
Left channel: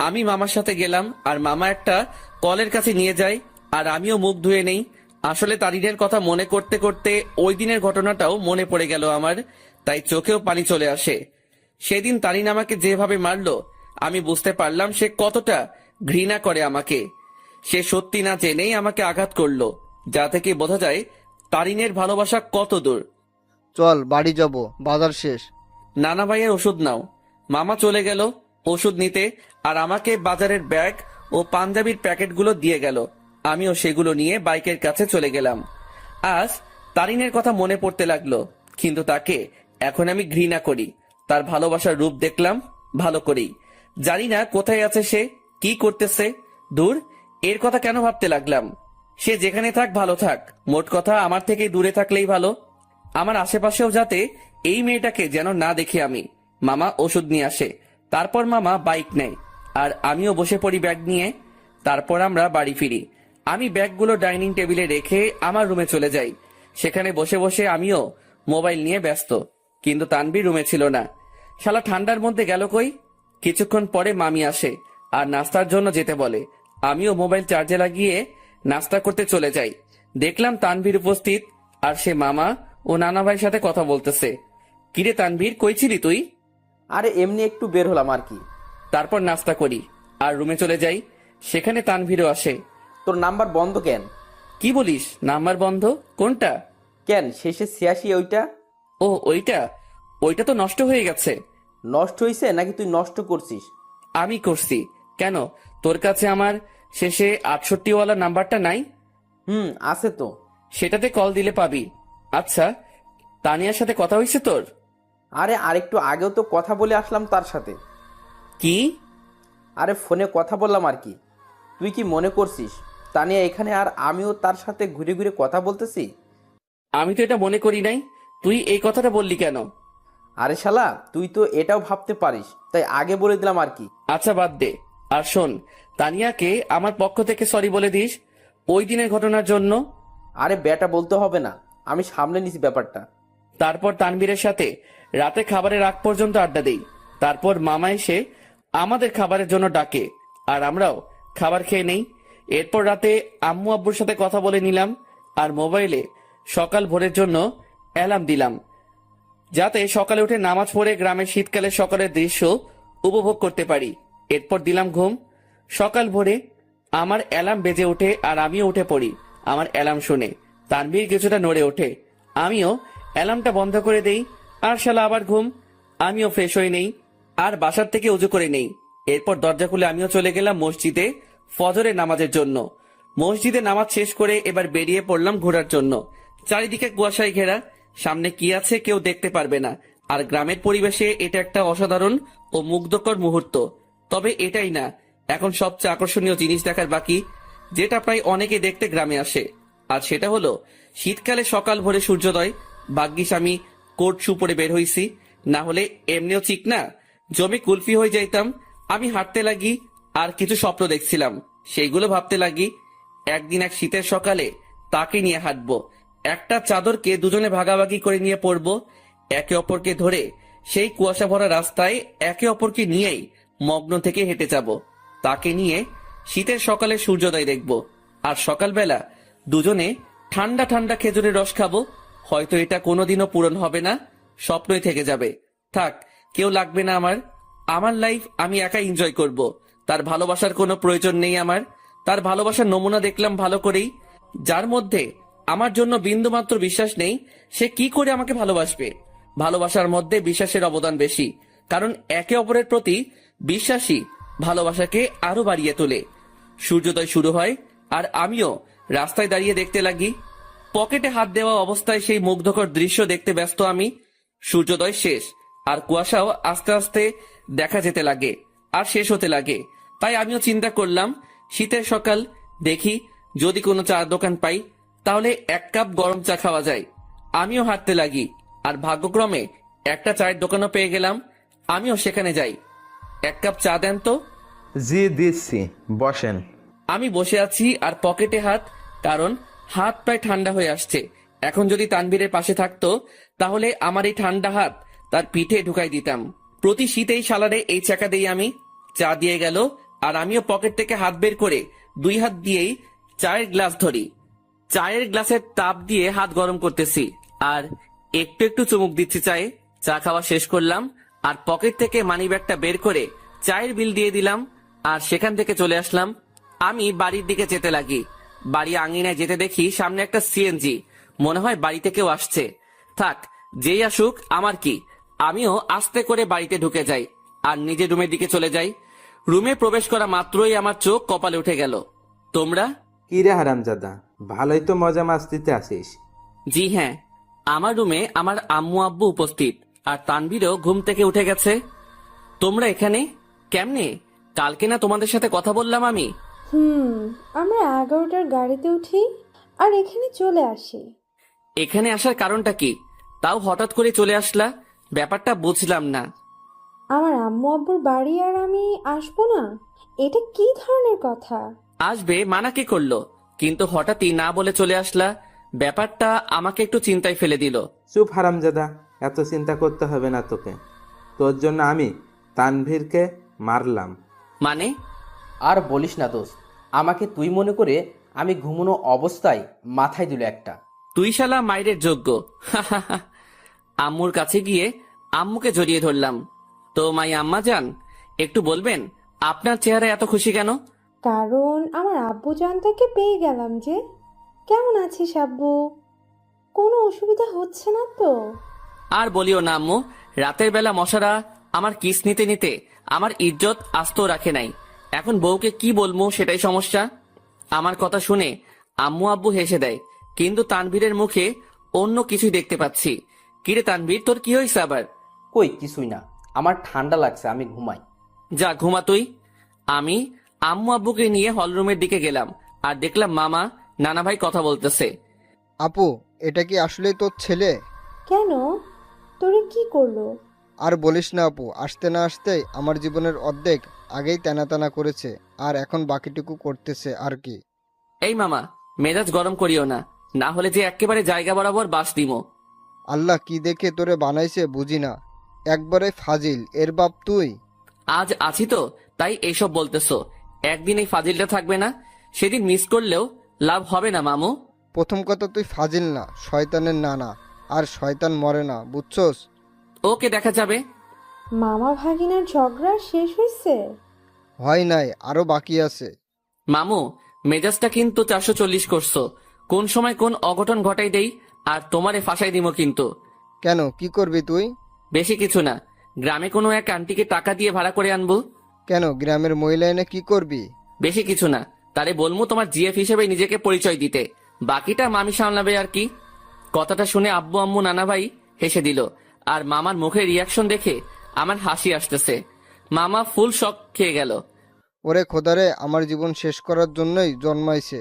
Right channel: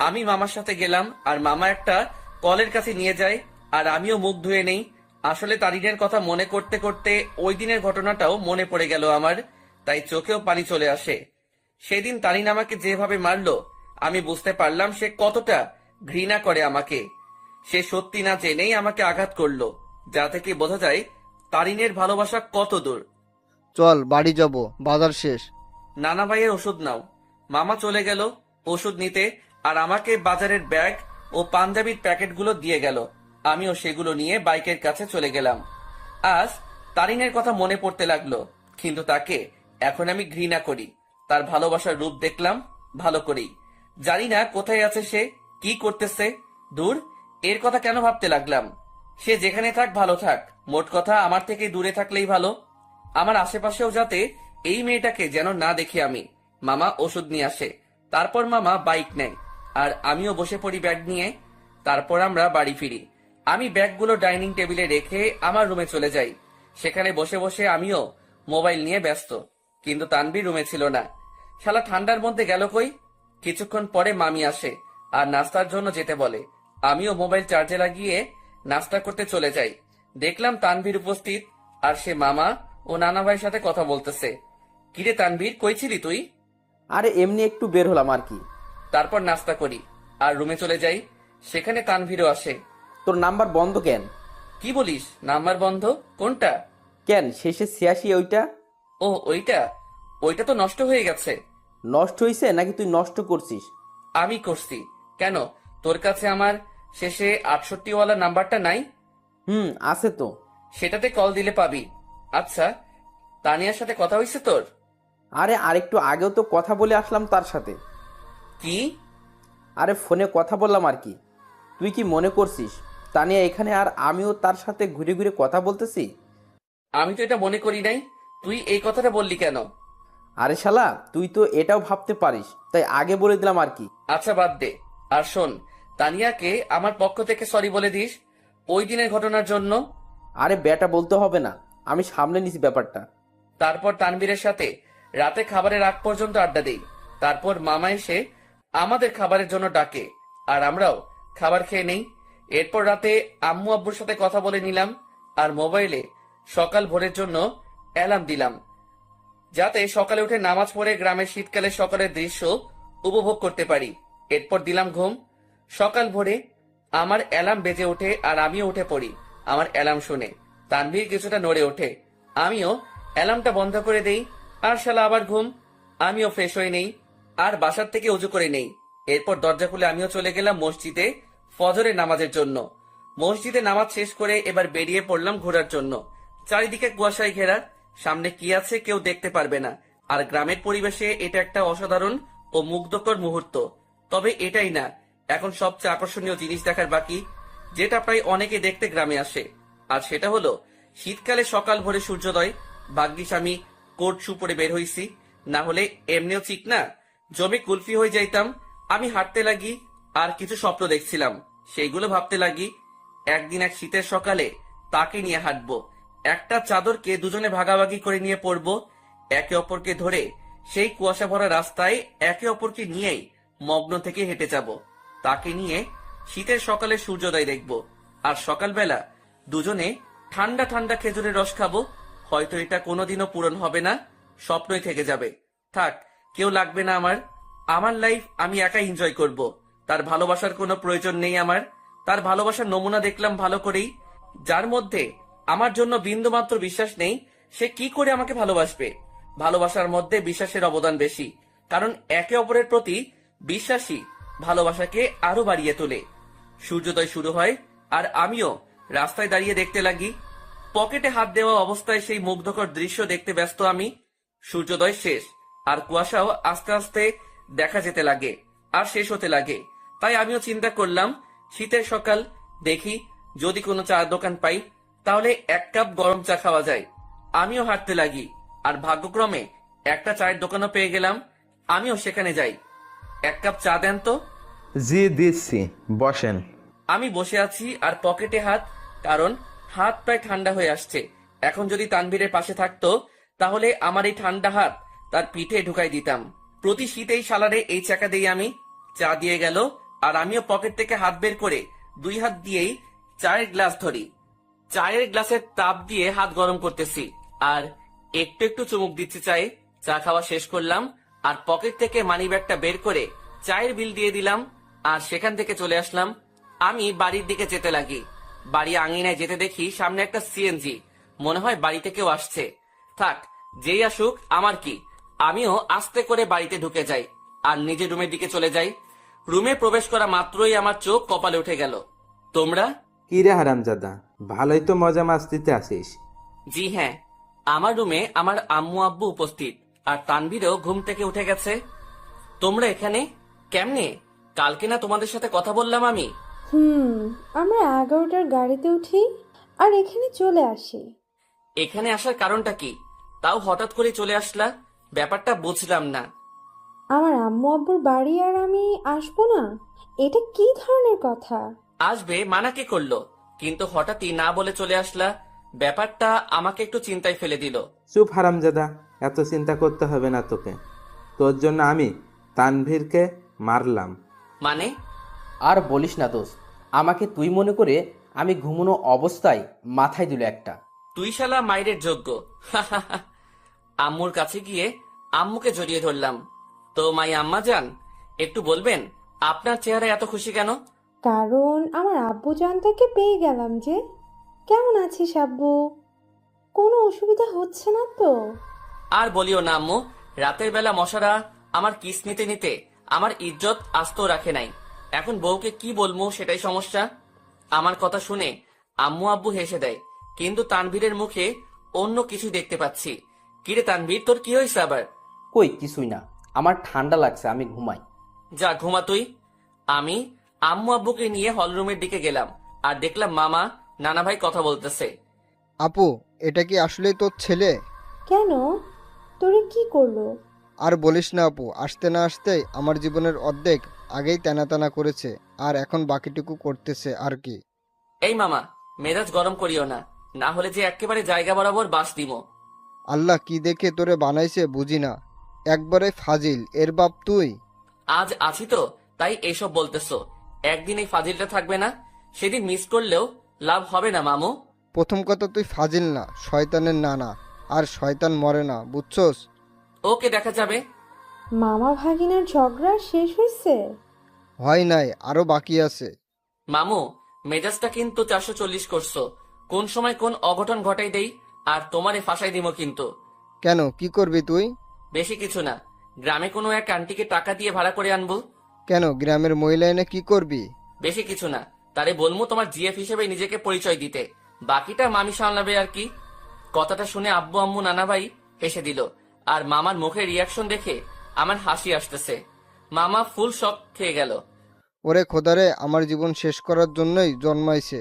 আমি মামার সাথে গেলাম, আর মামা একটা কলের কাছে নিয়ে যায়, আর আমিও মুখ ধুয়ে নেই। আসলে তারিনের কথা মনে করতে করতে ওই দিনের ঘটনাটাও মনে পড়ে গেল আমার, তাই চোখেও পানি চলে আসে। সেদিন তারিন আমাকে যেভাবে মারলো, আমি বুঝতে পারলাম সে কতটা ঘৃণা করে আমাকে। সে সত্যি না জেনেই আমাকে আঘাত করলো, যা থেকে বোঝা যায় তারিনের ভালোবাসা কত দূর। চল বাড়ি যাব, বাজার শেষ। নানা ভাইয়ের ওষুধ নাও। মামা চলে গেল ওষুধ নিতে, আর আমাকে বাজারের ব্যাগ ও পাঞ্জাবির প্যাকেটগুলো দিয়ে গেল। আমিও সেগুলো নিয়ে বাইকের কাছে চলে গেলাম। আজ তারিনের কথা মনে পড়তে লাগলো, কিন্তু তাকে এখন আমি ঘৃণা করি। তার ভালোবাসার রূপ দেখলাম ভালো করেই। জানি না কোথায় আছে সে, কি করতেছে। দূর, এর কথা কেন ভাবতে লাগলাম? সে যেখানে থাক ভালো থাক, মোট কথা আমার থেকে দূরে থাকলেই ভালো। আমার আশেপাশেও যাতে এই মেয়েটাকে যেন না দেখি আমি। মামা ওষুধ নিয়ে আসে, তারপর মামা বাইক নেয়, আর আমিও বসে পড়ি ব্যাগ নিয়ে। তারপর আমরা বাড়ি ফিরি। আমি ব্যাগগুলো ডাইনিং টেবিলে রেখে আমার রুমে চলে যাই। সেখানে বসে বসে আমিও মোবাইল নিয়ে ব্যস্ত, কিন্তু তানভীর রুমে ছিল না। শালা ঠান্ডার মধ্যে গেল কই? কিছুক্ষণ পরে মামি আসে আর নাস্তার জন্য যেতে বলে। আমিও মোবাইল চার্জে লাগিয়ে নাস্তা করতে চলে যাই। দেখলাম তানভীর উপস্থিত, আর সে মামা ও নানা ভাইয়ের সাথে কথা বলতেছে। কিরে তানভীর, কই ছিলি তুই? আরে এমনি একটু বের হলাম আর কি। তারপর নাস্তা করি আর রুমে চলে যাই। সেখানে তানভীরও আসে। তোর নাম্বার বন্ধ কেন? কি বলিস, নাম্বার বন্ধ? কোনটা? কেন, শেষে 86 ওইটা? ও ওইটা? ওইটা তো নষ্ট হয়ে গেছে। নষ্ট হয়েছে নাকি তুই নষ্ট করছিস? আমি করছি। কেন, তোর কাছে আমার শেষে 68 ওয়ালা নাম্বারটা নাই? আছে তো। সেটাতে কল দিলে পাবি। আচ্ছা, তানিয়ার সাথে কথা হয়েছে তোর? আরে আরেকটু আগেও তো কথা বলে আসলাম তার সাথে। কি? আরে ফোনে কথা বললাম আর কি। তুই কি মনে করছিস তানিয়া এখানে আর আমিও তার সাথে ঘুরে ঘুরে কথা বলতেছি? আমি তো এটা মনে করি নাই। তুই এই কথাটা বললি কেন? আরে শালা, তুই তো এটাও ভাবতে পারিস, তাই আগে বলে দিলাম আর কি। আচ্ছা বাদ দে। আর শোন, তানিয়াকে আমার পক্ষ থেকে সরি বলে দিস ওই দিনের ঘটনার জন্য। আরে বেটা বলতে হবে না, আমি সামলে নিছি ব্যাপারটা। তারপর তানভীরের সাথে রাতে খাবারের আগ পর্যন্ত আড্ডা দেই। তারপর মামা এসে আমাদের খাবারের জন্য ডাকে আর আমরাও খাবার খেয়ে নেই। এরপর রাতে আম্মু আব্বুর সাথে কথা বলে নিলাম আর মোবাইলে সকাল ভোরের জন্য অ্যালার্ম দিলাম, যাতে সকালে উঠে নামাজ পড়ে গ্রামের শীতকালের সকালের দৃশ্য উপভোগ করতে পারি। এরপর দিলাম ঘুম। সকাল ভোরে আমার অ্যালার্ম বেজে ওঠে আর আমিও উঠে পড়ি। আমার অ্যালার্ম শুনে তানভীর কিছুটা নড়ে ওঠে, আমিও অ্যালার্মটা বন্ধ করে দেই আর শালা আবার ঘুম। আমিও ফ্রেশ হয়ে নেই আর বাসার থেকে উজু করে নেই। এরপর দরজা খুলে আমিও চলে গেলাম মসজিদে ফজরের নামাজের জন্য। মসজিদে নামাজ শেষ করে এবার বেরিয়ে পড়লাম ঘোরার জন্য। চারিদিকে কুয়াশায় ঘেরা, সামনে কি আছে কেউ দেখতে পারবে না। আর গ্রামের পরিবেশে এটা একটা অসাধারণ ও মুগ্ধকর মুহূর্ত। তবে এটাই না, এখন সবচেয়ে আকর্ষণীয় জিনিস দেখার বাকি, যেটা প্রায় অনেকে দেখতে গ্রামে আসে। আর সেটা হলো শীতকালে সকাল ভোরে সূর্যোদয়। ভাগ্যিস আমি কোট শু পরে বের হইছি, না হলে এমনিও ঠিক না জমি কুলফি হয়ে যাইতাম। আমি হাঁটতে লাগি আর কিছু স্বপ্ন দেখছিলাম, সেইগুলো ভাবতে লাগি। একদিন এক শীতের সকালে তাকে নিয়ে হাঁটবো, একটা চাদরকে দুজনে ভাগাভাগি করে নিয়ে পড়বো, একে অপরকে ধরে সেই কুয়াশা ভরা রাস্তায় একে অপরকে নিয়েই মগ্ন থেকে হেঁটে যাব। তাকে নিয়ে শীতের সকালে সূর্যোদয় দেখব আর সকালবেলা দুজনে ঠান্ডা ঠান্ডা খেজুরের রস খাবো। হয়তো এটা কোনোদিনও পূরণ হবে না, স্বপ্নই থেকে যাবে। থাক, কেউ লাগবে না আমার। আমার লাইফ আমি একাই এনজয় করব। তার ভালোবাসার কোনো প্রয়োজন নেই আমার। তার ভালোবাসার নমুনা দেখলাম ভালো করেই, যার মধ্যে আমার জন্য বিন্দুমাত্র বিশ্বাস নেই, সে কি করে আমাকে ভালোবাসবে? ভালোবাসার মধ্যে বিশ্বাসের অবদান বেশি, কারণ একে অপরের প্রতি বিশ্বাসী ভালোবাসাকে আরো বাড়িয়ে তোলে। সূর্যোদয় শুরু হয় আর আমিও রাস্তায় দাঁড়িয়ে দেখতে লাগি। পকেটে হাত দেওয়া অবস্থায় সেই মুগ্ধকর দৃশ্য দেখতে ব্যস্ত আমি। সূর্যোদয় শেষ আর কুয়াশাও আস্তে আস্তে দেখা যেতে লাগে আর শেষ হতে লাগে। তাই আমিও চিন্তা করলাম, শীতের সকাল, দেখি যদি কোনো চায়ের দোকান পাই তাহলে এক কাপ গরম চা খাওয়া যায়। আমিও হাঁটতে লাগি আর ভাগ্যক্রমে একটা চায়ের দোকানও পেয়ে গেলাম। আমিও সেখানে যাই। এক কাপ চা দেন তো। জি দিচ্ছি, বসেন। আমি বসে আছি আর পকেটে হাত, কারণ হাত প্রায় ঠান্ডা হয়ে আসছে। এখন যদি তানভীরের পাশে থাকতো তাহলে আমার এই ঠান্ডা হাত তার পিঠে ঢুকাই দিতাম। প্রতি শীতেই সালারে এই চাকা দিই আমি। চা দিয়ে গেল আর আমিও পকেট থেকে হাত বের করে দুই হাত দিয়েই চায়ের গ্লাস ধরি। চায়ের গ্লাসের তাপ দিয়ে হাত গরম করতেছি আর একটু একটু চুমুক দিচ্ছি চায়ে। চা খাওয়া শেষ করলাম আর পকেট থেকে মানি ব্যাগটা বের করে চায়ের বিল দিয়ে দিলাম আর সেখান থেকে চলে আসলাম। আমি বাড়ির দিকে যেতে লাগি। বাড়ি আঙিনায় যেতে দেখি সামনে একটা সিএনজি। মনে হয় বাড়িতে কেউ আসছে। থাক, যেই আসুক আমার কি। আমিও আস্তে করে বাড়িতে ঢুকে যাই আর নিজের রুমের দিকে চলে যাই। রুমে প্রবেশ করা মাত্রই আমার চোখ কপালে উঠে গেল। তোমরা? কি রে হারামজাদা, ভালোই তো মজা মাস্তিতে আসিস। জি হ্যাঁ, আমার রুমে আমার আম্মু আব্বু উপস্থিত আর তানভীরও ঘুম থেকে উঠে গেছে। তোমরা এখানে কেমনে? কালকে না তোমাদের সাথে কথা বললাম আমি? আমরা 11টার গাড়িতে উঠি আর এখানে চলে আসি। এখানে আসার কারণটা কি? তাও হঠাৎ করে চলে আসলা, ব্যাপারটা বুঝলাম না। আমার আম্মু আব্বুর বাড়ি আর আমি আসবো না, এটা কি ধরনের কথা? আসবে মানা কি করলো, কিন্তু হঠাৎই না বলে চলে আসলা, ব্যাপারটা আমাকে একটু চিন্তায় ফেলে দিল। চুপ হারামজাদা, এত চিন্তা করতে হবে না তোকে। তোর জন্য আমি তানভীরকে মারলাম। মানে? আর বলিস না দোস্ত, আমাকে তুই মনে করে আমি ঘুমানো অবস্থায় মাথায় দিল একটা। তুই শালা মাইরের যোগ্য। আম্মুর কাছে গিয়ে আম্মুকে জড়িয়ে ধরলাম। তো মাই আম্মা যান, একটু বলবেন আপনার চেহারা এত খুশি কেন? কারণ আমার আব্বু জানটাকে পেয়ে গেলাম যে। কেমন আছিস আব্বু? কোনো অসুবিধা হচ্ছে না তো? আর বলিও না আম্মু, রাতের বেলা মশারা আমার কিস নিতে নিতে আমার ইজ্জত আস্ত রাখে নাই। এখন বউকে কি বলবো সেটাই সমস্যা। আমার কথা শুনে আম্মু আব্বু হেসে দেয়, কিন্তু তানভীরের মুখে অন্য কিছু দেখতে পাচ্ছি। কিরে তানভীর, তোর কি হয়েছে আবার? কই কিছুই না, আমার ঠান্ডা লাগছে, আমি ঘুমাই। যা ঘুমা তুই। আমি আম্মু আব্বুকে নিয়ে হলরুমের দিকে গেলাম আর দেখলাম মামা নানা ভাই কথা বলতেছে। আপু, এটা কি আসলেই তোর ছেলে? কেন? তোরে কি করলো? আর বলিস না আপু, আসতে না আসতেই আমার জীবনের অর্ধেক আগেই টানা করেছে, আর এখন বাকিটুকু করতেছে আর কি। এই মামা, মেজাজ গরম করিও না, না হলে যে একেবারে জায়গা বরাবর বাস দিমো। আল্লাহ কি দেখে তোরে বানাইছে বুঝি না, একবারে ফাজিল, এর বাপ তুই। আজ আছি তো তাই এইসব বলতেছো। একদিন এই ফাজিলটা থাকবে না, সেদিন মিস করলেও লাভ হবে না মামু। প্রথম কথা, তুই ফাজিল না, শয়তানের নানা। আর শয়তান মরে না, বুঝছস? ওকে, দেখা যাবে। মামা ভাগিনার ঝগড়া শেষ হয়েছে? হয় নাই, আরো বাকি আছে। মামু, মেজাজটা কিন্তু 440 করছো। কোন সময় কোন অঘটন ঘটাই দেই আর তোমারে ফাঁসাই দিব কিন্তু। কেন, কি করবি তুই? বেশি কিছু না, গ্রামে কোনো এক আন্টিকে টাকা দিয়ে ভাড়া করে আনবো। কেন, গ্রামের মহিলা এনে কি করবি? বেশি কিছু না, তারে বলবো তোমার জিএফ হিসেবে নিজেকে পরিচয় দিতে, বাকিটা মামি সামলাবে আর কি। কথাটা শুনে আব্বু আম্মু নানা ভাই হেসে দিল, আর মামার মুখের রিয়াকশন দেখে আমার হাসি আসতেছে। মামা ফুল শক খেয়ে গেল। ওরে খোদারে, আমার জীবন শেষ করার জন্যই জন্মাইছে।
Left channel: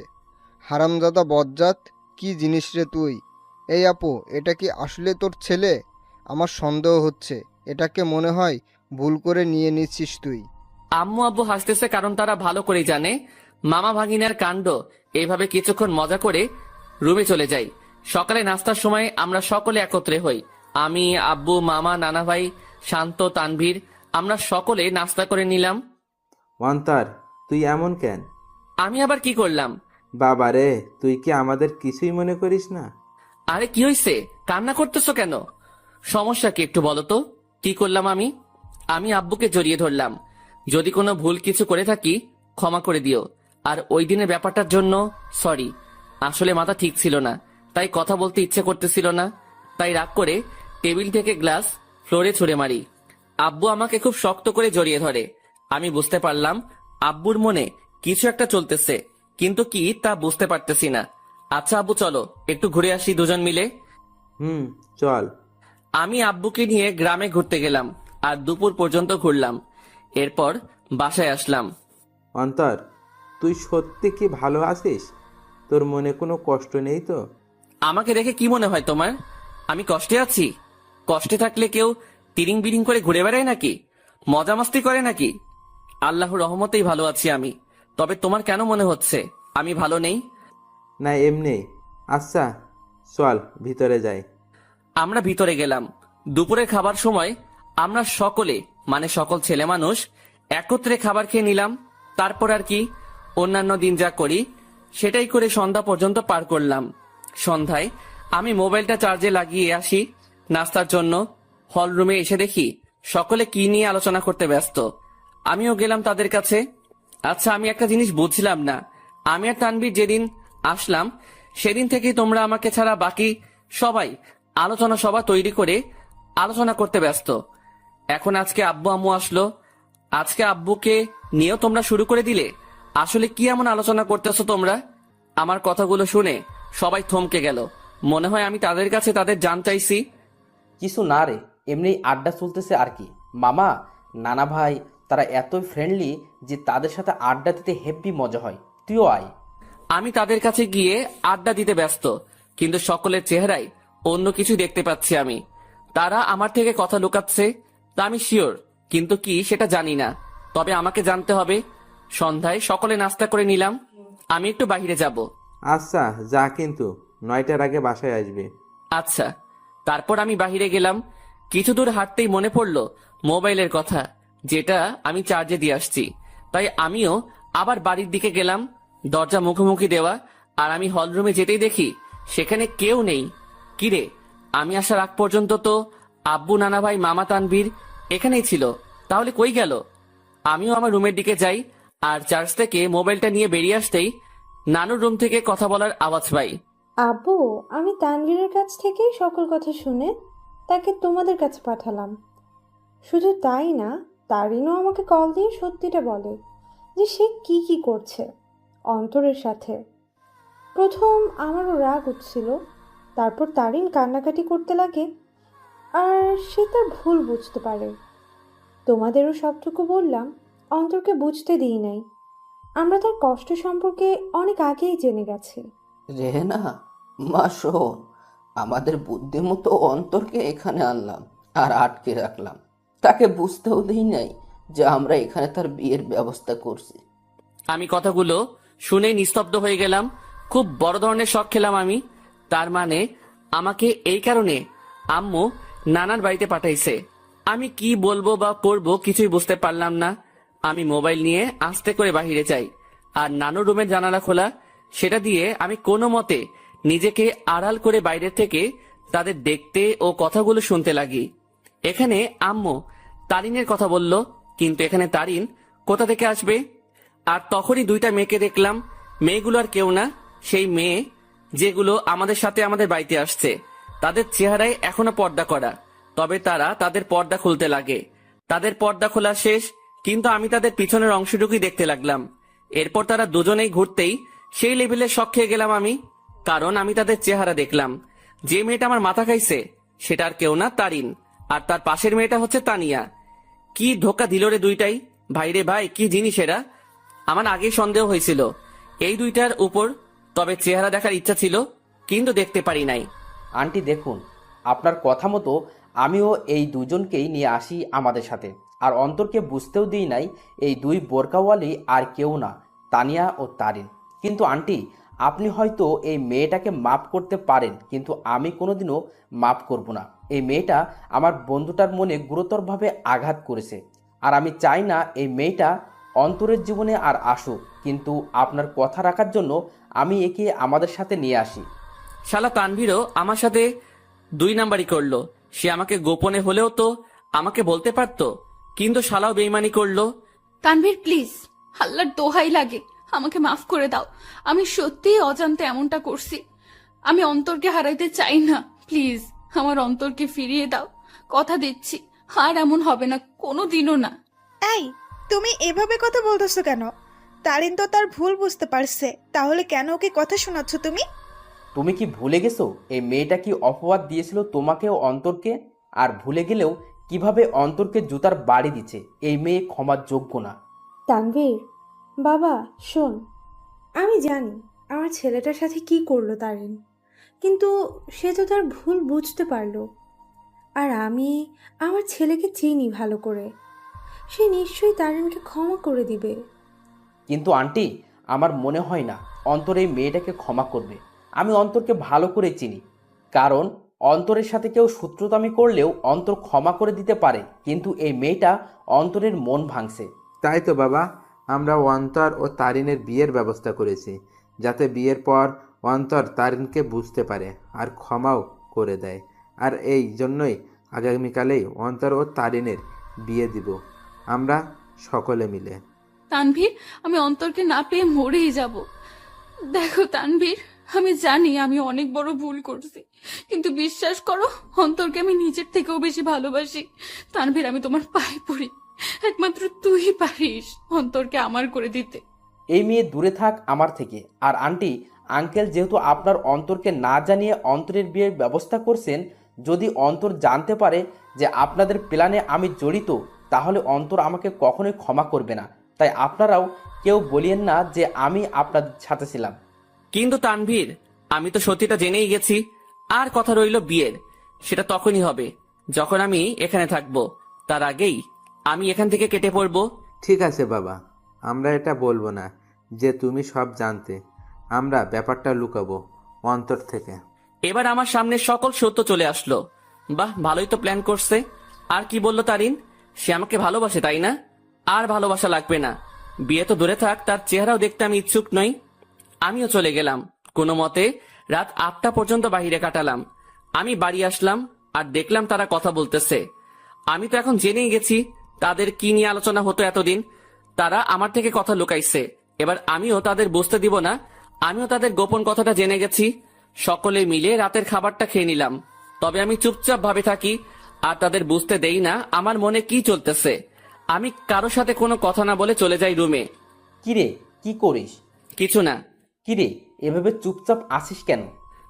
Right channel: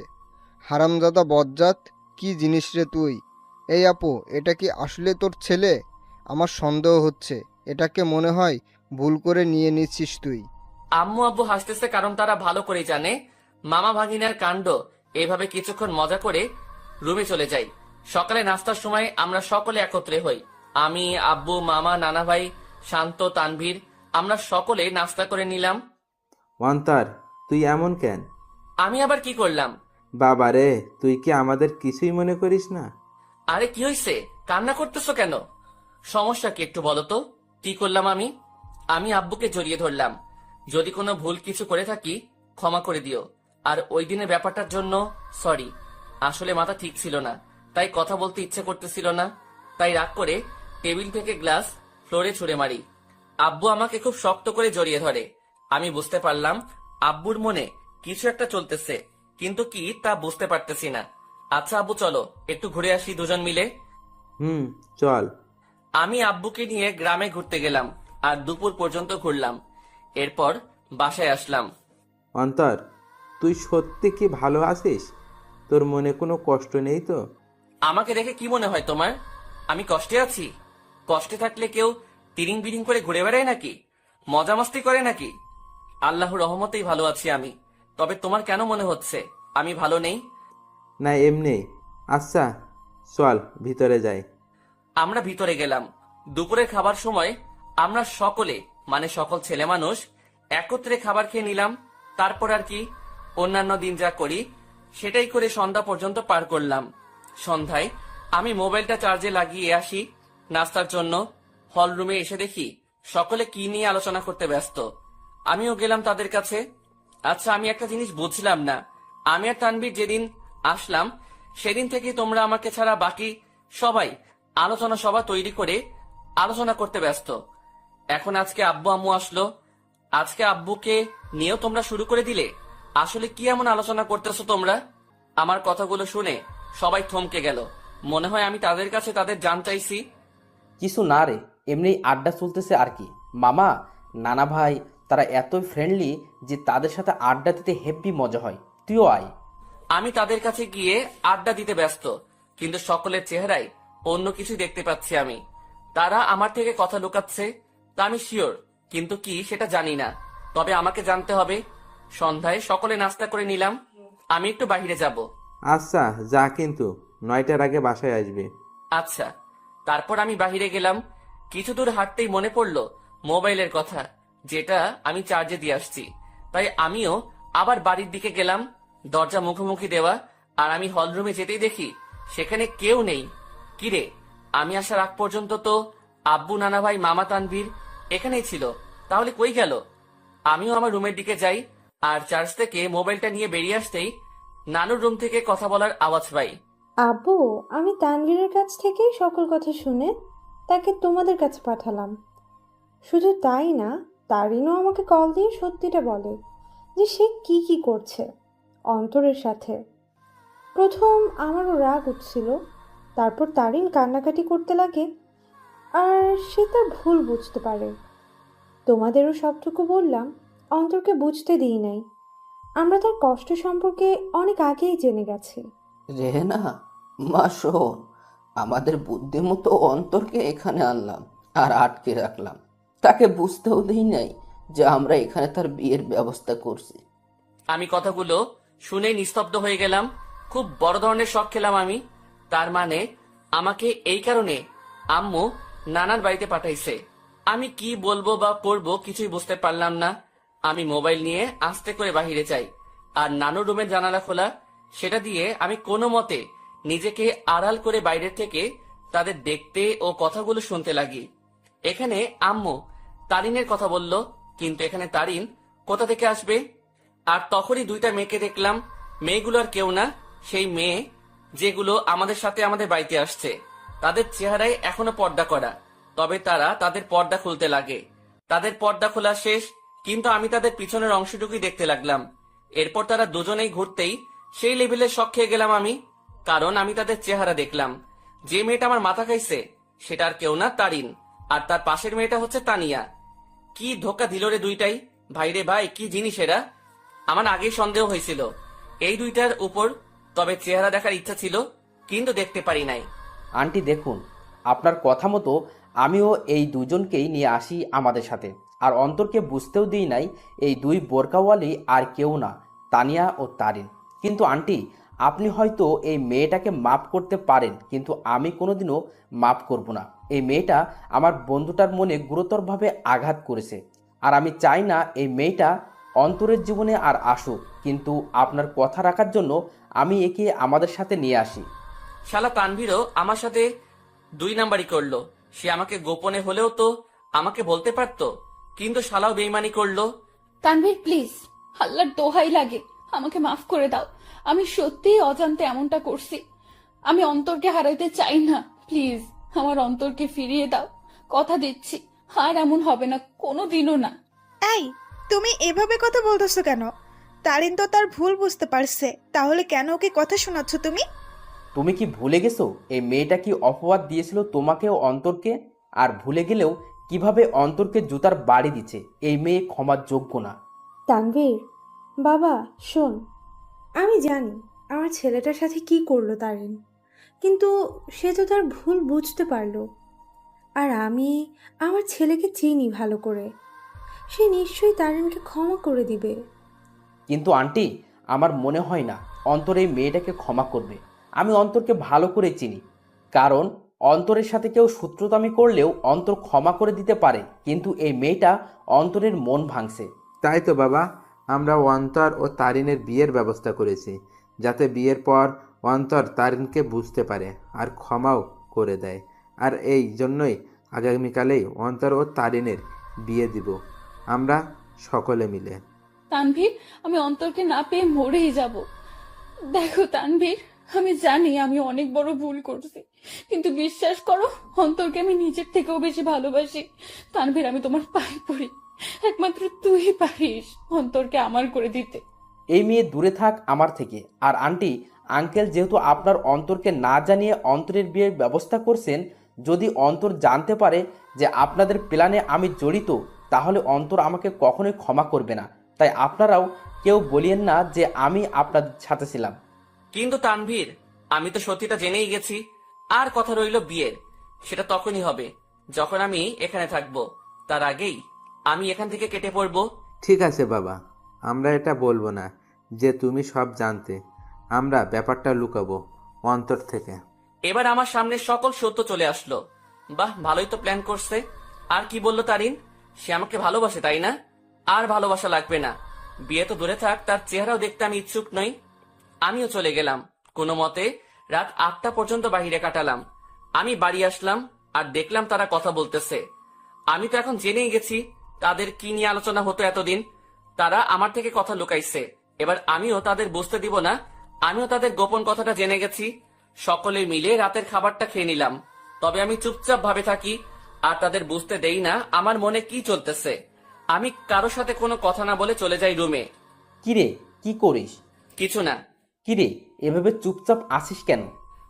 হারামজাদা বজ্জাত, কি জিনিস রে তুই? এই আপু, এটা কি আসলে তোর ছেলে? আমার সন্দেহ হচ্ছে, এটাকে মনে হয় ভুল করে নিয়ে নিচ্ছিস তুই। আম্মু আব্বু হাসতেছে কারণ তারা ভালো করে জানে মামা ভাগিনার কাণ্ড। এভাবে কিছুক্ষণ মজা করে রুমে চলে যাই। সকালে নাস্তার সময় আমরা সকলে একত্রে হই। আমি, আব্বু, মামা, নানা ভাই, শান্ত, তানভীর, আমরা সকলে নাস্তা করে নিলাম। অন্তর, তুই এমন কেন? আমি আবার কি করলাম? বাবা রে, তুই কি আমাদের কিছুই মনে করিস না? আরে কি হয়েছে, কান্না করতেছো কেন? সমস্যা কি একটু বলো তো, কি করলাম আমি? আমি আব্বুকে জড়িয়ে ধরলাম। যদি কোনো ভুল কিছু করে থাকি ক্ষমা করে দিও। আর ওই দিনের ব্যাপারটার জন্য সরি। আসলে মাথা ঠিক ছিল না, তাই কথা বলতে ইচ্ছে করতেছিল না। তাই রাগ করে টেবিল থেকে গ্লাস ফ্লোরে ছুঁড়ে মারি। আব্বু আমাকে খুব শক্ত করে জড়িয়ে ধরে। আমি বুঝতে পারলাম আব্বুর মনে কিছু একটা চলতেছে, কিন্তু কি তা বুঝতে পারতেছি না। আচ্ছা আব্বু, চলো একটু ঘুরে আসি দুজন মিলে। চল। আমি আব্বুকে নিয়ে গ্রামে ঘুরতে গেলাম আর দুপুর পর্যন্ত ঘুরলাম। এরপর বাসায় আসলাম। অন্তর, তুই সত্যি কি ভালো আছিস? তোর মনে কোনো কষ্ট নেই তো? আমাকে দেখে কি মনে হয় তোমার আমি কষ্টে আছি? কষ্টে থাকলে কেউ তিরিং বিরিং করে ঘুরে বেড়ায় নাকি? মজা মস্তি করে নাকি? আল্লাহর রহমতেই ভালো আছি আমি। তবে তোমার কেন মনে হচ্ছে আমি ভালো নেই? না, এমনি। আচ্ছা চল ভিতরে যাই। আমরা ভিতরে গেলাম। দুপুরের খাবার সময় আমরা সকলে মানে সকল ছেলে মানুষ একত্রে খাবার খেয়ে নিলাম। তারপর আর কি, অন্যান্য দিন যা করি সেটাই করে সন্ধ্যা পর্যন্ত পার করলাম। সন্ধ্যায় আমি মোবাইলটা চার্জে লাগিয়ে আসি নাস্তার জন্য। হল রুমে এসে দেখি সকলে কি নিয়ে আলোচনা করতে ব্যস্ত। আমিও গেলাম তাদের কাছে। আচ্ছা, আমি একটা জিনিস বুঝলাম না। আমি আর তানভীর যেদিন আসলাম সেদিন থেকেই তোমরা আমাকে ছাড়া বাকি সবাই আলোচনা সভা তৈরি করে আলোচনা করতে ব্যস্ত। এখন আজকে আব্বু আম্মু আসলো, আজকে আব্বুকে নিয়েও তোমরা শুরু করে দিলে। আসলে কি এমন আলোচনা করতেছো তোমরা? আমার কথাগুলো শুনে সবাই থমকে গেল। মনে হয় আমি তাদের কাছে তাদের জান চাইছি। কিছু না রে, এমনি আড্ডা চলতেছে আর কি। মামা, নানা ভাই তারা এতই ফ্রেন্ডলি যে তাদের সাথে আড্ডা দিতে হেব্বি মজা হয়। তুইও আয়। আমি তাদের কাছে গিয়ে আড্ডা দিতে ব্যস্ত, কিন্তু সকলের চেহারায় অন্য কিছু দেখতে পাচ্ছি আমি। তারা আমার থেকে কথা লুকাচ্ছে তা আমি শিওর, কিন্তু কি সেটা জানি না। তবে আমাকে জানতে হবে। সন্ধ্যায় সকলে নাস্তা করে নিলাম। আমি একটু বাইরে যাব। আচ্ছা যা, কিন্তু 9টার আগে বাসায় আসবি। আচ্ছা। তারপর আমি বাইরে গেলাম। কিছু দূর হাঁটতেই মনে পড়লো মোবাইলের কথা, যেটা আমি চার্জে দিয়ে আসছি। তাই আমিও আবার বাড়ির দিকে গেলাম। দরজা মুখোমুখি দেওয়া, আর আমি হলরুমে যেতেই দেখি সেখানে কেউ নেই। কিরে, আমি আসার আগ পর্যন্ত তো আব্বু, নানা ভাই, মামা, তানভীর এখানেই ছিল, তাহলে কই গেল? আমিও আমার রুমের দিকে যাই, আর চার্জ থেকে মোবাইলটা নিয়ে বেরিয়ে আসতেই নানুর রুম থেকে কথা বলার আওয়াজ পাই। আব্বু, আমি তানভীরের কাছ থেকেই সকল কথা শুনে তাকে তোমাদের কাছে পাঠালাম। শুধু তাই না, তারিনও আমাকে কল দিয়ে সত্যিটা বলে যে সে কি কি করছে অন্তরের সাথে। প্রথম আমারও রাগ উঠছিল, তারপর তারিন কান্নাকাটি করতে লাগে আর সে তার ভুল বুঝতে পারে। তোমাদেরও সবটুকু বললাম, অন্তরকে বুঝতে দিই নাই। আমরা তার কষ্ট সম্পর্কে অনেক আগেই জেনে গেছি। রেহেনা, মা শোন, আমাদের বুদ্ধিমতো অন্তরকে এখানে আনলাম আর আটকে রাখলাম। তাকে বুঝতেও দিই নাই যে আমরা এখানে তার বিয়ের ব্যবস্থা করছি। আমি কথাগুলো শুনে নিস্তব্ধ হয়ে গেলাম। খুব বড় ধরনের শখ খেলাম আমি। তার মানে আমাকে এই কারণে আম্মু নানার বাড়িতে পাঠাইছে। আমি কি বলবো বা করবো কিছুই বুঝতে পারলাম না। আমি মোবাইল নিয়ে আস্তে করে বাহিরে যাই, আর নানুর রুমের জানালা খোলা, সেটা দিয়ে আমি কোনো মতে নিজেকে আড়াল করে বাইরে থেকে তাদের দেখতে ও কথাগুলো শুনতে লাগি। এখানে আম্মু তারিনের কথা বলল, কিন্তু এখানে তারিন কোথা থেকে আসবে? আর তখনই দুইটা মেয়েকে দেখলাম। মেয়েগুলো আর কেউ না, সেই মেয়ে যেগুলো আমাদের সাথে আমাদের বাড়িতে আসছে। তাদের চেহারায় এখনো পর্দা করা, তবে তারা তাদের পর্দা খুলতে লাগে। তাদের পর্দা খোলা শেষ, কিন্তু আমি তাদের পিছনের অংশটুকুই দেখতে লাগলাম। এরপর তারা দুজনেই ঘুরতেই সেই লেভেলে শক খেয়ে গেলাম আমি, কারণ আমি তাদের চেহারা দেখলাম। যে মেয়েটা আমার মাথা খাইছে সেটা আর কেউ না, তারিন। আর তার পাশের মেয়েটা হচ্ছে তানিয়া। কি ধোকা দিল রে দুইটাই! ভাইরে ভাই, কি জিনিস এরা! আমার আগেই সন্দেহ হয়েছিল এই দুইটার উপর, তবে চেহারা দেখার ইচ্ছা ছিল, কিন্তু দেখতে পারি নাই। আন্টি দেখুন, আপনার কথা মতো আমিও এই দুজনকেই নিয়ে আসি আমাদের সাথে, আর অন্তরকে বুঝতেও দিই নাই এই দুই বোরকাওয়ালি আর কেউ না, তানিয়া ও তারিন। কিন্তু আন্টি, আপনি হয়তো এই মেয়েটাকে মাফ করতে পারেন, কিন্তু আমি কোনোদিনও মাফ করব না। এই মেয়েটা আমার বন্ধুটার মনে গুরুতরভাবে আঘাত করেছে, আর আমি চাই না এই মেয়েটা অন্তরের জীবনে আর আসুক। কিন্তু আপনার কথা রাখার জন্য আমি একে আমাদের সাথে নিয়ে আসি। শালা তানভীরও আমার সাথে 2 নাম্বারই করলো। সে আমাকে গোপনে হলেও তো আমাকে বলতে পারতো, কিন্তু শালাও বেইমানি করলো। তানভীর প্লিজ, আল্লাহর দোহাই লাগে, আমাকে মাফ করে দাও। আমি সত্যিই অজান্তে এমনটা করছি। আমি অন্তরকে হারাইতে চাই না। প্লিজ আমার অন্তরকে ফিরিয়ে দাও। কথা দিচ্ছি আর এমন হবে না, কোনোদিনও না। এই, তুমি এভাবে কথা বলতেছো কেন? তারিন তো তার ভুল বুঝতে পারছে, তাহলে কেন ওকে কথা শোনাচ্ছ তুমি? তুমি কি ভুলে গেছো এই মেয়েটা কি অপবাদ দিয়েছিল তোমাকে ও অন্তরকে? আর ভুলে গেলেও কিভাবে অন্তরকে জুতার বাড়ি দিচ্ছে? এই মেয়ে ক্ষমার যোগ্য না। তানভীর, বাবা শোন, আমি জানি আমার ছেলেটার সাথে কি করলো তারিন, কিন্তু সে তো তার ভুল বুঝতে পারলো। আর আমি আমার ছেলেকে চিনি ভালো করে, সে নিশ্চয়ই তারিনকে ক্ষমা করে দিবে। কিন্তু আন্টি, আমার মনে হয় না অন্তর এই মেয়েটাকে ক্ষমা করবে। আমি অন্তরকে ভালো করে চিনি, কারণ অন্তরের সাথে কেউ শত্রুতামি করলেও অন্তর ক্ষমা করে দিতে পারে, কিন্তু এই মেয়েটা অন্তরের মন ভাঙছে। তাই তো বাবা, আমরা অন্তর ও তারিনের বিয়ের ব্যবস্থা করেছি, যাতে বিয়ের পর অন্তর তারিনকে বুঝতে পারে আর ক্ষমাও করে দেয়। আর এই জন্যই আগামীকালেই অন্তর ও তারিনের বিয়ে দিব আমরা সকলে মিলে। তানভীর, আমি অন্তরকে না পেয়ে মরেই যাব। দেখো তানভীর, আমি জানি আমি অনেক বড় ভুল করছি, কিন্তু বিশ্বাস করো অন্তরকে আমি নিজের থেকেও বেশি ভালোবাসি। তানভীর, আমি তোমার পায়ে পড়ি, একমাত্র তুই পারিস অন্তরকে আমার করে দিতে। এই মেয়ে দূরে থাক আমার থেকে। আর আন্টি, আঙ্কেল যেহেতু আপনার অন্তরকে না জানিয়ে অন্তরের বিয়ের ব্যবস্থা করছেন, যদি অন্তর জানতে পারে যে আপনাদের প্ল্যানে আমি জড়িত, তাহলে অন্তর আমাকে কখনোই ক্ষমা করবে না। তাই আপনারাও কেউ বলিয়েন না যে আমি আপনাদের সাথে ছিলাম। কিন্তু তানভীর, আমি তো সত্যিটা জেনেই গেছি। আর কথা রইল বিয়ের, সেটা তখনই হবে যখন আমি এখানে থাকবো। তার আগেই আমি এখান থেকে কেটে পড়বো। ঠিক আছে বাবা, আমরা এটা বলবো না যে তুমি সব জানতে। আমরা ব্যাপারটা লুকাবো অন্তর থেকে। এবার আমার সামনে সকল সত্য চলে আসলো। বাহ, ভালোই তো প্ল্যান করছে। আর কি বললো তারিন? সে আমাকে ভালোবাসে, তাই না? আর ভালোবাসা লাগবে না, বিয়ে তো দূরে থাক, তার চেহারাও দেখতে আমি ইচ্ছুক নই। আমিও চলে গেলাম। কোনো মতে রাত 8টা পর্যন্ত বাহিরে কাটালাম। আমি বাড়ি আসলাম আর দেখলাম তারা কথা বলতেছে। আমি তো এখন জেনেই গেছি তাদের কি নিয়ে আলোচনা হতো এতদিন। তারা আমার থেকে কথা লুকাইছে, এবার আমিও তাদের বুঝতে দিব না আমিও তাদের গোপন কথাটা জেনে গেছি। সকলে মিলে রাতের খাবারটা খেয়ে নিলাম, তবে আমি চুপচাপ ভাবে থাকি আর তাদের বুঝতে দেই না আমার মনে কি চলতেছে। আমি কারো সাথে কোনো কথা না বলে চলে যাই রুমে। কিরে, কি করিস? কিছু না। কিরে, এভাবে চুপচাপ আসিস কেন?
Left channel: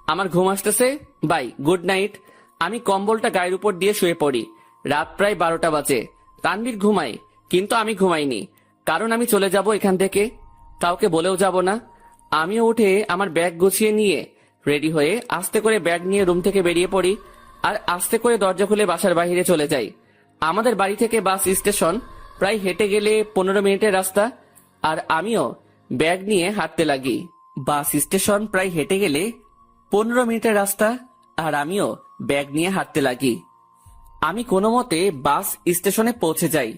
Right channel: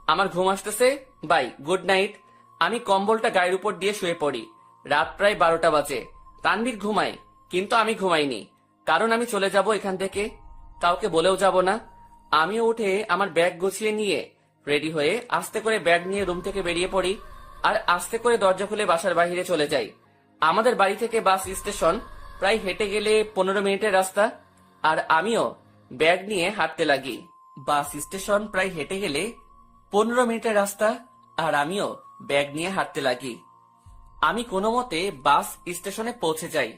আমার ঘুম আসতেছে। Bye, good night. আমি কম্বলটা গায়ের উপর দিয়ে শুয়ে পড়ি। রাত প্রায় 12টা বাজে। তানভীর ঘুমায়, কিন্তু আমি ঘুমাইনি, কারণ আমি চলে যাব এখান থেকে, কাউকে বলেও যাব না। আমিও উঠে আমার ব্যাগ গুছিয়ে নিয়ে রেডি হয়ে আস্তে করে ব্যাগ নিয়ে রুম থেকে বেরিয়ে পড়ি আর আস্তে করে দরজা খুলে বাসার বাইরে চলে যাই। আমাদের বাড়ি থেকে বাস স্টেশন প্রায় হেঁটে গেলে 15 মিনিটের রাস্তা, আর আমিও ব্যাগ নিয়ে হাঁটতে লাগি। বাস স্টেশন প্রায় হেঁটে গেলে 15 মিনিটের রাস্তা, আর আমিও ব্যাগ নিয়ে হাঁটতে লাগি। আমি কোনো মতে বাস স্টেশনে পৌঁছে যাই।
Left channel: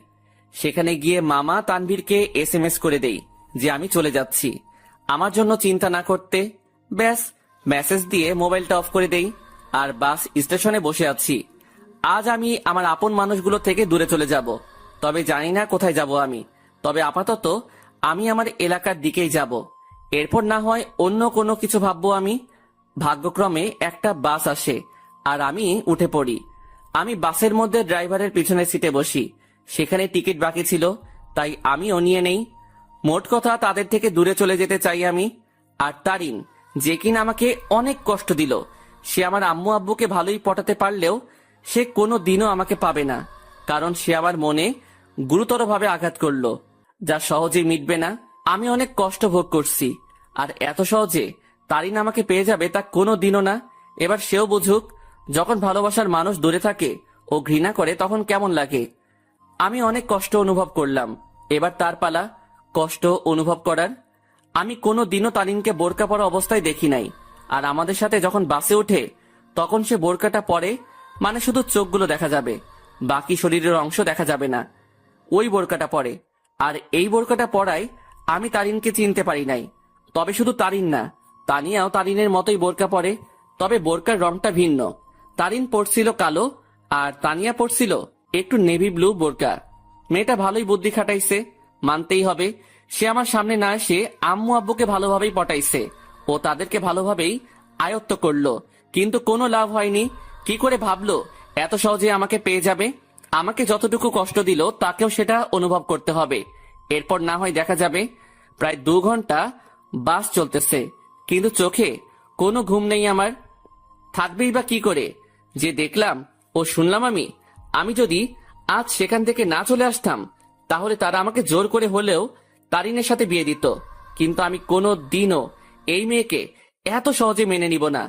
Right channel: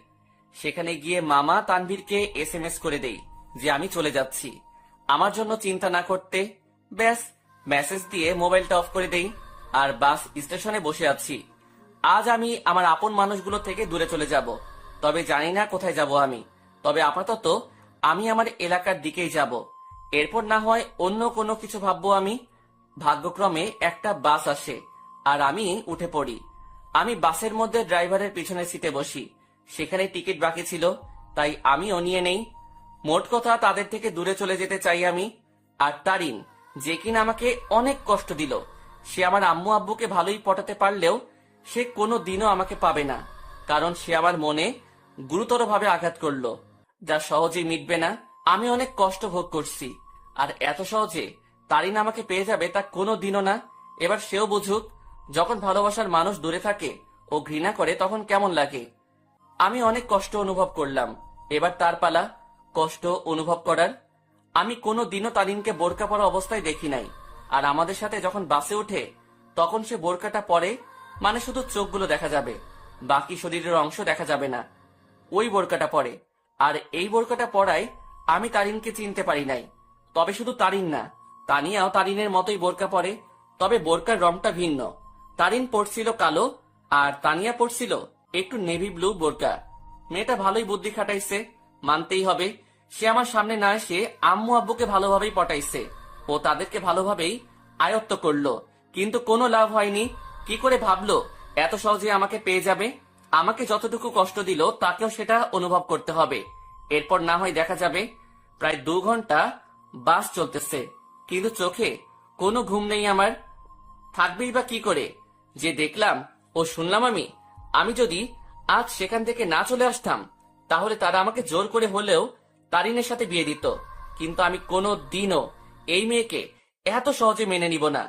সেখানে গিয়ে মামা তানভীরকে SMS করে দেই যে আমি চলে যাচ্ছি, আমার জন্য চিন্তা না করতে। ব্যাস, মেসেজ দিয়ে মোবাইলটা অফ করে দেই আর বাস স্টেশনে বসে আছি। আজ আমি আমার আপন মানুষগুলো থেকে দূরে চলে যাব, তবে জানি না কোথায় যাব আমি। তবে আপাতত আমি আমার এলাকার দিকেই যাব, এরপর না হয় অন্য কোনো কিছু ভাববো আমি। ভাগ্যক্রমে একটা বাস আসে আর আমি উঠে পড়ি। আমি বাসের মধ্যে ড্রাইভারের পিছনের সিটে বসি। সেখানে টিকিট বাকি ছিল, তাই আমিও নিয়ে নেই। মোট কথা তাদের থেকে দূরে চলে যেতে চাই আমি। আর তারিন, যে কিনা আমাকে অনেক কষ্ট দিল, সে আমার আম্মু আব্বুকে ভালোই পটাতে পারলেও সে কোনো দিনও আমাকে পাবে না, কারণ সে আমার মনে গুরুতরভাবে আঘাত করলো, যা সহজেই মিটবে না। আমি অনেক কষ্ট ভোগ করছি, আর এত সহজে তারিন আমাকে পেয়ে যাবে তা কোনো দিনও না। এবার সেও বুঝুক, যখন ভালোবাসার মানুষ দূরে থাকে ও ঘৃণা করে তখন কেমন লাগে। আমি অনেক কষ্ট অনুভব করলাম, এবার তার পালা কষ্ট অনুভব করার। আমি কোনো দিনও তারিনকে বোরকা পরা অবস্থায় দেখি নাই, আর আমাদের সাথে যখন বাসে ওঠে তখন সে বোরকাটা পরে, মানে শুধু চোখগুলো দেখা যাবে, বাকি শরীরের অংশ দেখা যাবে না। ওই বোরকাটা পরে, আর এই বোরকাটা পরায় আমি তারিনকে চিনতে পারি নাই। তবে শুধু তারিন না, তানিয়াও তারিনের মতোই বোরকা পরে, তবে বোরকার রংটা ভিন্ন। তারিন পরছিল কালো আর তানিয়া পরছিল একটু নেভি ব্লু বোরকা। মেয়েটা ভালোই বুদ্ধি খাটাইছে, মানতেই হবে। সে আমার সামনে না এসে আম্মু আব্বুকে ভালোভাবেই পটাইছে ও তাদেরকে ভালোভাবেই আয়ত্ত করলো, কিন্তু কোনো লাভ হয়নি। কি করে ভাবলো এত সহজে আমাকে পেয়ে যাবে? আমাকে যতটুকু কষ্ট দিল তাকেও সেটা অনুভব করতে হবে, এরপর না হয় দেখা যাবে। প্রায় 2 ঘন্টা বাস চলতেছে, কিন্তু চোখে কোনো ঘুম নেই আমার। থাকবেই বা কি করে? যে দেখলাম ও শুনলাম আমি যদি আজ সেখান থেকে না চলে আসতাম, তাহলে তারা আমাকে জোর করে হলেও তারিনের সাথে বিয়ে দিত। কিন্তু আমি কোনো দিনও এই মেয়েকে এত সহজে মেনে নিব না।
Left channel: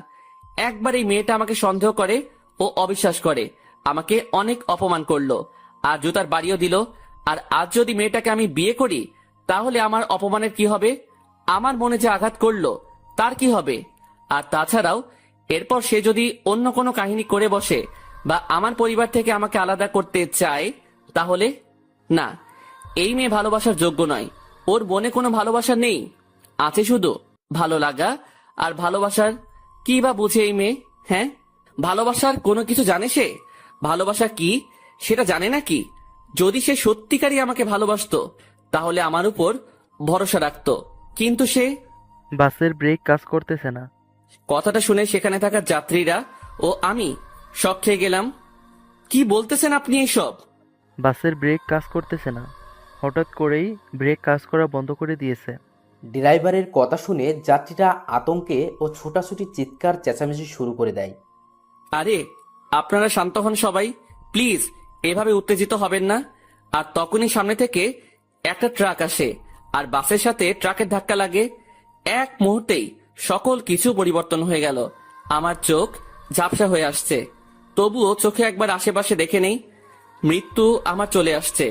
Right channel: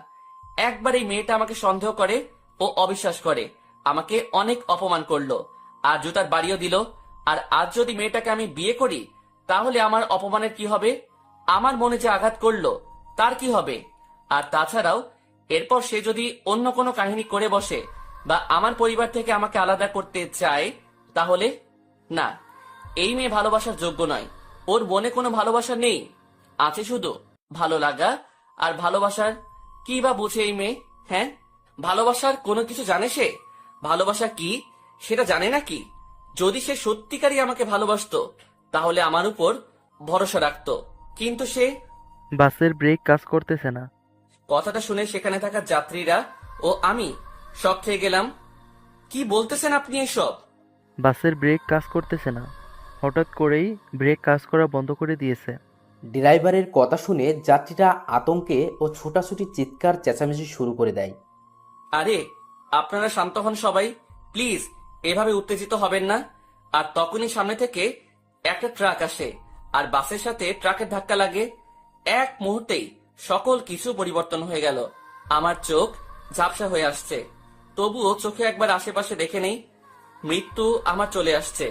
একবার এই মেয়েটা আমাকে সন্দেহ করে ও অবিশ্বাস করে, আমাকে অনেক অপমান করলো আর জুতার বাড়িও দিল। আর আজ যদি মেয়েটাকে আমি বিয়ে করি, তাহলে আমার অপমানের কি হবে? আমার মনে যে আঘাত করলো তার কি হবে? আর তাছাড়াও এরপর সে যদি অন্য কোনো কাহিনী করে বসে বা আমার পরিবার থেকে আমাকে আলাদা করতে চায়, তাহলে না, এই মেয়ে ভালোবাসার যোগ্য নয়। ওর মনে কোনো ভালোবাসা নেই, আছে শুধু ভালো লাগা। আর ভালোবাসার কি বা বুঝে এই মেয়ে? হ্যাঁ, ভালোবাসার কোনো কিছু জানে সে? ভালোবাসা কি সেটা জানে নাকি? যদি সে সত্যিকারই আমাকে ভালোবাসতো তাহলে আমার উপর ভরসা রাখতো, কিন্তু সে। বাসের ব্রেক কাজ করতেছে না। কথাটা শুনে সেখানে থাকা যাত্রীরা ও আমি শক খেয়ে গেলাম। কি বলতেছেন আপনি এসব? বাসের ব্রেক কাজ করতেছে না, হঠাৎ করেই ব্রেক কাজ করা বন্ধ করে দিয়েছে। ড্রাইভারের কথা শুনে যাত্রীরা আতঙ্কে ও ছোটাছুটি চিৎকার চেঁচামেচি শুরু করে দেয়। আরে আপনারা শান্ত হন সবাই, প্লিজ এভাবে উত্তেজিত হবেন না। আর তখনই সামনে থেকে একটা ট্রাক আসে আর বাসের সাথে ট্রাকের ধাক্কা লাগে। এক মুহূর্তেই সকল কিছু পরিবর্তন হয়ে গেল। আমার চোখ ঝাপসা হয়ে আসছে, তবুও চোখে একবার আশেপাশে দেখে নেই। মৃত্যু আমার চলে আসছে,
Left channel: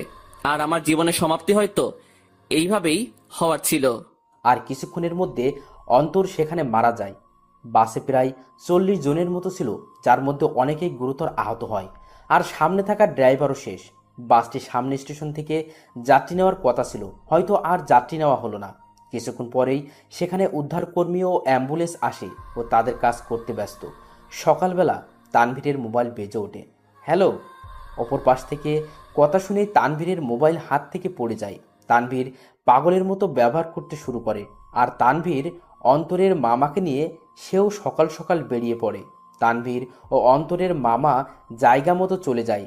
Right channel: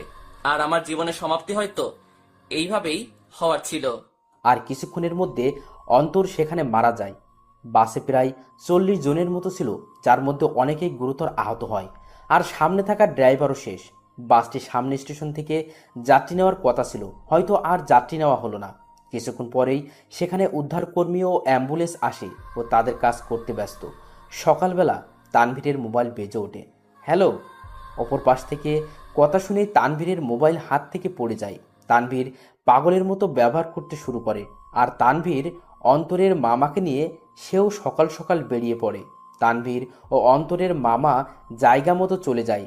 আর আমার জীবনের সমাপ্তি হয়তো এইভাবেই হওয়ার ছিল। আর কিছুক্ষণের মধ্যে অন্তর সেখানে মারা যায়। বাসে প্রায় 40 জনের মতো ছিল, যার মধ্যে অনেকেই গুরুতর আহত হয়। আর সামনে থাকা ড্রাইভারও শেষ। বাসটি সামনে স্টেশন থেকে যাত্রী নেওয়ার কথা ছিল, হয়তো আর যাত্রী নেওয়া হলো না। কিছুক্ষণ পরেই সেখানে উদ্ধারকর্মী ও অ্যাম্বুলেন্স আসে ও তাদের কাজ করতে ব্যস্ত। সকালবেলা তানভীরের মোবাইল বেজে ওঠে। হ্যালো। অপর পাশ থেকে কথা শুনেই তানভীরের মোবাইল হাত থেকে পড়ে যায়। তানভীর পাগলের মতো ব্যবহার করতে শুরু করে, আর তানভীর অন্তরের মামাকে নিয়ে সেও সকাল সকাল বেরিয়ে পড়ে। তানভীর ও অন্তরের মামা জায়গা মতো চলে যায়।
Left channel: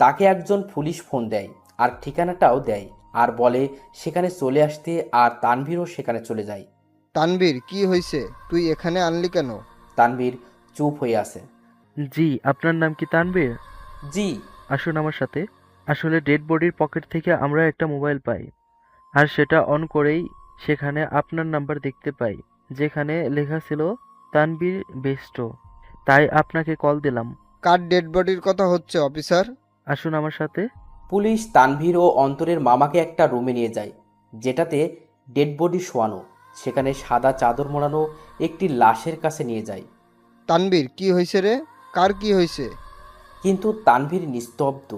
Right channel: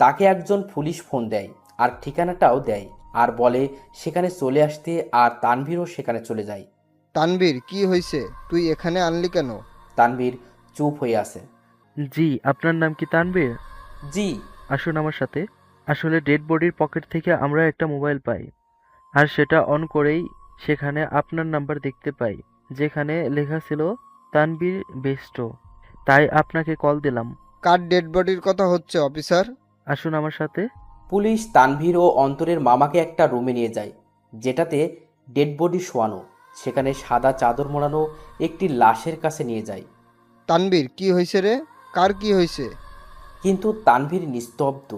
তাকে একজন পুলিশ ফোন দেয় আর ঠিকানাটাও দেয়, আর বলে সেখানে চলে আসতে, আর তানভীরও সেখানে চলে যায়। তানভীর, কি হয়েছে? তুই এখানে আনলি কেন? তানভীর চুপ হয়ে আছে। জি, আপনার নাম কি তানভীর? জি। আসুন আমার সাথে। আসলে ডেড বডির পকেট থেকে আমরা একটা মোবাইল পাই, আর সেটা অন করেই সেখানে আপনার নাম্বার দেখতে পাই, যেখানে লেখা ছিল তানভীর বেস্ট। তাই আপনাকে কল দিলাম। কার ডেড বডির কথা হচ্ছে অফিসার? আসুন আমার সাথে। পুলিশ তানভীর ও অন্তরের মামাকে একটা রুমে নিয়ে যায়, যেটাতে ডেড বডি শোয়ানো। সেখানে সাদা চাদর মোড়ানো একটি লাশের কাছে নিয়ে যায়। তানভীর, কি হয়েছে রে? কার কি হয়েছে? কিন্তু তানভীর নিস্তব্ধ।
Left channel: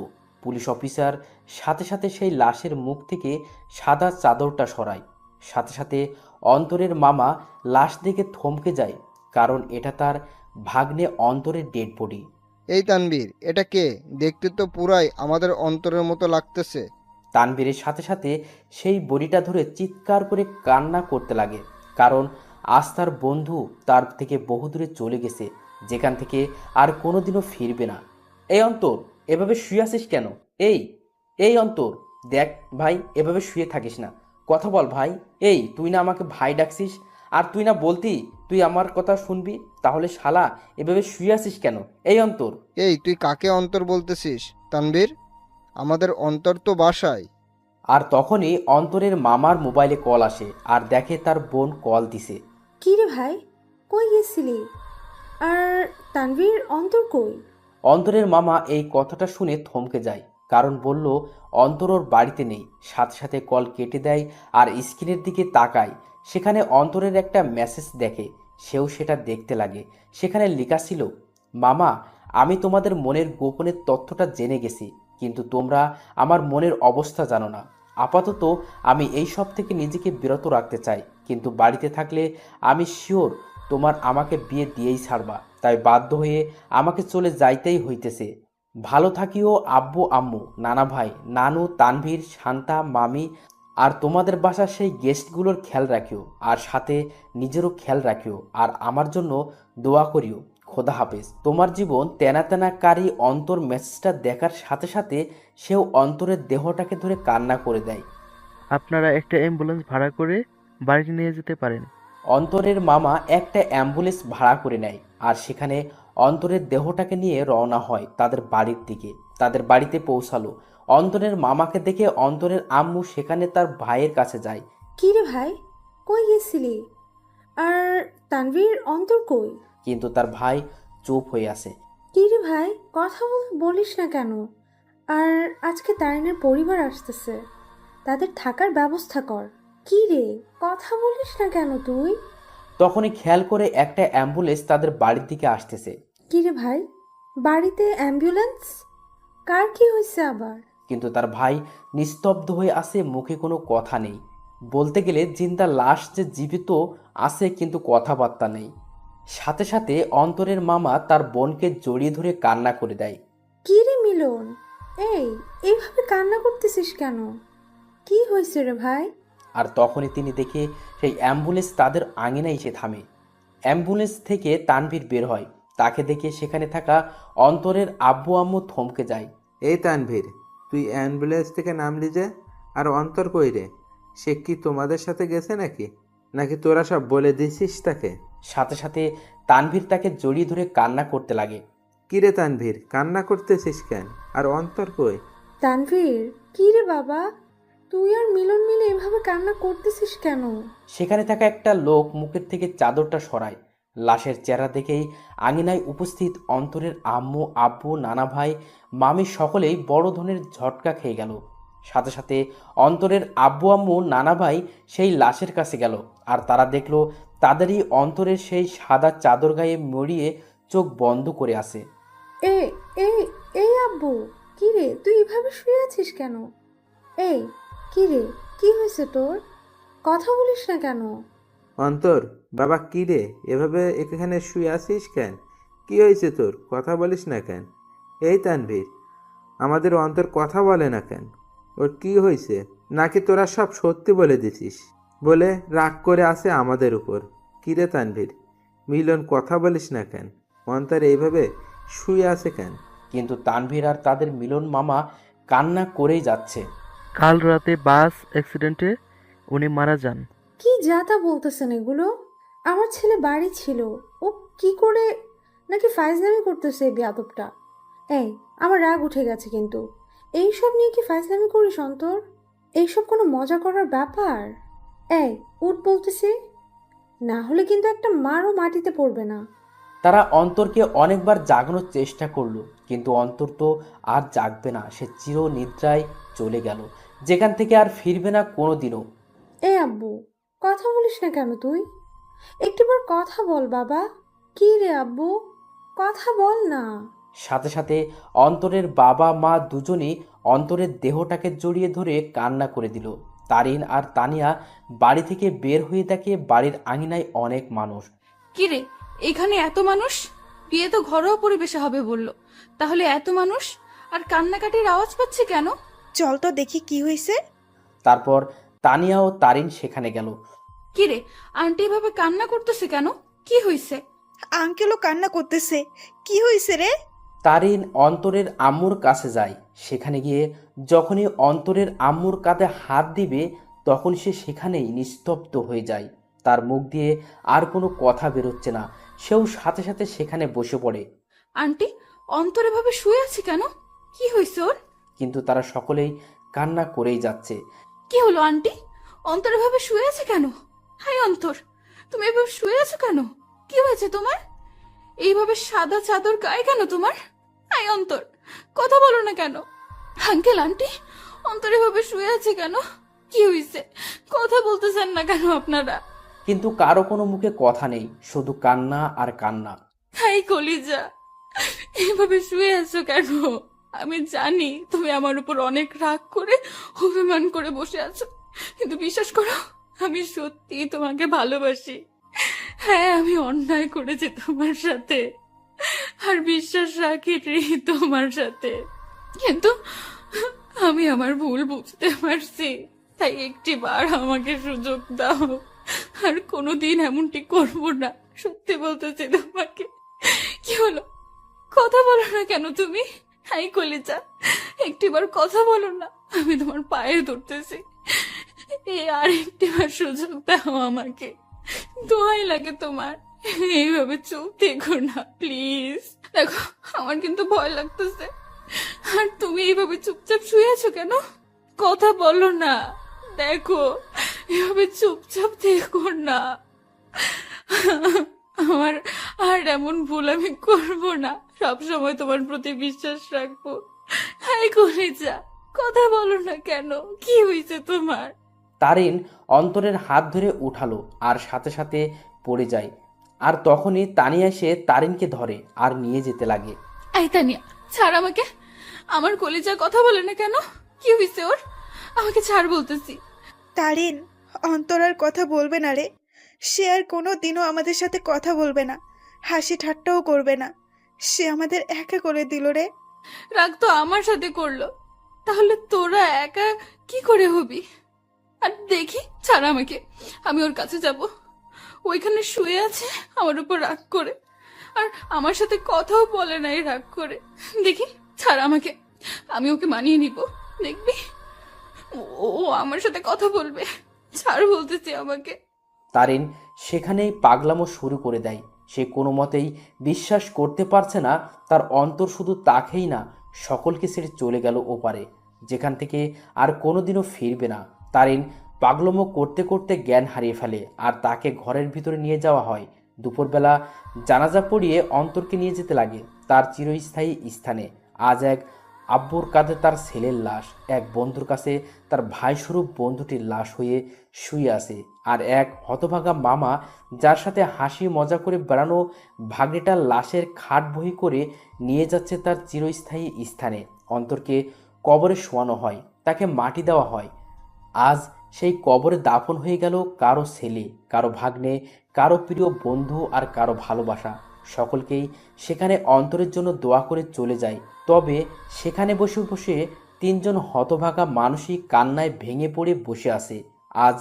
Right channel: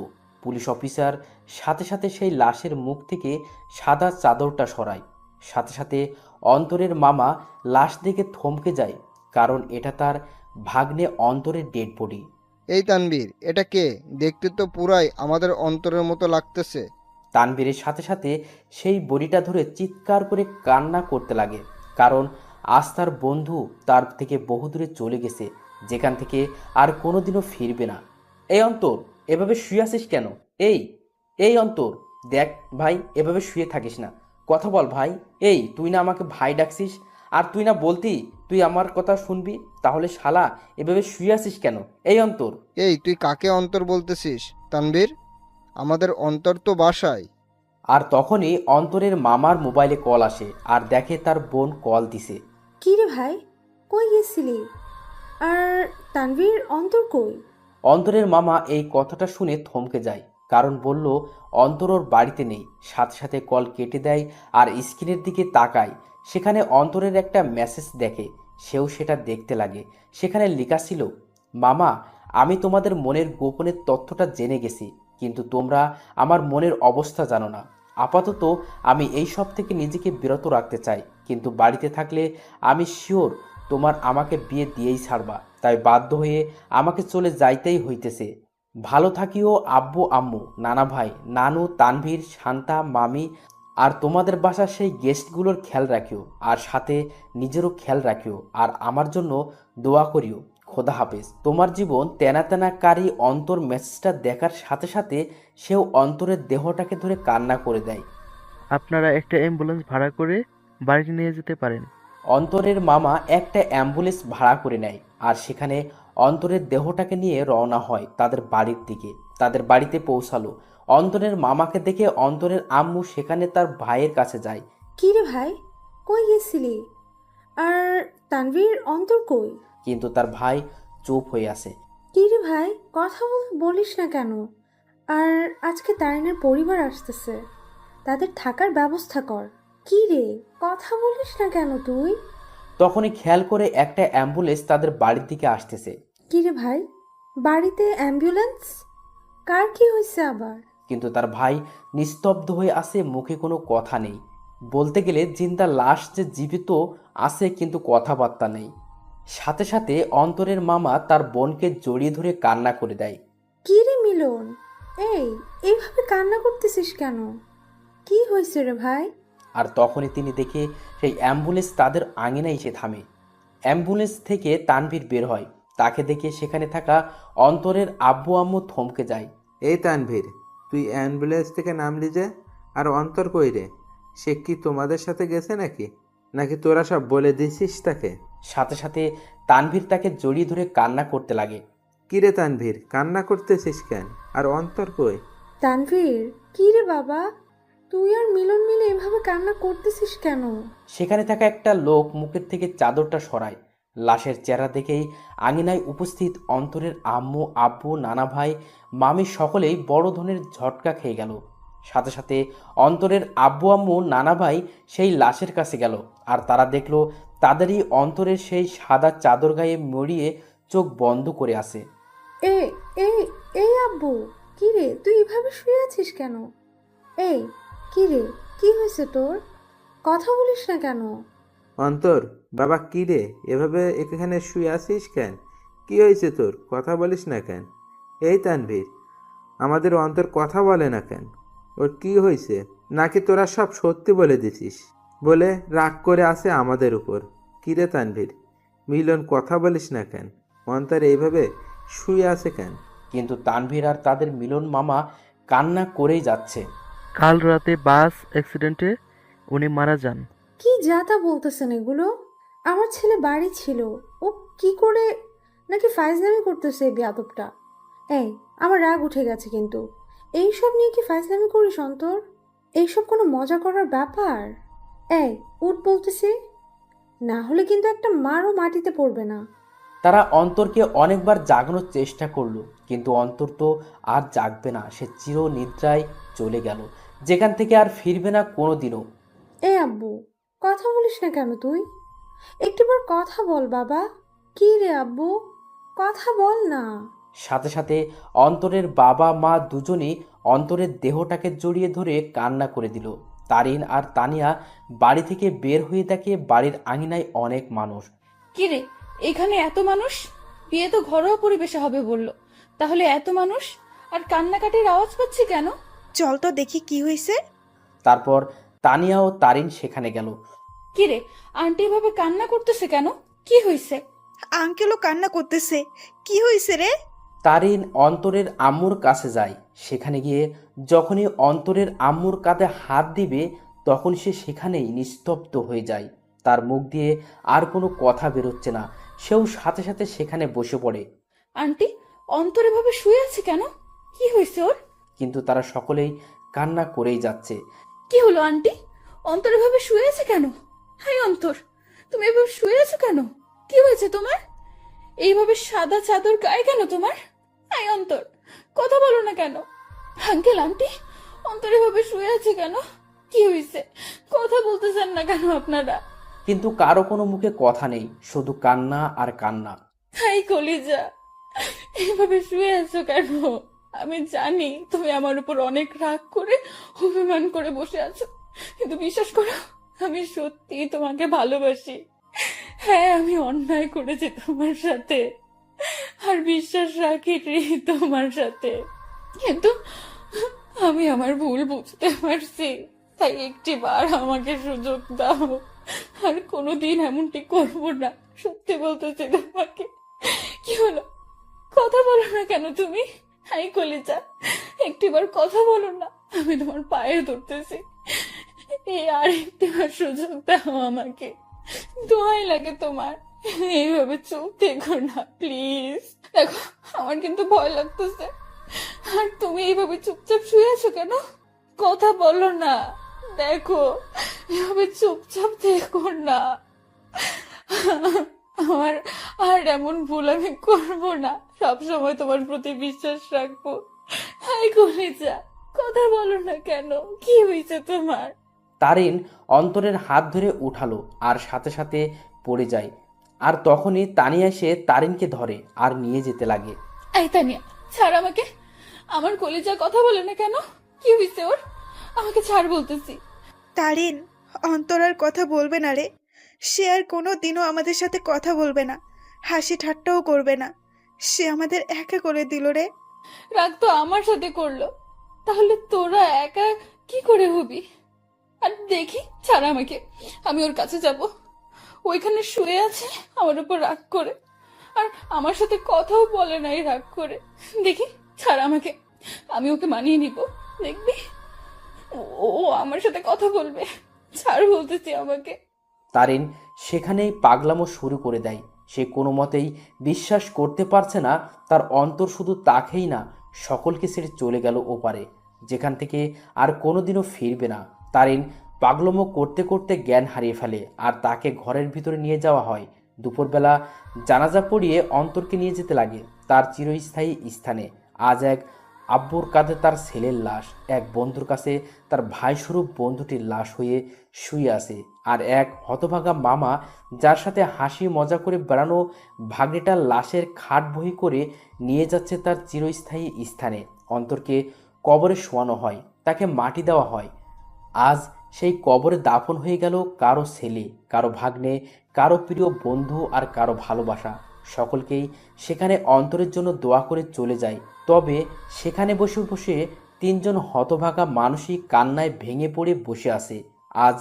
পুলিশ অফিসার সাথে সাথে সেই লাশের মুখ থেকে সাদা চাদরটা সরায়। সাথে সাথে অন্তরের মামা লাশ দেখে থমকে যায়, কারণ এটা তার ভাগ্নে অন্তরের ডেড বডি। এই তানবীর, এটা কে? দেখতে তো পুরাই আমাদের অন্তরের মতো লাগতেছে। তানভীরের সাথে সাথে সেই বডিটা ধরে চিৎকার করে কান্না করতে লাগে, কারণ আজ তার বন্ধু তার থেকে বহু দূরে চলে গেছে, যেখান থেকে আর কোনোদিনও ফিরবে না। এই অন্তর, এভাবে শুয়ে আছিস কেন? এই এই অন্তর, দেখ ভাই, এভাবে শুয়ে থাকিস না, কথা বল ভাই। এই তুই না আমাকে ভাই ডাকছিস, আর তুই না বলতি তুই আমার কথা শুনবি, তাহলে শালা এভাবে শুয়ে আছিস কেন? এই অন্তর। এই তুই কাকে অন্তর বলতেছিস তানবীর? আমাদের অন্তর তো বাসায়। আর তখনই অন্তরের মামার মোবাইলে কল আসে, আর দেখে তার বোন কল দিছে। কি রে ভাই, কই গেছিলি? আর তানভীর, অন্তর কই? অন্তরের মামা এই কথাটা শুনে থমকে যায়, কারণ বলল অন্তর ওর বাড়িতে নেই। সাথে সাথে কল কেটে দেয় আর স্ক্রিনের দিকে তাকায়। সেখানে অন্তরের একটা মেসেজ দেখে। সেও সেটা দেখতে লাগে। সেখানে লেখা ছিল, মামা, আমি তোমাদের মনের গোপনের তথ্যটা জেনে গেছি, কিন্তু তোমরা আমার মনের অবস্থা জানো না। আপাতত আমি এই সব থেকে নিজেকে বিরত রাখতে চাই, কিন্তু বাড়িতে থাকলে আমি শিওর তোমার আমাকে বিয়ে দিয়েই ছাড়বা, তাই বাধ্য হয়ে আমাকে চলে যাইতেই হইতেছে। ভালো থাকিও আব্বু আম্মু, নানা ভাই, নানু, তানভীর, শান্তা, মামি, আর তোমাদের বাসার সেই গেস্টগুলোর খেয়াল রাখিও, আর সাথে নিজেরও খেয়াল রাখিও, আর আমার জন্য দোয়া করিও। খোদা হাফেজ। তোমার জীবন তেনা তেনা কারি। অন্তর মেসেজটা দেখার সাথে সাথে সেও অন্তরের দেহটাকে ধরে কান্না করে দেয়। আপনারা একটা অ্যাম্বুলেন্স ভাড়া করে বাড়িতে নিয়ে যেতে পারেন। অন্তরের মামা একটা অ্যাম্বুলেন্স ভাড়া করে নেয়, আর সেখানে অন্তরের দেহটাকে নিয়ে রওনা হয় তাদের বাড়ির দিকে। তাদের বাড়িতে পৌঁছালো। অন্তরের মামাকে দেখে অন্তরের আম্মু সেখানে তার ভাইয়ের কাছে যায়। কি রে ভাই, কই গেছিলি? আর তানভীর, অন্তর কই? কিন্তু তার ভাই চুপ হয়ে আছে। কি রে ভাই, কথা বলিস না কেন? আর আজকে তারিনের পরিবার আসতেছে, তাদের থাকার ব্যবস্থা কর। কি রে, কথা বলিস না কেন তুই? তখনই খেয়াল করে একটা অ্যাম্বুলেন্স তাদের বাড়ির দিকে আসতেছে। কি রে ভাই, বাড়িতে অ্যাম্বুলেন্স? কার কি হয়েছে আবার? কিন্তু তার ভাই নিস্তব্ধ হয়ে আছে, মুখে কোনো কথা নেই। বলতে গেলে জিন্দা লাশ যে জীবিত আছে, কিন্তু কথাবার্তা নেই। সাথে সাথে অন্তরের মামা তার বোনকে জড়িয়ে ধরে কান্না করে দেয়। কি রে মিলন, এই এইভাবে কান্না করতেছিস কেন? কি হয়েছে রে ভাই? আর তখনই তিনি দেখে সেই অ্যাম্বুলেন্স তাদের আঙিনায় এসে থামে। অ্যাম্বুলেন্স থেকে তানভীর বের হয়। তাকে দেখে সেখানে থাকা অন্তরের আব্বু আম্মু থমকে যায়। এই তানভীর, তুই অ্যাম্বুলেন্স থেকে নামলি যে? আর অন্তর কই রে? সে কি তোমাদের সাথে গেছে নাকি? নাকি তোরা সব বলে দিছিস তাকে? সাথে সাথে তানভীর তাকে জড়িয়ে ধরে কান্না করতে লাগে। কি রে তানভীর, কান্না করতেছিস কেন? আর অন্তর কই? তানভীর, কি রে বাবা, তুই আর মিলন মিলে এভাবে কান্না করতেছিস কেন? সেখানে থাকা একটা লোক মুখের থেকে চাদরটা সরায়। লাশের চেহারা দেখেই আঙিনায় উপস্থিত অন্তরের আম্মু, আব্বু, নানা ভাই, মামি সকলেই বড় ধরনের ঝটকা খেয়ে গেল। সাথে সাথে অন্তরের আব্বু আম্মু, নানা ভাই সেই লাশের কাছে গেল, আর তারা দেখলো তাদেরই অন্তরের সেই সাদা চাদর গায়ে মরিয়ে চোখ বন্ধ করে আছে। এ এই এই আব্বু, কি রে, তুই এভাবে শুয়ে আছিস কেন? এই, কি রে, কি হয়েছে তোর? কথা বলিস না কেন? অন্তর, বাবা, কি রে, এভাবে এখানে শুয়ে আছিস কেন? কি হয়েছে তোর? কথা বলিস না কেন? এই তানভীর, আমাদের অন্তর কথা বলে না কেন? ওর কি হয়েছে? নাকি তোরা সব সত্যি বলে দিছিস বলে রাগ করে আছে আমাদের উপর? কি রে তানভীর, মিলন, কথা বলিস না কেন? অন্তর এইভাবে শুয়ে আছে কেন? কিন্তু তানভীর আর তাদের মিলন মামা কান্না করেই যাচ্ছে। কাল রাতে বাস অ্যাক্সিডেন্টে উনি মারা যান। কি যাতা বলতেছেন এগুলো? আমার ছেলে বাড়ি ছিল, ও কি করে? নাকি ফাইজলামি করতেছে এই বেয়াদবটা? এই, আমার রাগ উঠে গেছে কিন্তু। এইসব নিয়ে কি ফাইজলামি করিস অন্তর? এইসব কোনো মজা করার ব্যাপার? এই, উঠ বলতেছি, না হলে কিন্তু একটা মারও মাটিতে পড়বে না। তারা অন্তরকে অনেকবার জাগানোর চেষ্টা করলো, কিন্তু অন্তর তো আর জাগবে না। সে চির নিদ্রায় চলে গেল, যেখান থেকে আর ফিরবে না কোনো দিনও। এ আব্বু, কথা বলিস না কেন তুই? একটিবার কথা বল বাবা। কি রে আব্বু, কথা বল না। সাথে সাথে অন্তরের বাবা মা দুজনেই অন্তরের দেহটাকে জড়িয়ে ধরে কান্না করে দিল। তারিন আর তানিয়া বাড়ি থেকে বের হয়ে দেখে বাড়ির আঙিনায় অনেক মানুষ। কিরে, এখানে এত মানুষ? বিয়ে তো ঘরোয়া পরিবেশে হবে বললো, তাহলে এত মানুষ আর কান্নাকাটির আওয়াজ পাচ্ছি কেন? চল তো দেখি কি হয়েছে। তারপর তানিয়া ও তারিন সেখানে গেল। কিরে, আন্টি এভাবে কান্না করতেছে কেন? কি হয়েছে? আঙ্কেলও কান্না করতেছে। কি হয়েছে রে? তারিন অন্তরের আম্মুর কাছে যায়। সেখানে গিয়ে যখনই অন্তরের আম্মুর কাঁধে হাত দিবে তখন সে সেখানেই নিস্তব্ধ হয়ে যায়। তার মুখ দিয়ে আর কোনো কথা বেরোচ্ছে না। সেও সাথে সাথে সেখানে বসে পড়ে। আন্টি, অন্তর এভাবে শুয়ে আছে কেন? কি হয়েছে ওর? কিন্তু তারা সকলেই কান্না করেই যাচ্ছে। কি হলো আন্টি? অন্তর এভাবে শুয়ে আছে কেন? হাই অন্তর, তুমি এভাবে শুয়ে আছো কেন? কি হয়েছে তোমার? এইভাবে সাদা চাদর গায়ে কেন তোমার? হাই অন্তর, কথা বলো না কেন? আঙ্কেল আন্টি, অন্তর এভাবে শুয়ে আছে কেন? কি হয়েছে? কথা বলতেছেন না কেন আপনারা? কিন্তু কারো কোনো মুখে কথা নেই, শুধু কান্না আর কান্না। হাই কলিজা, এইভাবে শুয়ে আছো কেন? আমি জানি তুমি আমার উপর অনেক রাগ করে অভিমান করে বসে আছো, কিন্তু বিশ্বাস করো, আমি সত্যি তোমাকে ভালোবাসি। হ্যাঁ, আমি অন্যায় করেছি তোমার সাথে, আর বিশ্বাস রাখি তোমার সাথে, কিন্তু আমি আমার ভুল বুঝতে পারছি। তাই একটি বার আমাকে সুযোগ দাও, আর কোনোদিন এমনটি করবো না। সত্যি বলতেছি তোমাকে। কি হলো, কথা বলো না কেন তুমি? হাই কলিজা, একটিবার কথা বলো না, আমি তোমার পায়ে ধরতেছি। এই আর একটিবার সুযোগ দাও আমাকে, দোয়াই লাগে তোমার। এইভাবে চুপ থেকো না প্লিজ। দেখো, আমার কিন্তু ভয় লাগতেছে। আর তুমি এইভাবে চুপচাপ শুয়ে আছো কেন? কথা বলো না। দেখো, এভাবে চুপচাপ থেকো না। আমার আর এমন ভুল আমি করবো না। সবসময় তোমার প্রতি বিশ্বাস রাখবো। হাই কলিজা, কথা বলো না কেন? কি হয়েছে তোমার? তারিন অন্তরের হাত ধরে উঠালো আর সাথে সাথে পড়ে যায়। আর তখনই তানিয়া এসে তারিনকে ধরে আর নিয়ে যেতে লাগে। আই তানিয়া, ছাড় আমাকে। আমার কলিজা কথা বলে না কেন? কি হয়েছে ওর? আমাকে ছাড় বলতেছি। তারিন, অন্তর আর কথা বলবে না রে। সে আর কোনো দিনও আমাদের সাথে কথা বলবে না, হাসি ঠাট্টাও করবে না। সে আমাদের একা করে দিল রে। রাগ তো আমার সাথে করলো, তাহলে তোরা একা কি করে হবি? আর দেখি, ছাড় আমাকে, আমি ওর কাছে যাব। ওইখানে শুয়ে আছে আমার উপর রাগ করে, আর আমার সাথে কথাও বলে নাই রাগ করে। দেখি, ছাড় আমাকে, আমি ওকে মানিয়ে নিব। দেখবি, ও ও আমার সাথে কথা বলবে। ছাড় বলতেছি আমাকে। তারিন সেখানেই পাগলামো শুরু করে দেয়। সে কোনো মতেই বিশ্বাস করতে পারছে না তার অন্তর শুধু তাকেই না, সকলকে ছেড়ে চলে গেল ওপারে, যেখান থেকে আর কোনোদিনও ফিরবে না। তারিন পাগলামো করতে করতে জ্ঞান হারিয়ে ফেলে আর তাকে ঘরের ভিতরে নিয়ে যাওয়া হয়। দুপুরবেলা জানাজা পড়িয়ে অন্তরকে নিয়ে যেতে লাগে তার চিরস্থায়ী স্থানে। আজ এক আব্বুর কাঁধে তার ছেলের লাশ, এক বন্ধুর কাছে তার ভাইস্বরূপ বন্ধুটির লাশ হয়ে শুয়ে আছে, আর এক হতভাগা মামা যার সাথে হাসি মজা করে বেড়ানো ভাগ্নেটার লাশের খাট বহি করে নিয়ে যাচ্ছে তার চিরস্থায়ী স্থানে। অন্তরকে কবরে শোয়ানো হয়, তাকে মাটি দেওয়া হয়। আজ সেই কবরে দাফন হয়ে গেল কারো ছেলে, কারো ভাগ্নে, কারো প্রিয় বন্ধু আর কারো ভালোবাসা। সকলকেই সেখানে অন্তরের জন্য দোয়া করে চলে যায়। তবে সেখানে বসে বসে তিনজন হতভাগা মানুষই কান্নায় ভেঙে পড়ে বসে আছে। আজ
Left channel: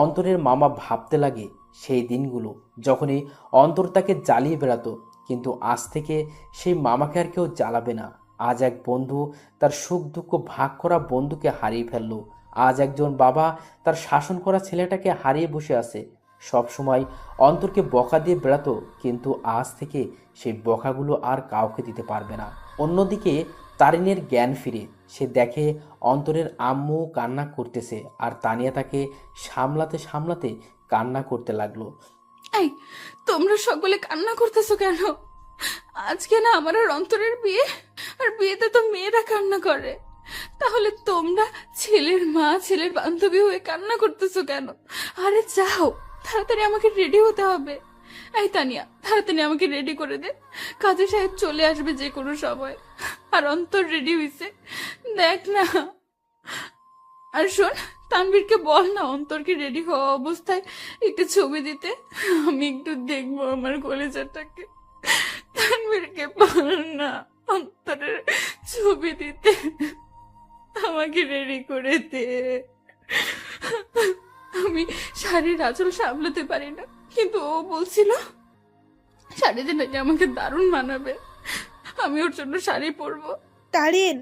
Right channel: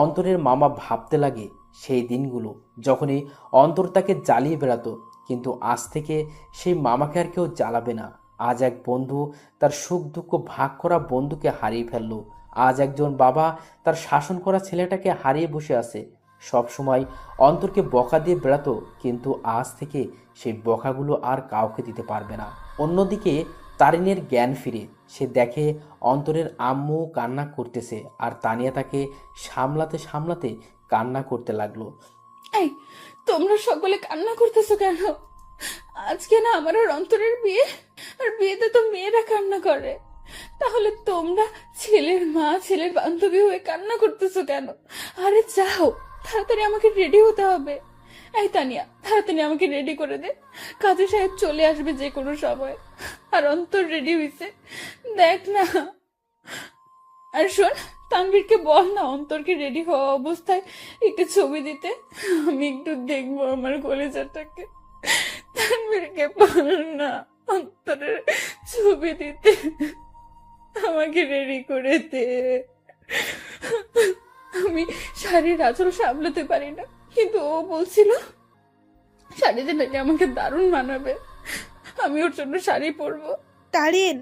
অন্তরের মামা ভাবতে লাগে সেই দিনগুলো যখনই অন্তর তাকে জ্বালিয়ে বেড়াতো, কিন্তু আজ থেকে সেই মামাকে আর কেউ জ্বালাবে না। আজ এক বন্ধু তার সুখ দুঃখ ভাগ করা বন্ধুকে হারিয়ে ফেললো। আজ একজন বাবা তার শাসন করা ছেলেটাকে হারিয়ে বসে আছে। সব সময় অন্তরকে বকা দিয়ে বেড়াতো, কিন্তু আজ থেকে সেই বকাগুলো আর কাউকে দিতে পারবে না। অন্যদিকে তারিনের জ্ঞান ফিরে সে দেখে অন্তরের আম্মু কান্না করতেছে, আর তানিয়া তাকে সামলাতে সামলাতে কান্না করতে লাগলো। এই, তোমরা সকলে কান্না করতেছো কেন? আজকে না আমার আর অন্তরের বিয়ে, আর বিয়েতে তো মেয়েরা কান্না করে। তাহলে তোমরা ছেলের মা, ছেলের বান্ধবী হয়ে কান্না করতেছো কেন? আরে যাও, তাড়াতাড়ি আমাকে রেডি হতে হবে। এই তানিয়া, তাড়াতাড়ি আমাকে রেডি করে দে, কাজী সাহেব চলে আসবে যে কোনো সময়। আর অন্তর রেডি হইছে, দেখ না। আর শোন, তানভীরকে বল না অন্তরকে রেডি হওয়া অবস্থায় একটু ছবি দিতে, আমি একটু দেখবো আমার কলেজাটাকে। তানভীরকে বল না অন্তরের ছবি দিতে, আমাকে রেডি করে দে। আমি শাড়ির আঁচল সামলাতে পারি না, কিন্তু ও বলছিল শাড়িতে নাকি আমাকে দারুণ মানাবে, আমি ওর জন্য শাড়ি পরবো। তারিন,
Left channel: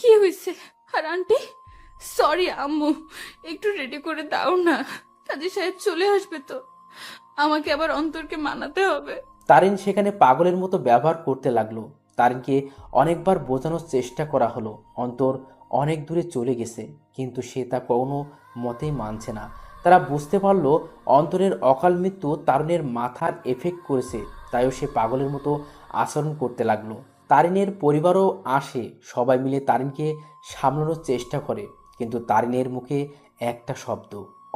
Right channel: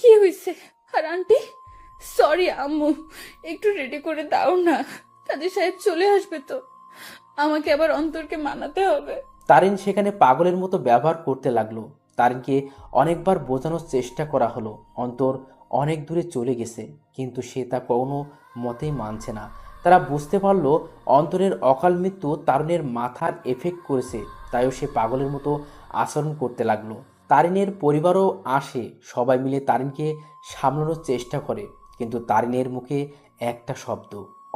কি হয়েছে? আর আন্টি, সরি আম্মু, একটু রেডি করে দাও না, কাজী সাহেব চলে আসবে তো, আমাকে আবার অন্তরকে মানাতে হবে। তারিন সেখানে পাগলের মতো ব্যবহার করতে লাগলো। তারিনকে অনেকবার বোঝানোর চেষ্টা করা হলো অন্তর অনেক দূরে চলে গেছে, কিন্তু সে তা কোনো মতেই মানছে না। তারা বুঝতে পারলো অন্তরের অকাল মৃত্যু তারুণের মাথার এফেক্ট করেছে, তাইও সে পাগলের মতো আচরণ করতে লাগলো। তারিনের পরিবারও আসে, সবাই মিলে তারিনকে সামলানোর চেষ্টা করে, কিন্তু তারিনের মুখে একটা শব্দ,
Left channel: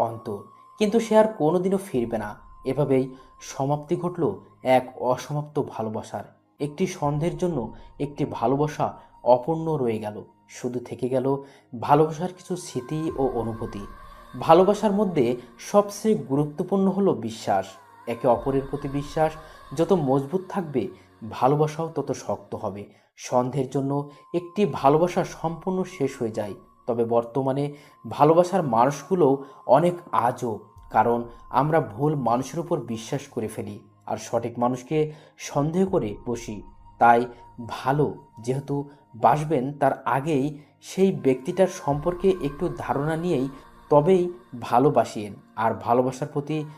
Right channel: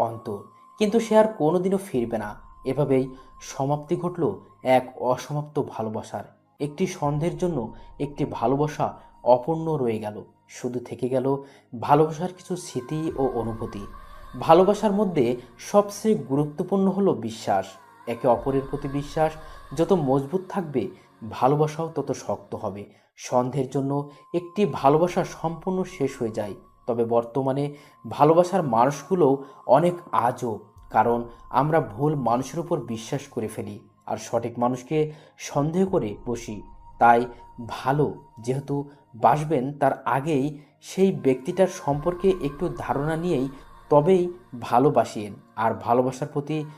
অন্তর। কিন্তু সে আর কোনোদিনও ফিরবে না। এভাবেই সমাপ্তি ঘটল এক অসমাপ্ত ভালোবাসার। একটি সন্ধ্যের জন্য একটি ভালোবাসা অপূর্ণ রয়ে গেল, শুধু থেকে গেল ভালোবাসার কিছু স্মৃতি ও অনুভূতি। ভালোবাসার মধ্যে সবচেয়ে গুরুত্বপূর্ণ হলো বিশ্বাস। একে অপরের প্রতি বিশ্বাস যত মজবুত থাকবে, ভালোবাসাও তত শক্ত হবে। সন্ধ্যের জন্য একটি ভালোবাসা সম্পূর্ণ শেষ হয়ে যায়, তবে বর্তমানে ভালোবাসার মানুষগুলোও অনেক আজব, কারণ আমরা ভুল মানুষের উপর বিশ্বাস করে ফেলি আর সঠিক মানুষকে সন্দেহ করে বসি। তাই ভালো যেহেতু বাসবেন, তার আগেই সেই ব্যক্তিটার সম্পর্কে একটু ধারণা নিয়েই তবেই ভালোবাসিয়েন। আর ভালোবাসার প্রতি